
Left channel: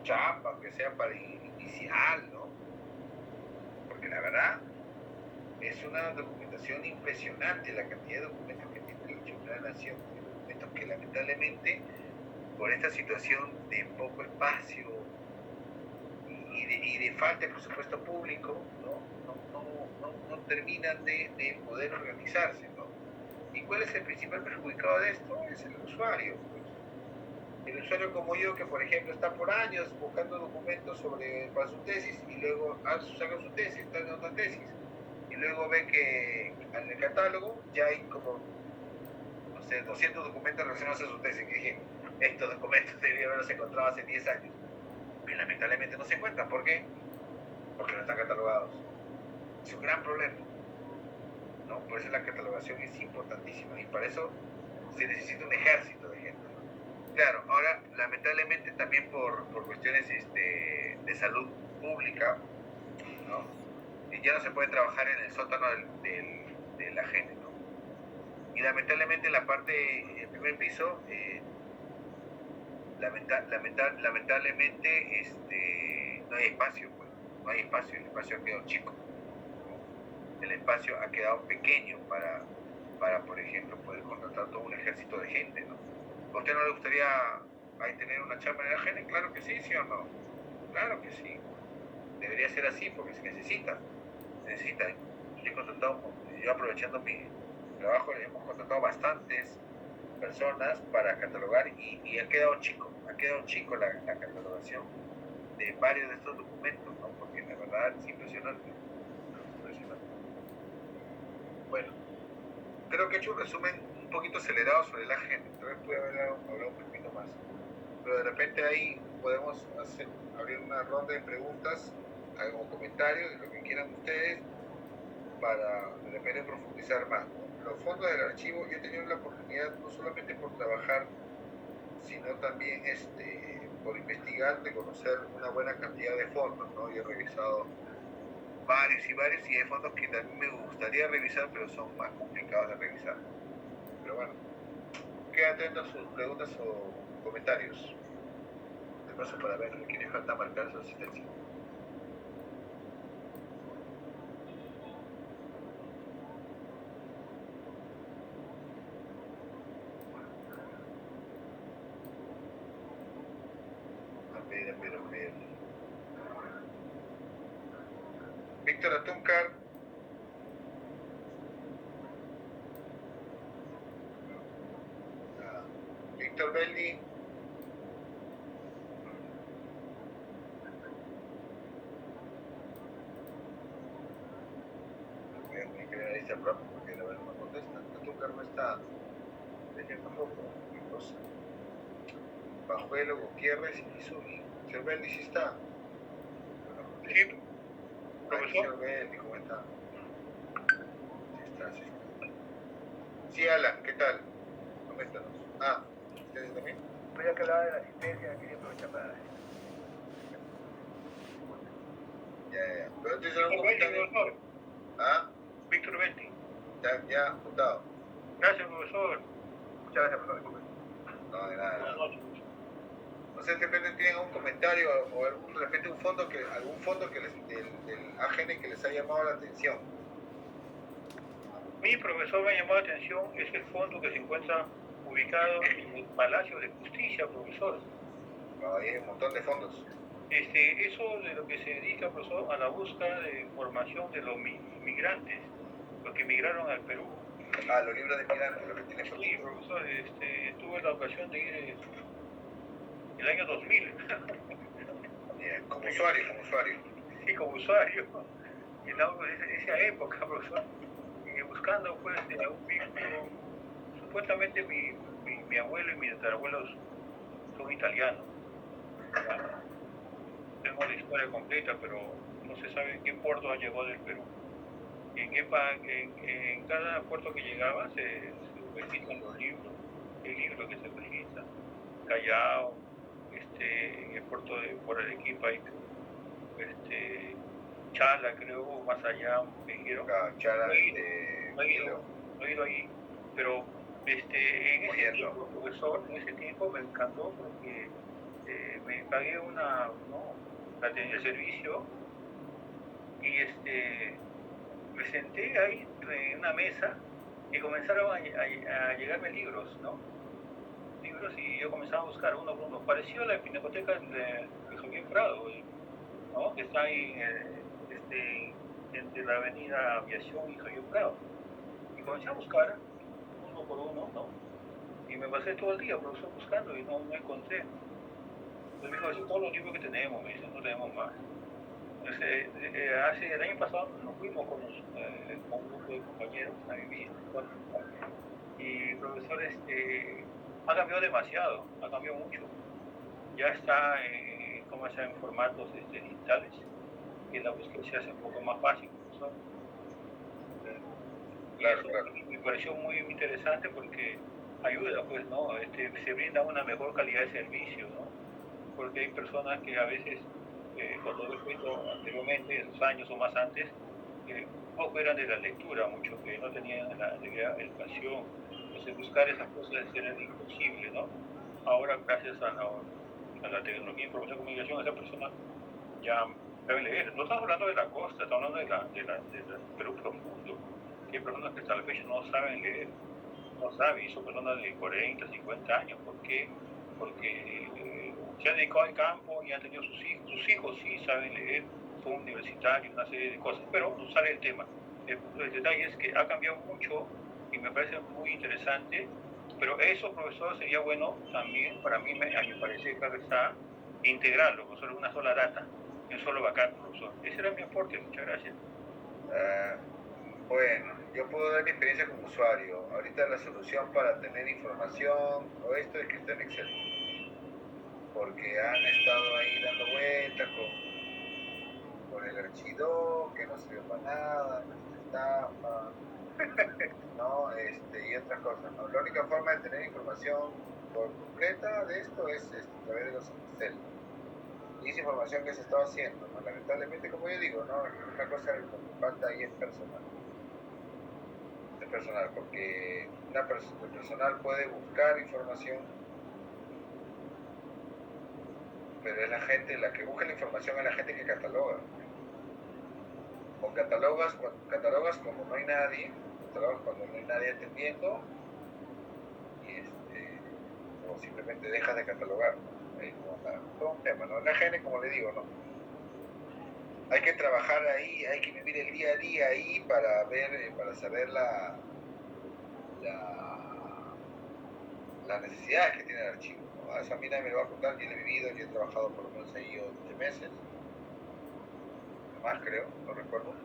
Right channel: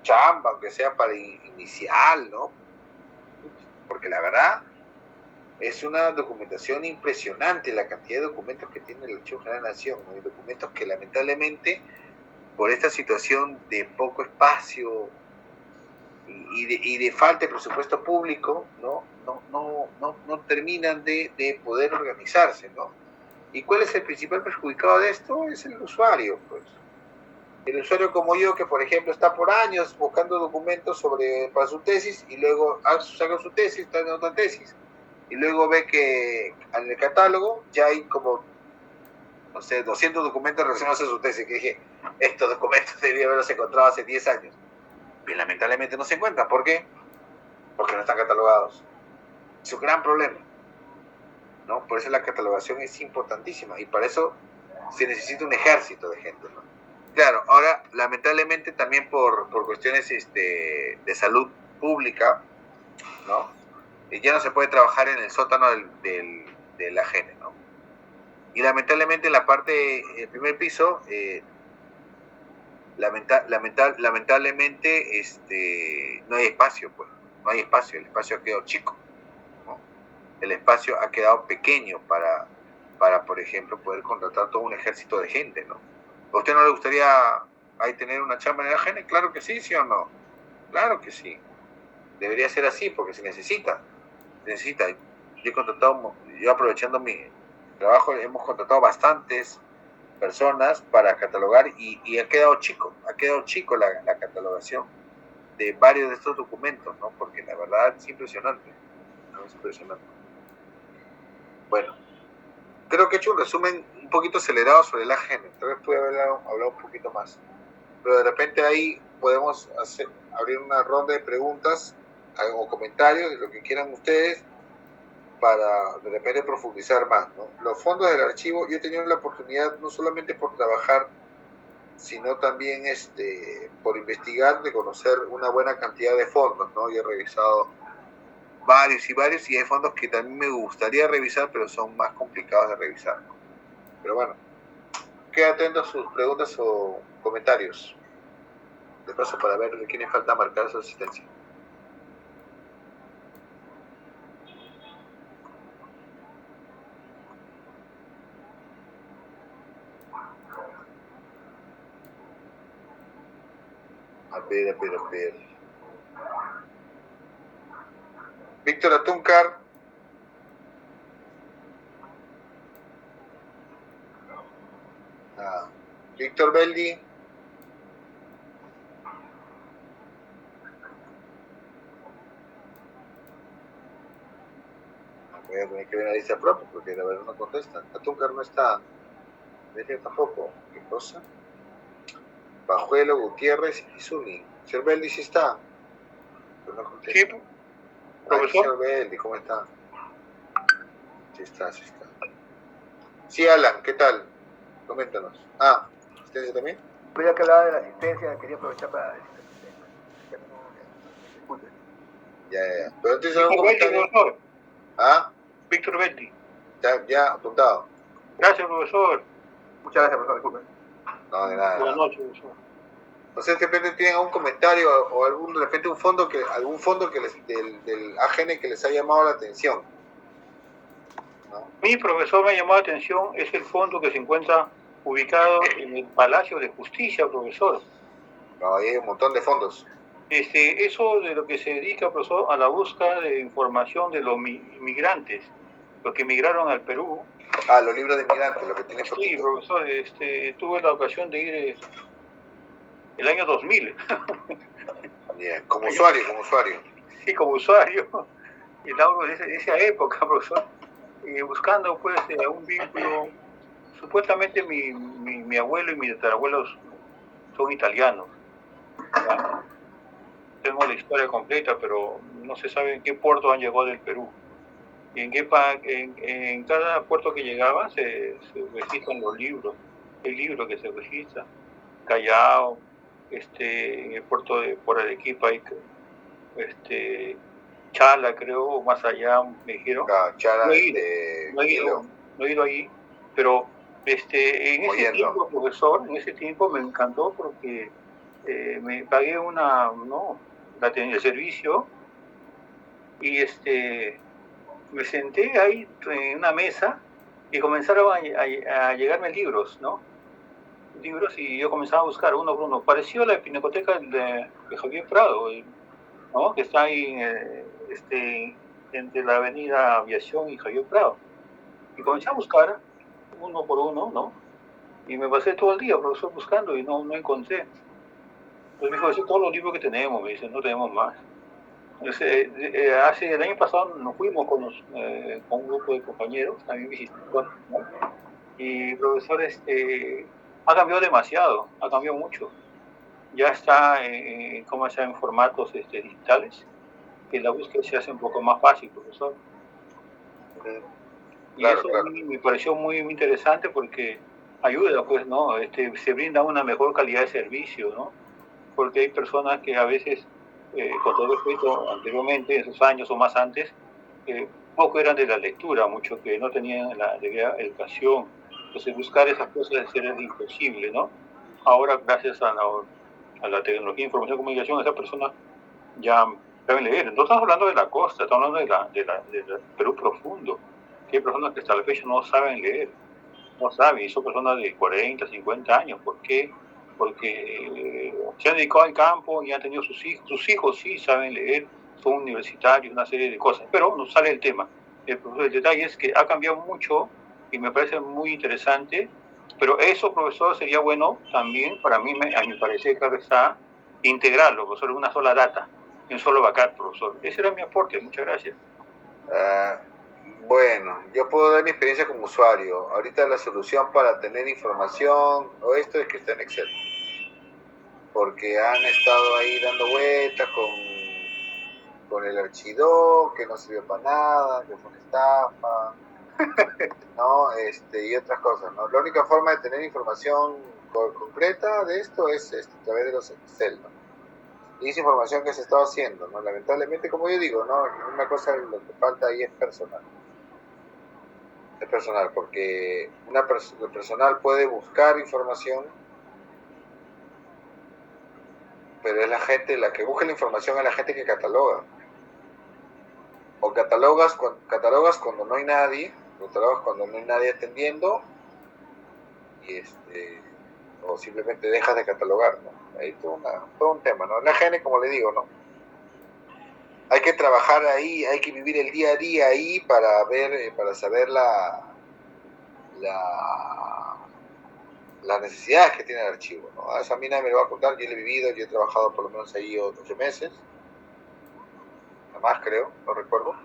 chamba, aunque sea para inicial, ¿no? Porque la verdad es una documentación impresionante la cantidad de documentos que tiene el Archivo General de la Nación, ¿no? Y documentos que lamentablemente, por esta situación de poco espacio y de falta de presupuesto público, no terminan de poder organizarse, ¿no? ¿Y cuál es el principal perjudicado de esto? Es el usuario, pues. El usuario como yo, que por ejemplo está por años buscando documentos para su tesis, y luego saca su tesis, está en otra tesis, y luego ve que en el catálogo ya hay como, no sé, 200 documentos relacionados a su tesis, que dije, estos documentos debería haberlos encontrado hace 10 años. Y lamentablemente no se encuentran. ¿Por qué? Porque no están catalogados. Es un gran problema, ¿no? Por eso la catalogación es importantísima, y para eso se necesita un ejército de gente, ¿no? Claro, ahora lamentablemente también por cuestiones de salud pública, ¿no?, ya no se puede trabajar en el sótano del AGN, ¿no? Y lamentablemente en la parte, el primer piso, lamentablemente no hay espacio, pues, no hay espacio, el espacio ha quedado chico, ¿no? El espacio ha quedado pequeño para, por ejemplo, poder contratar todo un ejército de gente, ¿no? ¿A usted no le gustaría ahí tener una chamba en el AGN? Claro que sí, ¿sí o no? Claro que sí. Debería ser así, porque se necesita. Se necesita. Yo aprovechando mi trabajo, hemos contratado bastantes personas para catalogar, y ha quedado chico la catalogación de varios de estos documentos, ¿no? Porque la verdad es impresionante. Es impresionante. Bueno, creo que he hecho un resumen un poquito acelerado sobre el AGN. Tal vez pude haber hablado un poquito más. Pero de repente ahí podemos abrir una ronda de preguntas o comentarios, de lo que quieran ustedes, para de repente profundizar más, ¿no? Los fondos del archivo, yo he tenido la oportunidad, no solamente por trabajar, sino también por investigar, de conocer una buena cantidad de fondos, ¿no? Yo he revisado varios, y hay fondos que también me gustaría revisar, pero son más complicados de revisar, ¿no? Pero bueno, queda atento a sus preguntas o comentarios. De paso, para ver de quién falta marcar su asistencia. A ver. Víctor Atúncar. Víctor Beldi. Voy a tener que ver la lista propia, porque la verdad no contesta. Atúncar no está Vete tampoco. ¿Qué cosa? Bajuelo, Gutiérrez y Zuni. Señor Beldi, ¿sí está? Sí, profesor. Señor Beldi, ¿cómo está? Sí está. Sí, Alan, ¿qué tal? Coméntanos. ¿Asistencia también? Ya que hablaba de la asistencia, quería aprovechar para decir. Ya. Pero entonces Víctor Betty, profesor. Víctor Betty. Ya, apuntado. Gracias, profesor. Muchas gracias, profesor, disculpe. No, de nada. Buenas noches, profesor. No sé, de repente tienen algún comentario o de repente algún fondo que del AGN que les ha llamado la atención. Mi profesor me llamó la atención, es el fondo que se encuentra ubicado en el Palacio de Justicia, profesor. No, hay un montón de fondos. Eso de lo que se dedica, profesor, a la búsqueda de información de los inmigrantes, los que emigraron al Perú. Los libros de inmigrantes, lo que tiene. Sí, profesor, tuve la ocasión de ir el año 2000. Bien, como usuario. Sí, como usuario. Y hablo de esa época, profesor. Buscando pues un vínculo. Supuestamente mi abuelo y mis tatarabuelos son italianos. ¿Ya? Tengo la historia completa, pero no se sabe en qué puerto han llegado del Perú. Y en cada puerto que llegaba se registran los libros. El libro que se registra. Callao, en el puerto de por Arequipa hay Chala, creo, o más allá, me dijeron. Chala, no he ido ahí, pero en ese tiempo, profesor, me encantó porque me pagué el servicio y me senté ahí en una mesa y comenzaron a llegarme libros, ¿no? Libros y yo comenzaba a buscar uno por uno. Pareció la pinacoteca de Javier Prado, ¿no? Que está ahí entre la avenida Aviación y Javier Prado. Y comencé a buscar uno por uno, ¿no? Y me pasé todo el día, profesor, buscando y no encontré. Entonces me dijo, esos son todos los libros que tenemos, me dice, no tenemos más. Entonces, el año pasado nos fuimos con un grupo de compañeros, también visitaron, ¿no? Y profesor, ha cambiado demasiado, ha cambiado mucho. Ya está en formatos digitales, que la búsqueda se hace un poco más fácil, profesor. Y eso a mí me pareció muy interesante porque ayuda, pues, ¿no? Se brinda una mejor calidad de servicio, ¿no? Porque hay personas que a veces, con todo respeto, anteriormente, en esos años o más antes, poco eran de la lectura, mucho que no tenían la debida educación. Entonces buscar esas cosas era imposible, ¿no? Ahora, gracias a la tecnología, información y comunicación, esas personas ya saben leer. No estamos hablando de la costa, estamos hablando del Perú profundo, que hay personas que hasta la fecha no saben leer, no saben, y son personas de 40, 50 años. ¿Por qué? Porque se han dedicado al campo y han tenido sus hijos sí saben leer, son universitarios, una serie de cosas, pero no sale el tema. El detalle es que ha cambiado mucho y me parece muy interesante, pero eso, profesor, sería bueno también, para mí, a mi parecer, claro está, integrarlo, profesor, en una sola data, en un solo backup, profesor. Ese era mi aporte, muchas gracias. Bueno, yo puedo dar mi experiencia como usuario. Ahorita la solución para tener información o esto es que está en Excel. Porque han estado ahí dando vueltas con el archivo que no sirvió para nada, que fue una estafa, ¿no? Y otras cosas, ¿no? La única forma de tener información concreta de esto es a través de los Excel, ¿no? Y esa información que se está haciendo, ¿no? Lamentablemente, como yo digo, ¿no? Una cosa, lo que falta ahí es personal. Es personal, porque el personal puede buscar información, pero es la gente, la que busca la información es la gente que cataloga. O catalogas cuando no hay nadie, atendiendo, o simplemente dejas de catalogar, ¿no? Ahí todo un tema, ¿no? La gente, como le digo, ¿no? Hay que trabajar ahí, hay que vivir el día a día ahí para saber las necesidades que tiene el archivo, ¿no? Eso a mí nadie me lo va a contar, yo lo he vivido, yo he trabajado por lo menos ahí 8 meses, nada más creo, no recuerdo,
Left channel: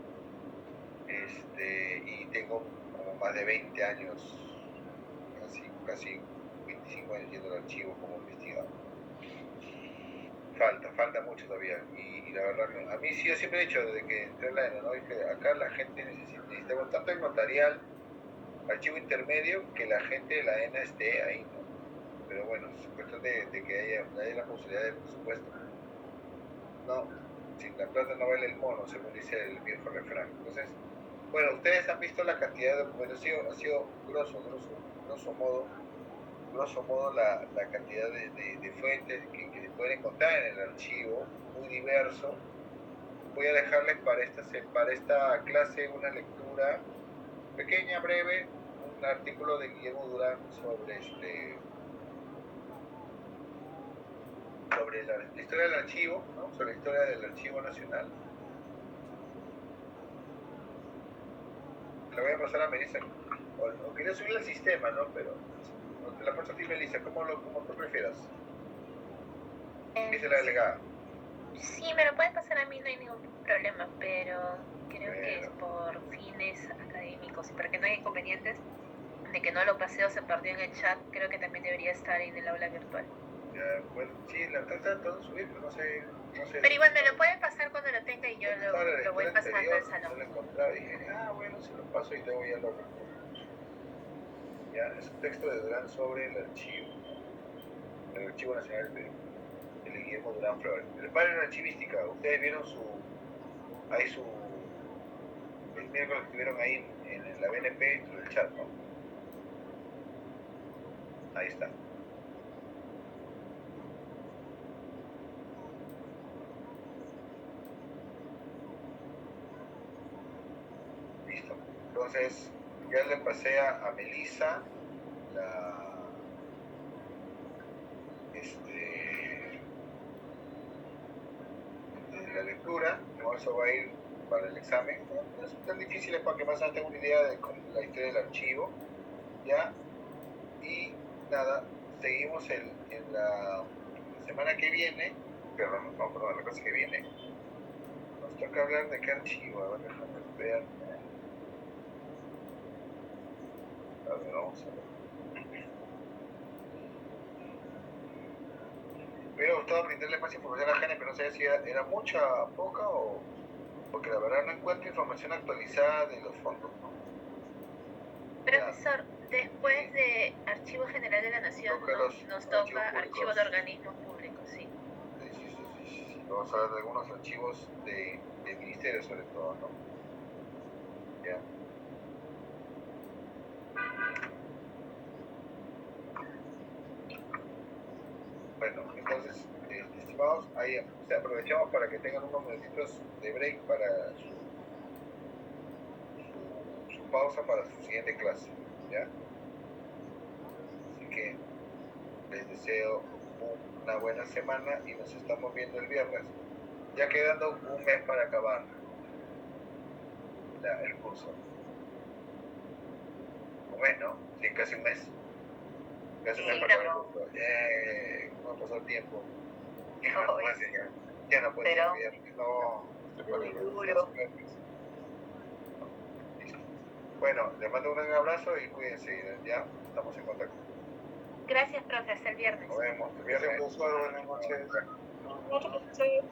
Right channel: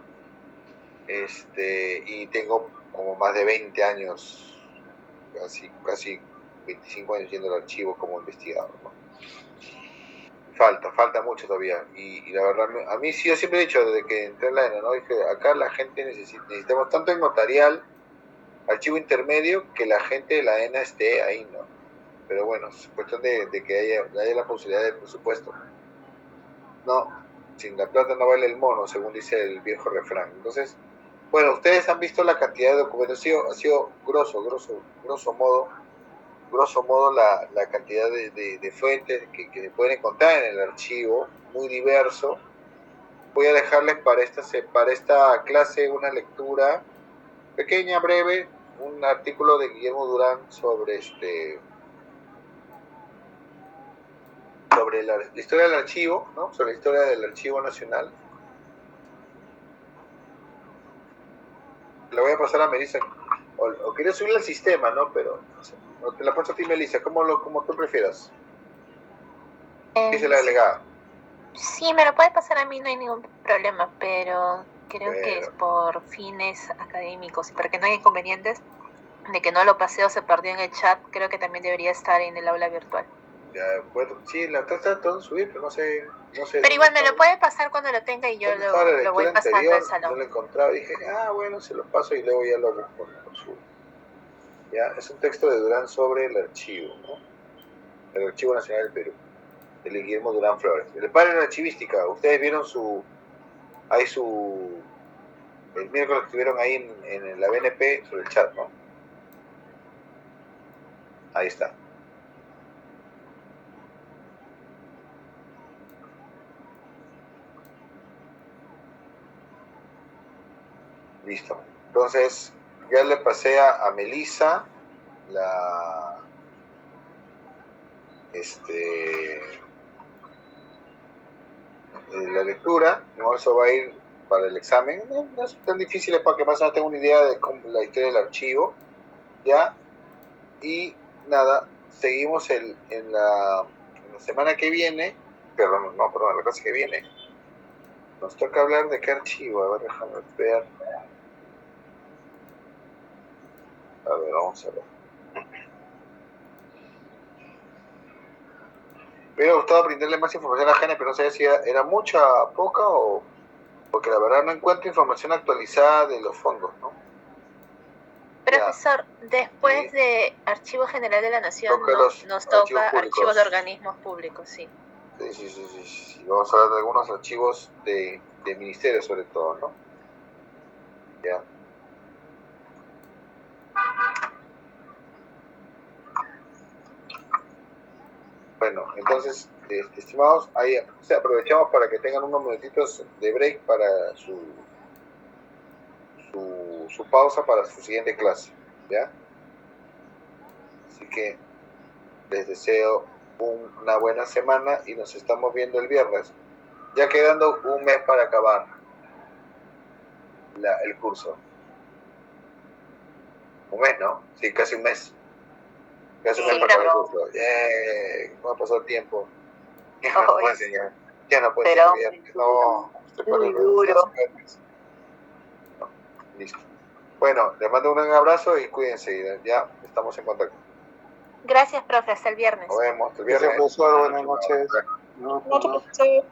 y tengo como más de 20 años así casi 25 años yendo al archivo como investigador, ¿no? Falta mucho todavía. Y la verdad, a mí sí, yo siempre he dicho, desde que entré en la ENA, ¿no? Dije, acá la gente necesitamos tanto en notarial, archivo intermedio, que la gente de la ENA esté ahí, ¿no? Pero bueno, es cuestión de que haya la posibilidad del presupuesto. No, sin la plata no vale el mono, según dice el viejo refrán. Entonces, bueno, ustedes han visto la cantidad de documentos, ha sido grosso modo la cantidad de fuentes que se pueden encontrar en el archivo, muy diverso. Voy a dejarles para esta clase una lectura pequeña, breve, un artículo de Guillermo Durán sobre la historia del archivo, ¿no? Sobre la historia del Archivo Nacional. Le voy a pasar a Melissa, o quería subirla al sistema, ¿no? Pero te la paso a ti, Melissa, como tú prefieras. Dice la delegada. Sí, me lo puede pasar a mí, no hay ningún problema, pero creo que es por fines académicos y para que no haya inconvenientes de que no lo pasé o se perdió en el chat, creo que también debería estar en el aula virtual. Ya, bueno, sí, la tratando de subir, pero no sé. Pero igual me lo puede pasar cuando lo tenga y yo lo voy pasando al salón. No lo encontraba y dije, bueno, se lo paso y luego ya lo subo. Ya, es un texto de Durán sobre el archivo, ¿no? El Archivo Nacional del Perú, de Guillermo Durán Flores. El padre de la archivística, ustedes vieron el miércoles que estuvieron ahí en la BNP sobre el chat, ¿no? Ahí está. Listo. Entonces, ya le pasé a Melissa la lectura. No, eso va a ir para el examen. No es tan difícil, para que más o menos tenga una idea de la historia del archivo. ¿Ya? Y nada, seguimos en la semana que viene, perdón, la clase que viene. Nos toca hablar de qué archivo. A ver, déjame ver. A ver, vamos a ver. Me hubiera gustado brindarle más información a Gene, pero no sé si era mucha, poca o... Porque la verdad no encuentro información actualizada de los fondos, ¿no? Profesor, después de Archivo General de la Nación, nos toca archivos de organismos públicos, sí. Sí. Vamos a hablar de algunos archivos de ministerios sobre todo, ¿no? Ya. Bueno, entonces, estimados, ahí aprovechamos para que tengan unos minutitos de break para su pausa para su siguiente clase, ¿ya? Así que les deseo una buena semana y nos estamos viendo el viernes, ya quedando un mes para acabar el curso. Un mes, ¿no? Sí, casi un mes. Casi un mes para acabar el curso. ¿Cómo ha pasado el tiempo? Ya no puedo enseñar. Ya no puedo enseñar viernes. No, muy duro. Listo. Bueno, les mando un gran abrazo y cuídense. Ya estamos en contacto. Gracias, profe. Hasta el viernes. Nos vemos. El viernes. Gracias, profesor. Buenas noches. Buenas noches, profesor.